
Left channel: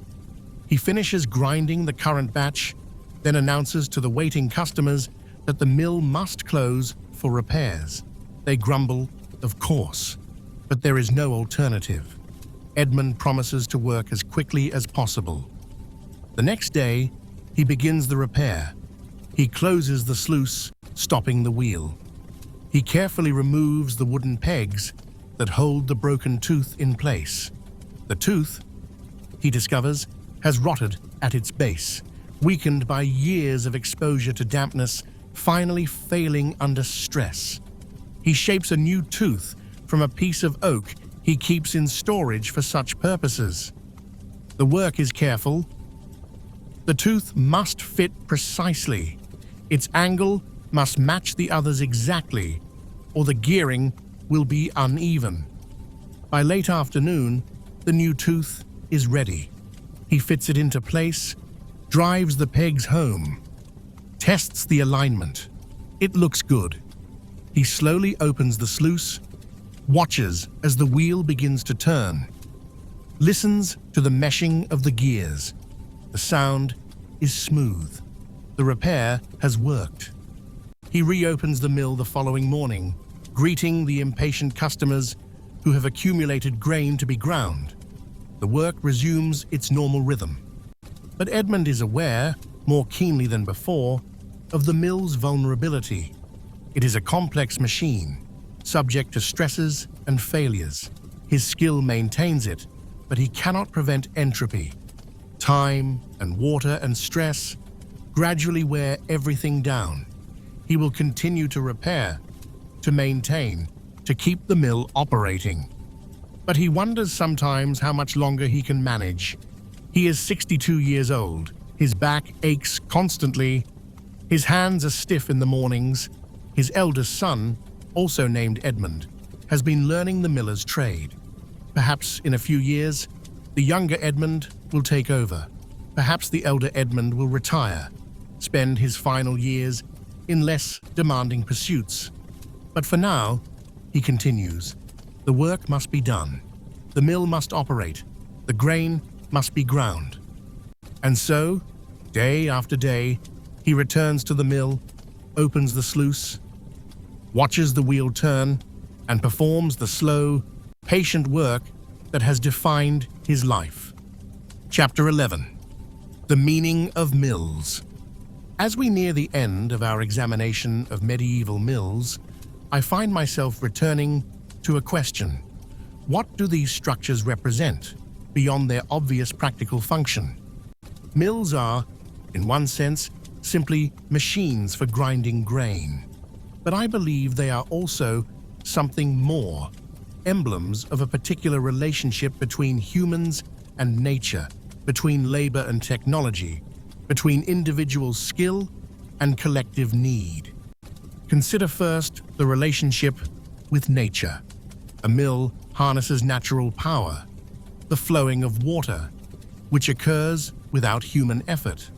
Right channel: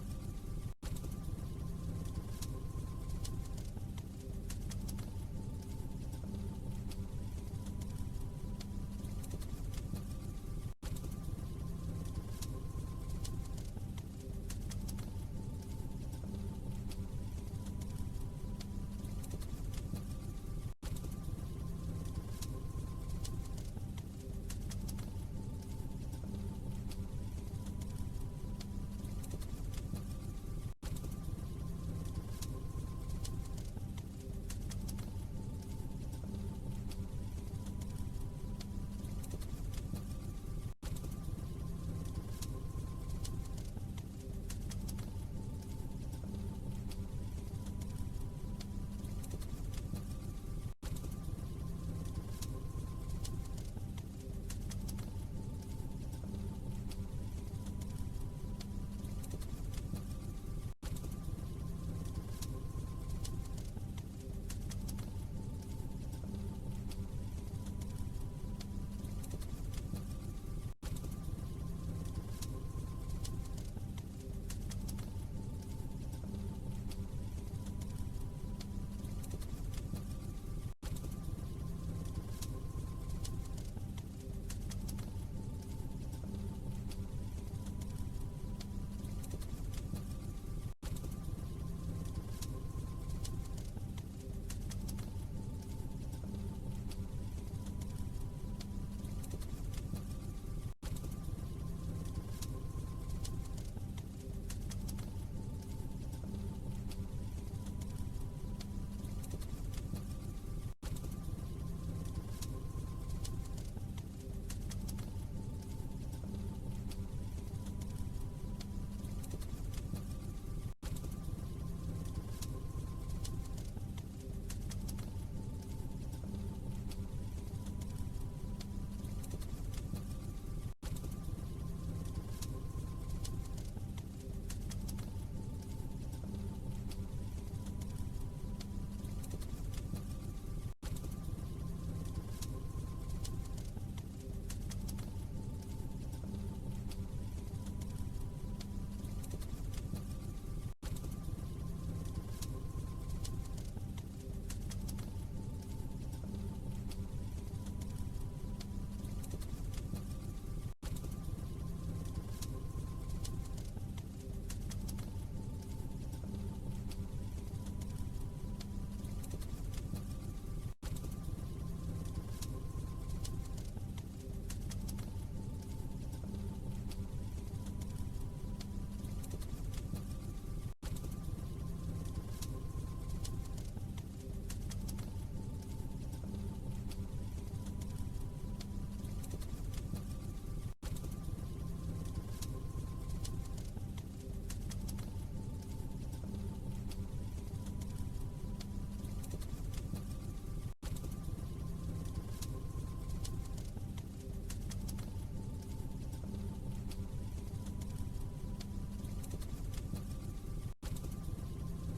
He finishes grinding the current batch, then announces to the waiting customers that the mill must close for repairs. They grumble, of course, but there is no alternative. Edmund promises to work as quickly as possible. The next day, he begins the repair. He closes the sluice, stopping the wheel. He carefully removes the wooden pegs that hold the broken tooth in place. The tooth, he discovers, has rotted at its base, weakened by years of exposure to dampness, finally failing under stress. He shapes a new tooth from a piece of oak he keeps in storage for such purposes. The work is careful. The tooth must fit precisely. Its angle must match the others exactly, or the gearing will be uneven. By late afternoon, the new tooth is ready. He fits it into place, drives the pegs home, tests the alignment. It looks good. He slowly opens the sluice, watches as the wheel begins to turn, listens to the meshing of the gears. The sound is smooth. The repair has worked. He reopens the mill the following morning, greeting the impatient customers who have accumulated grain to be ground. The work resumes its normal rhythm. But Edmund is aware, more keenly than before, of the mill's vulnerability. It is a complex machine, subject to stresses and failures. His skill maintains it, but he cannot prevent entropy. Time and water and stress gradually wear everything down. He will continue to repair, to maintain, to keep the mill operating. But he wonders sometimes how much longer he can manage. He is 62 years old. His back aches constantly. His hands are stiff in the mornings. His eldest son, also named Edmund, has been learning the miller's trade. Perhaps in a few years, the younger Edmund will take over. Perhaps the elder Edmund will retire, spend his final years in less demanding pursuits. But for now, he continues, the work must be done. The mill must operate. The grain must be ground. And so, day after day, he returns to the mill, opens the sluice, watches the wheel turn, and performs the slow, patient work that has defined his life. Chapter 11. The Meaning of Mills. As we near the end of our examination of medieval mills, I find myself returning to a question. What do these structures represent, beyond their obvious practical function? Mills are, in one sense, simply machines for grinding grain. But I believe they are also something more, emblems of a particular relationship between humans and nature, between labor and technology, between individual skill and collective need. Consider first the relationship with nature. A mill harnesses natural power, the flowing of water, which occurs without human effort.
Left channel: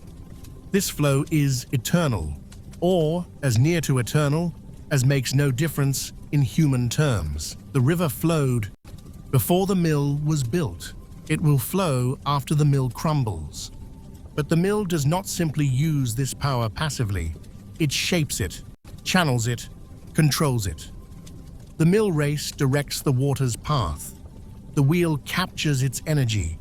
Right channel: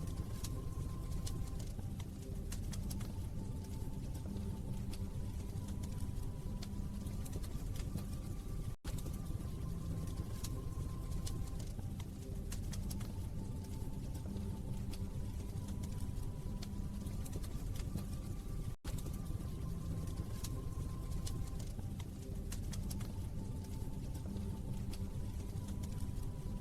This flow is eternal, or as near to eternal as makes no difference in human terms. The river flowed before the mill was built. It will flow after the mill crumbles. But the mill does not simply use this power passively. It shapes it, channels it, controls it. The mill race directs the water's path. The wheel captures its energy.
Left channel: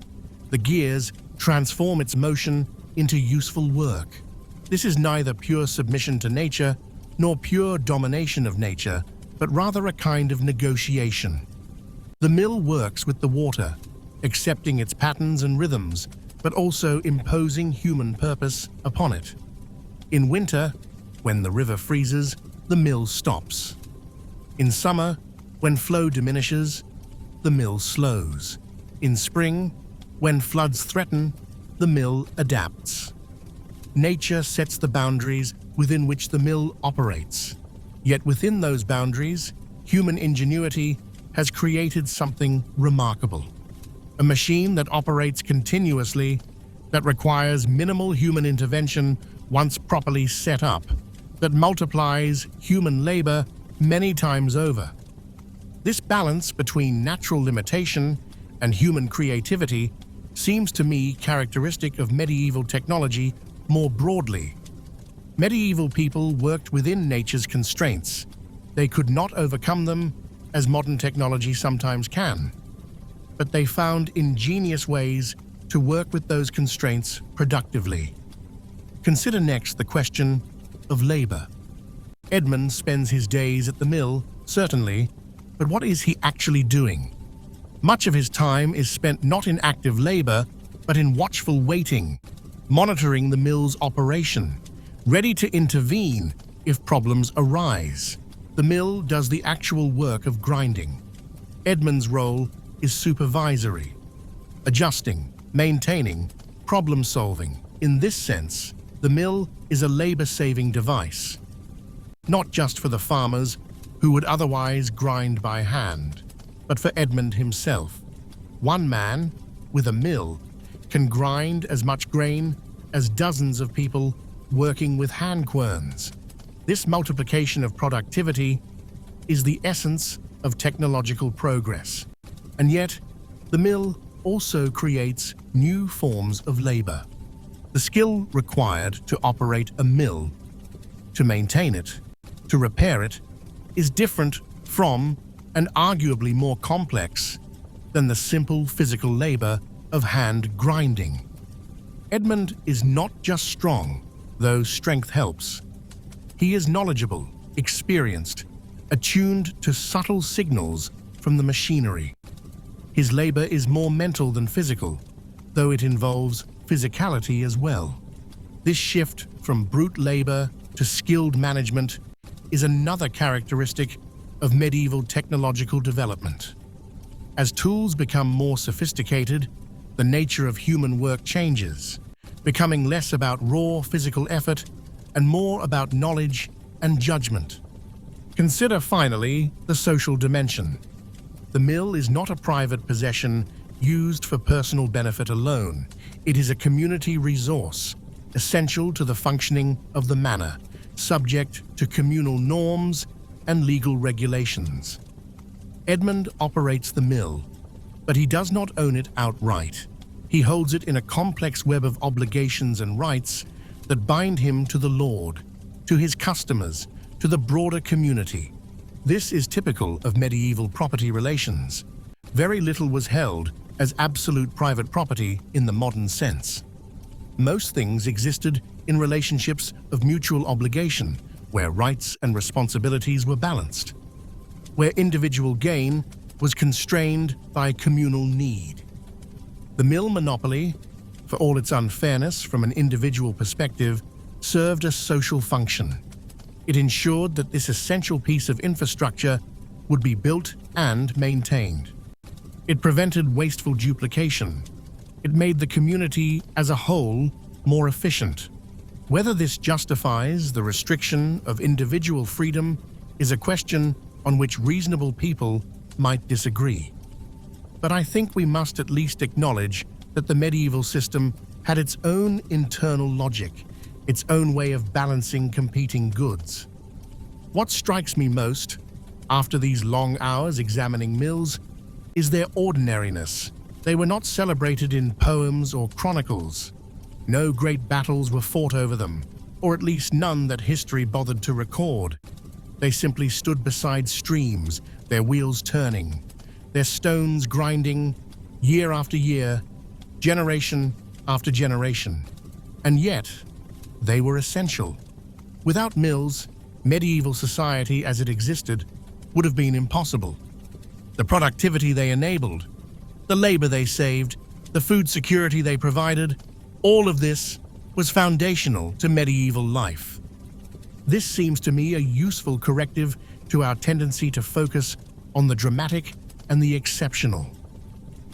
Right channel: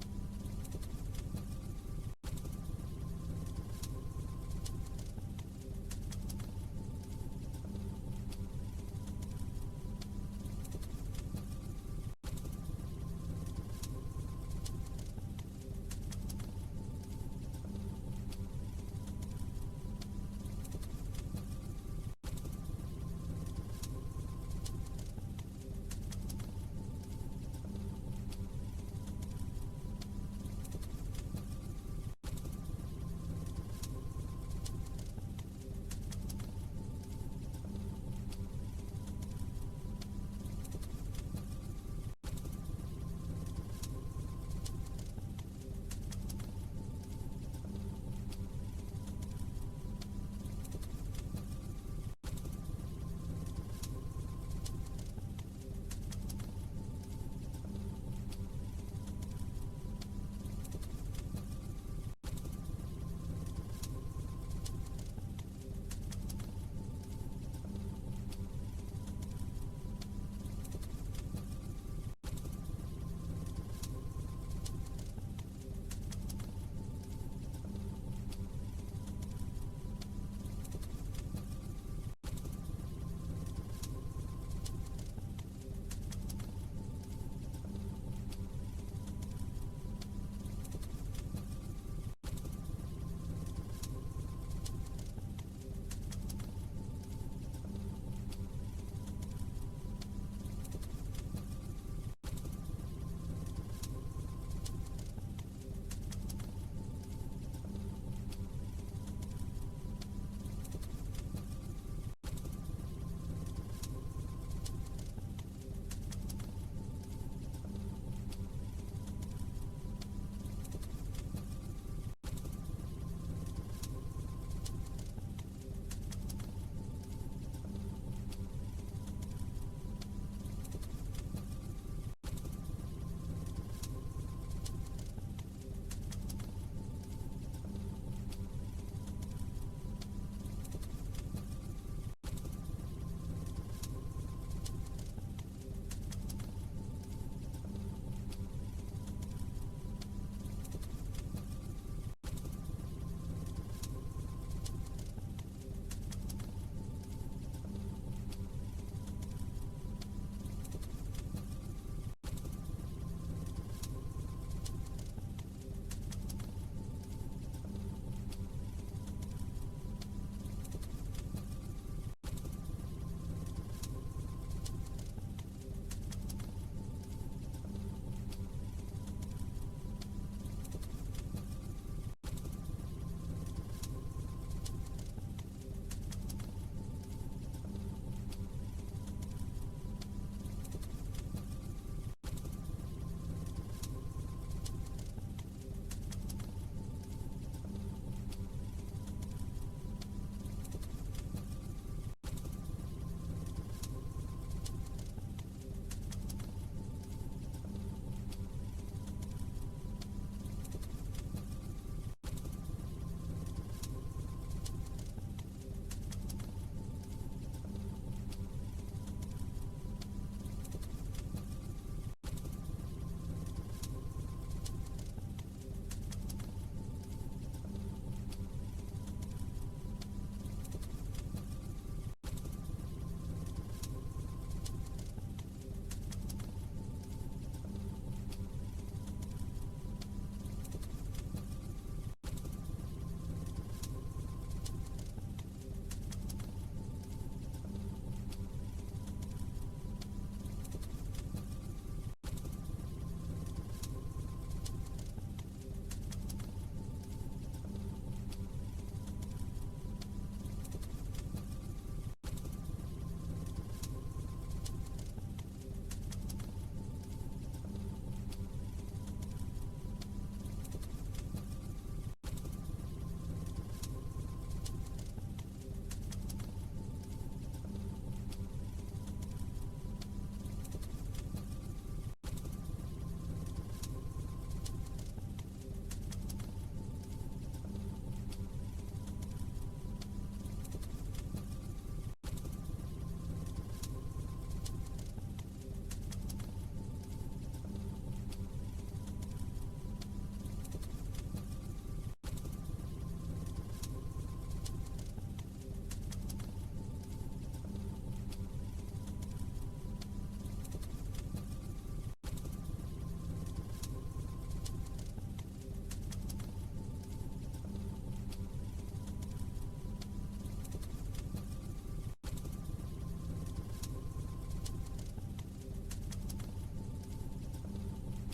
The gears transform its motion into useful work. This is neither pure submission to nature nor pure domination of nature, but rather a kind of negotiation. The mill works with the water, accepting its patterns and rhythms, but also imposing human purpose upon it. In winter, when the river freezes, the mill stops. In summer, when flow diminishes, the mill slows. In spring, when floods threaten, the mill adapts. Nature sets the boundaries within which the mill operates. Yet within those boundaries, human ingenuity has created something remarkable. A machine that operates continuously, that requires minimal human intervention once properly set up, that multiplies human labor many times over. This balance between natural limitation and human creativity seems to me characteristic of medieval technology more broadly. Medieval people worked within nature's constraints. They could not overcome them, as modern technology sometimes can. But they found ingenious ways to work with those constraints productively. Consider next the question of labor. Edmund spends his days at the mill, certainly, but what is he actually doing? Much of his time is spent not in active labor, but in watchful waiting, monitoring the mill's operation, ready to intervene if problems arise. The mill does the actual work of grinding. Edmund's role is supervisory, adjusting, maintaining, problem-solving. In this sense, the mill is a labor-saving device, not just for the farmers who would otherwise grind by hand, but for Edmund himself. One man, with a mill, can grind as much grain as dozens of people working with hand querns. This multiplication of productivity is the essence of technological progress. And yet, the mill also creates new forms of labor. The skill required to operate a mill, to maintain it, to repair it, is different from and arguably more complex than the simple physical labor of hand grinding. Edmund is not just strong, though strength helps. He is knowledgeable, experienced, attuned to subtle signals from the machinery. His labor is more mental than physical, though it involves physicality as well. This shift from brute labor to skilled management is another characteristic of medieval technological development. As tools become more sophisticated, the nature of human work changes, becoming less about raw physical effort and more about knowledge and judgment. Consider finally the social dimension. The mill is not a private possession used for personal benefit alone. It is a community resource, essential to the functioning of the manor, subject to communal norms and legal regulations. Edmund operates the mill, but he does not own it outright. He holds it in a complex web of obligations and rights that bind him to the Lord, to his customers, to the broader community. This is typical of medieval property relations. Very little was held as absolute private property in the modern sense. Most things existed in relationships of mutual obligation, where rights and responsibilities were balanced, where individual gain was constrained by communal need. The mill monopoly, for all its unfairness from an individual perspective, served a social function. It ensured that this essential piece of infrastructure would be built and maintained. It prevented wasteful duplication. It made the community as a whole more efficient. Whether this justifies the restriction of individual freedom is a question on which reasonable people might disagree. But I think we must at least acknowledge that the medieval system had its own internal logic, its own way of balancing competing goods. What strikes me most, after these long hours examining mills, is their ordinariness. They were not celebrated in poems or chronicles. No great battles were fought over them, or at least none that history bothered to record. They simply stood beside streams, their wheels turning, their stones grinding, year after year, generation after generation. And yet, they were essential. Without mills, medieval society as it existed would have been impossible. The productivity they enabled, the labor they saved, the food security they provided, all of this was foundational to medieval life. This seems to me a useful corrective to our tendency to focus on the dramatic and the exceptional.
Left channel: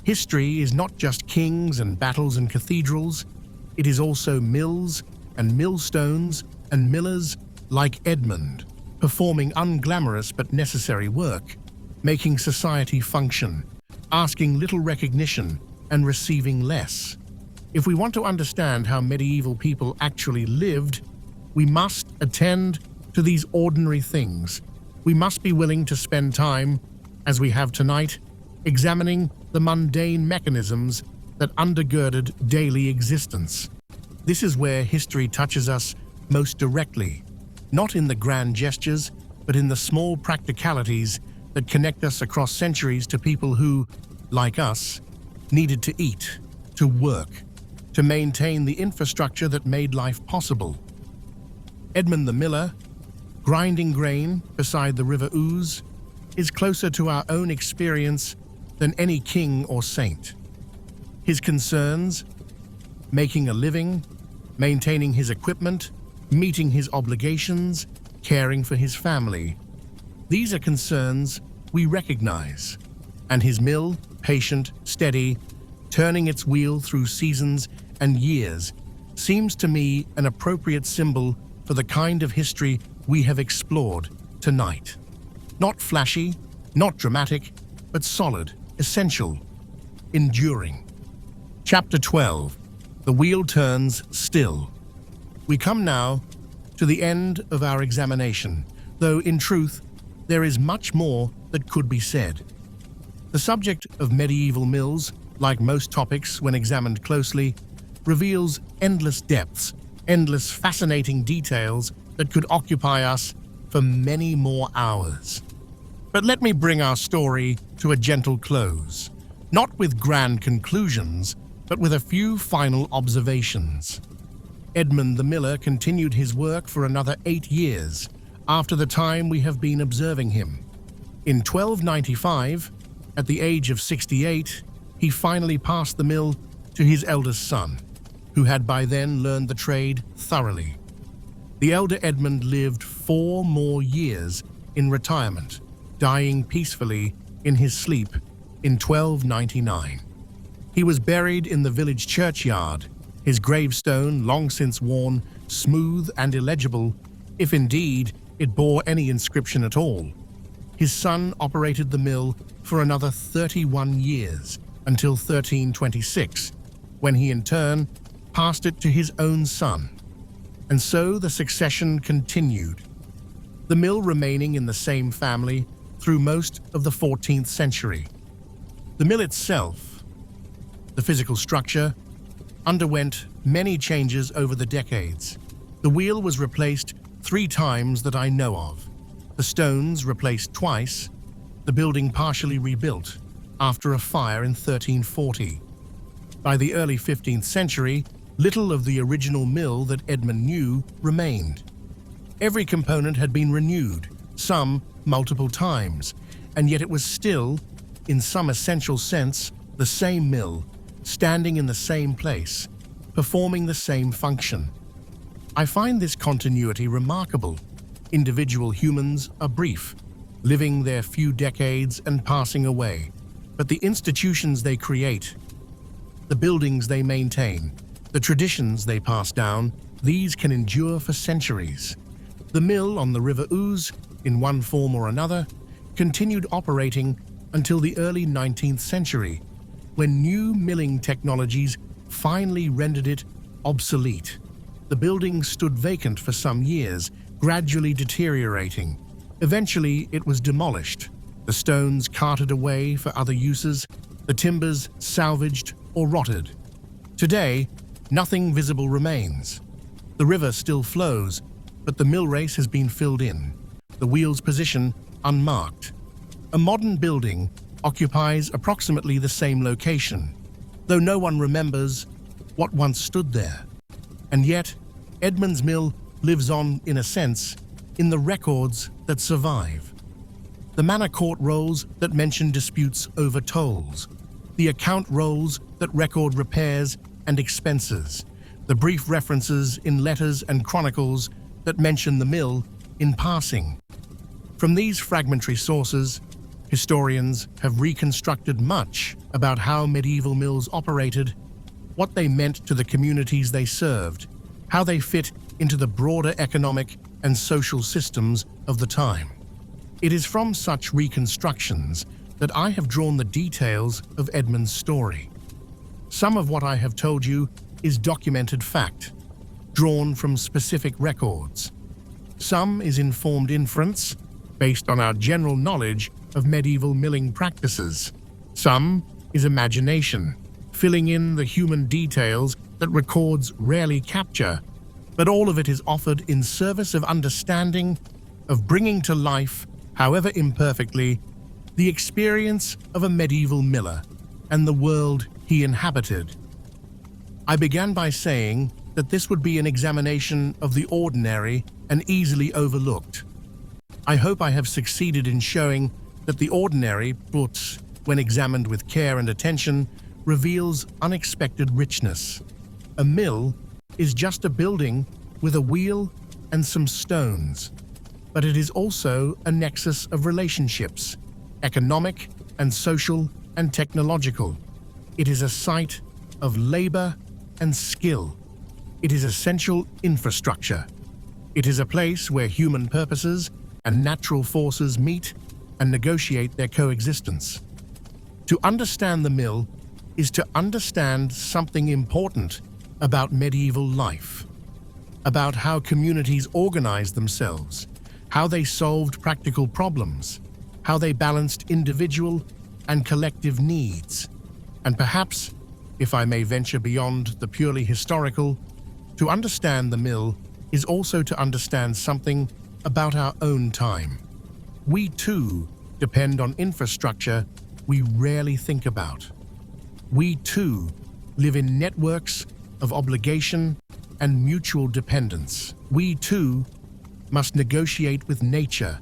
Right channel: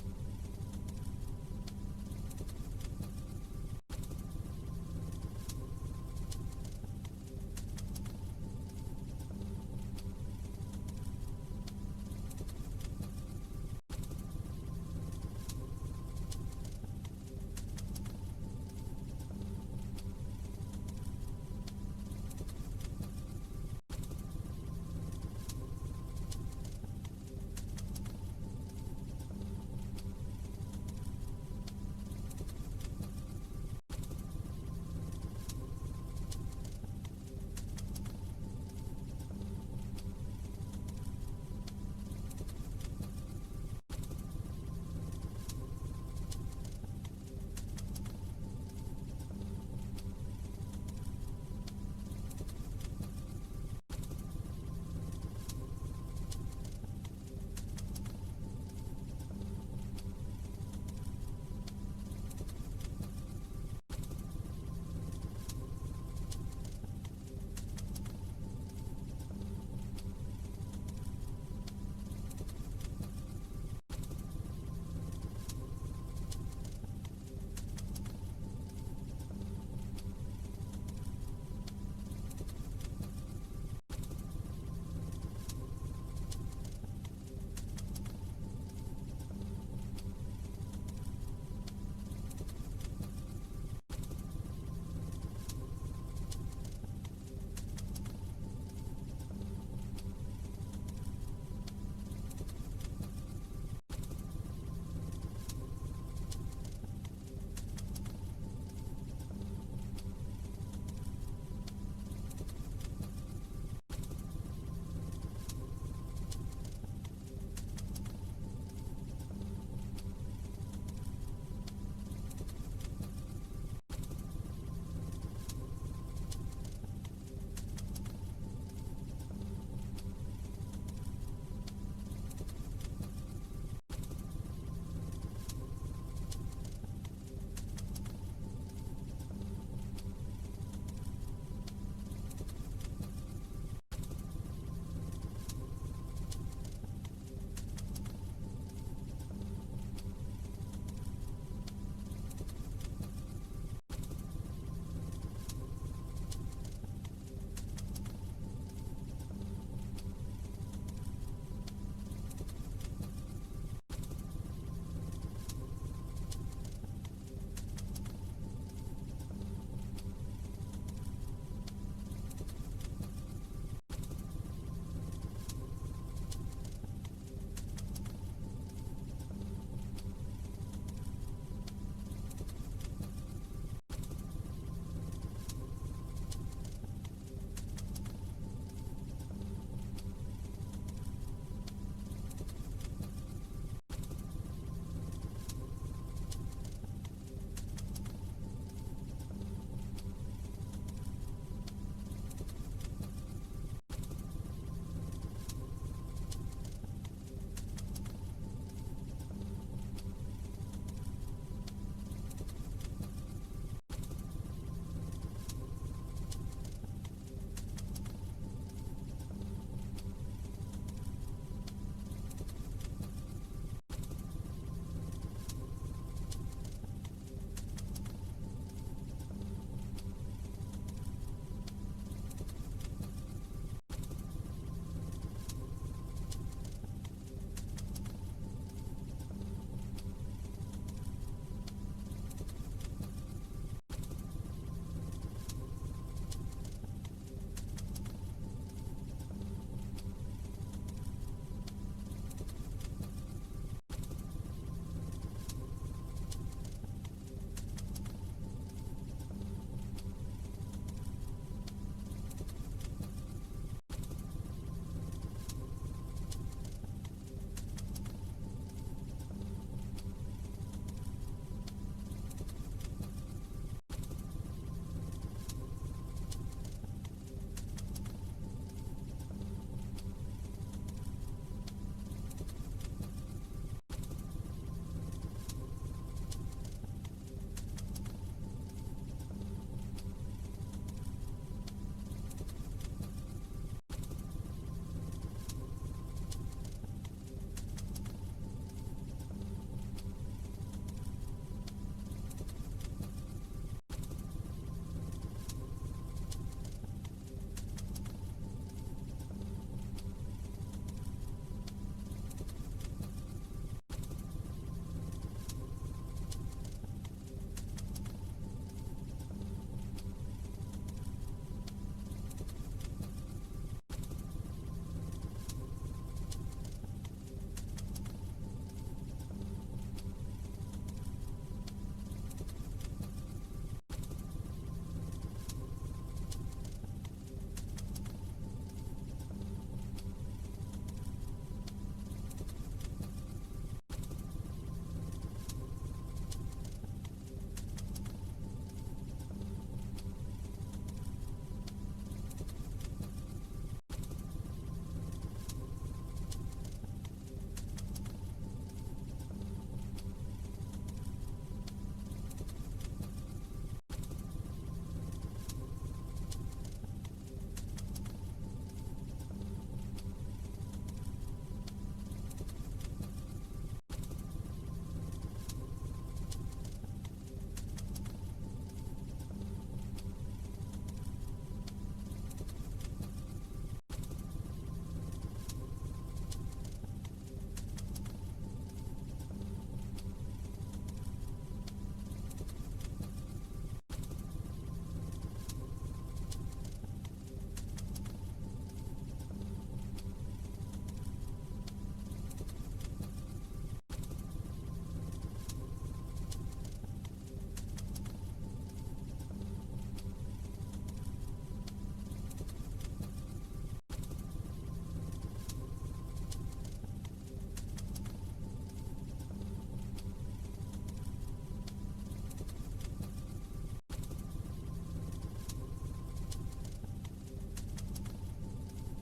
History is not just kings and battles and cathedrals, it is also mills and millstones and millers like Edmund, performing unglamorous but necessary work, making society function, asking little recognition and receiving less. If we want to understand how medieval people actually lived, we must attend to these ordinary things. We must be willing to spend time, as we have tonight, examining the mundane mechanisms that undergirded daily existence. This is where history touches us most directly, not in the grand gestures, but in the small practicalities that connect us across centuries to people who, like us, needed to eat, to work, to maintain the infrastructure that made life possible. Edmund the miller, grinding grain beside the River Ouse, is closer to our own experience than any king or saint. His concerns, making a living, maintaining his equipment, meeting his obligations, caring for his family. These are concerns we recognize, and his mill, patient, steady, turning its wheel through seasons and years, seems to me an appropriate symbol for the kind of history we have explored tonight. Not flashy, not dramatic, but solid, essential, enduring. Chapter 12. The wheel turns still. We come now to the end of our examination, though in truth, there is much more that could be said. The subject of medieval mills, like most topics when examined closely, reveals endless depths, endless fascinating details that could occupy us for many more hours. But let me bring our story to a gentle close, not with grand conclusions, but with a few final observations. Edmund the miller continued his work for another 8 years after the time we have been observing him. In 1295, at the age of 68, he finally passed the mill to his eldest son, who had by then learned the trade thoroughly. The elder Edmund lived 4 more years in retirement, dying peacefully in his sleep in 1299. He was buried in the village churchyard, his gravestone, long since worn, smooth and illegible, if indeed it bore any inscription at all. His son operated the mill for another 31 years, until 1326, when he in turn passed it to his own son. And so the succession continued, the mill remaining in the same family through most of the 14th century. The mill itself, the physical structure, underwent many changes over the decades. The wheel was replaced 3 times that I know of. The stones replaced twice, the building partially rebuilt after a fire in 1340. By the early 15th century, little of the original mill that Edmund knew remained. Every component had been renewed, some multiple times, and yet it was still, in some essential sense, the same mill, standing in the same place, performing the same function. I find this continuity remarkable. Individual humans are brief, living their few decades and passing away. But the institutions they create, the buildings they maintain, the traditions they pass down, these can endure for centuries. The mill on the River Ouse, in one form or another, continued operating until the early 19th century, when new milling technologies finally rendered it obsolete. The building stood vacant for some years, gradually deteriorating. Eventually, it was demolished, the stones carted away for other uses, the timbers salvaged or rotted. Today, nothing visible remains. The river still flows, but the mill race has been filled in, the wheel's position unmarked. A modern building occupies approximately the same location, though no one remembers what once stood there. And yet, Edmund's mill lives on, in a sense, in the records that survive. The manor court rolls that mention disputes over tolls, the account rolls that record repairs and expenses, the brief references in letters and chronicles that mention the mill in passing. From these fragmentary sources, historians have reconstructed much about how medieval mills operated, what they meant to the communities they served, how they fit into the broader economic and social systems of the time. It is from such reconstructions that I have drawn the details of Edmund's story. Some of what I have told you is documented fact, drawn from specific records. Some is informed inference, based on our general knowledge of medieval milling practices. Some is imagination, filling in the human details that records rarely capture. but all of it is offered in service of understanding, of bringing to life, however imperfectly, the experience of a medieval miller and the world he inhabited. I began by saying that this would be an examination of the ordinary and easily overlooked. I hope I have succeeded in showing that the ordinary, but when examined with care and attention, reveals unexpected richness. A mill is just a building with a wheel and some stones, but it is also a nexus of relationships, economic and social and technological. It is a site of labor and skill. It is essential infrastructure. It is a place where human purposes and natural forces meet and negotiate their coexistence. To understand the mill is to understand something important about medieval life, about how communities organized themselves, how they solved practical problems, how they balanced individual and collective needs, and perhaps, if I may venture beyond the purely historical, to understand the mill is also to understand something about our own time. We too depend on infrastructure we rarely think about. We too live in networks of obligation and mutual dependence. We too must negotiate with nature,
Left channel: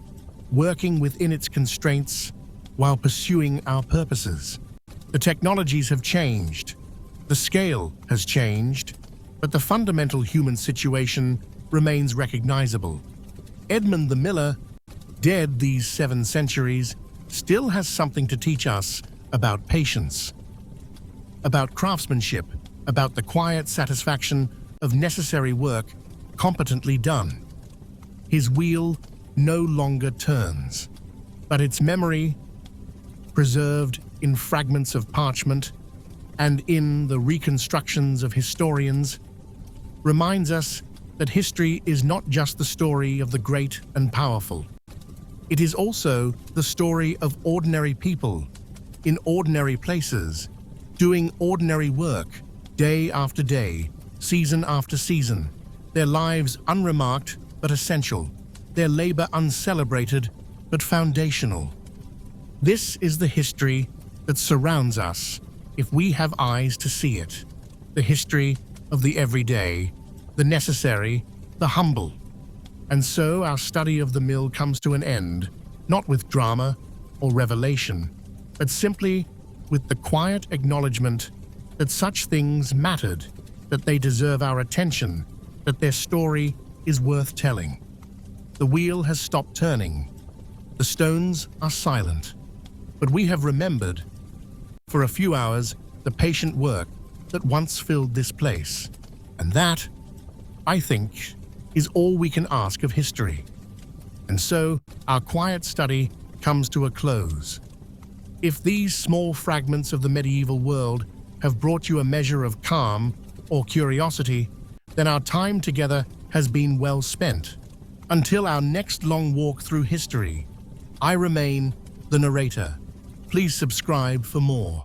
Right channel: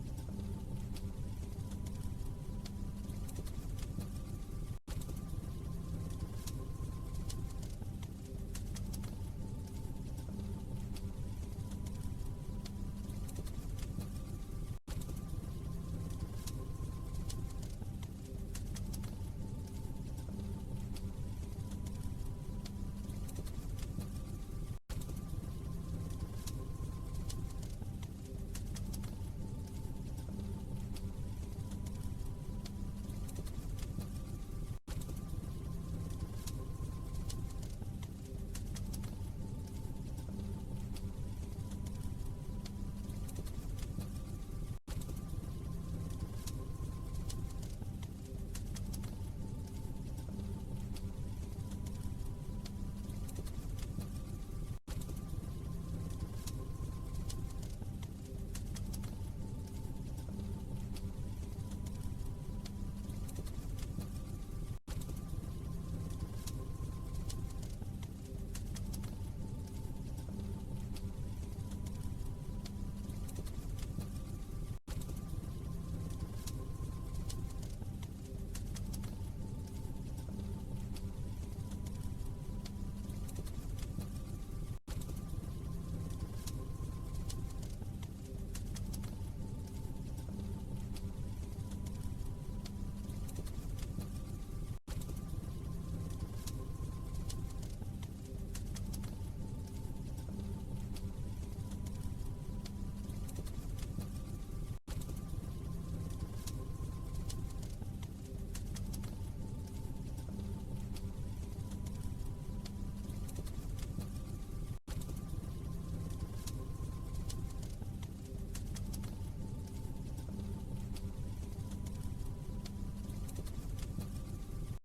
working within its constraints while pursuing our purposes. The technologies have changed, the scale has changed, but the fundamental human situation remains recognizable. Edmund the miller, dead these 7 centuries, still has something to teach us about patience, about craftsmanship, about the quiet satisfaction of necessary work competently done. His wheel no longer turns, but its memory, preserved in fragments of parchment and in the reconstructions of historians, reminds us that history is not just the story of the great and powerful. It is also the story of ordinary people in ordinary places, doing ordinary work day after day, season after season, their lives unremarked but essential, their labor uncelebrated but foundational. This is the history that surrounds us if we have eyes to see it, the history of the everyday, the necessary, the humble. And so our study of the mill comes to an end, not with drama or revelation, but simply with the quiet acknowledgement that such things mattered, that they deserve our attention, that their story is worth telling. The wheel has stopped turning. The stones are silent. But we have remembered, for a few hours, the patient work that once filled this place. And that, I think, is all we can ask of history. And so, our quiet study comes to a close. If these small fragments of the medieval world have brought you a measure of calm or curiosity, then our time together has been well spent. Until our next long walk through history, I remain the narrator. Please subscribe for more.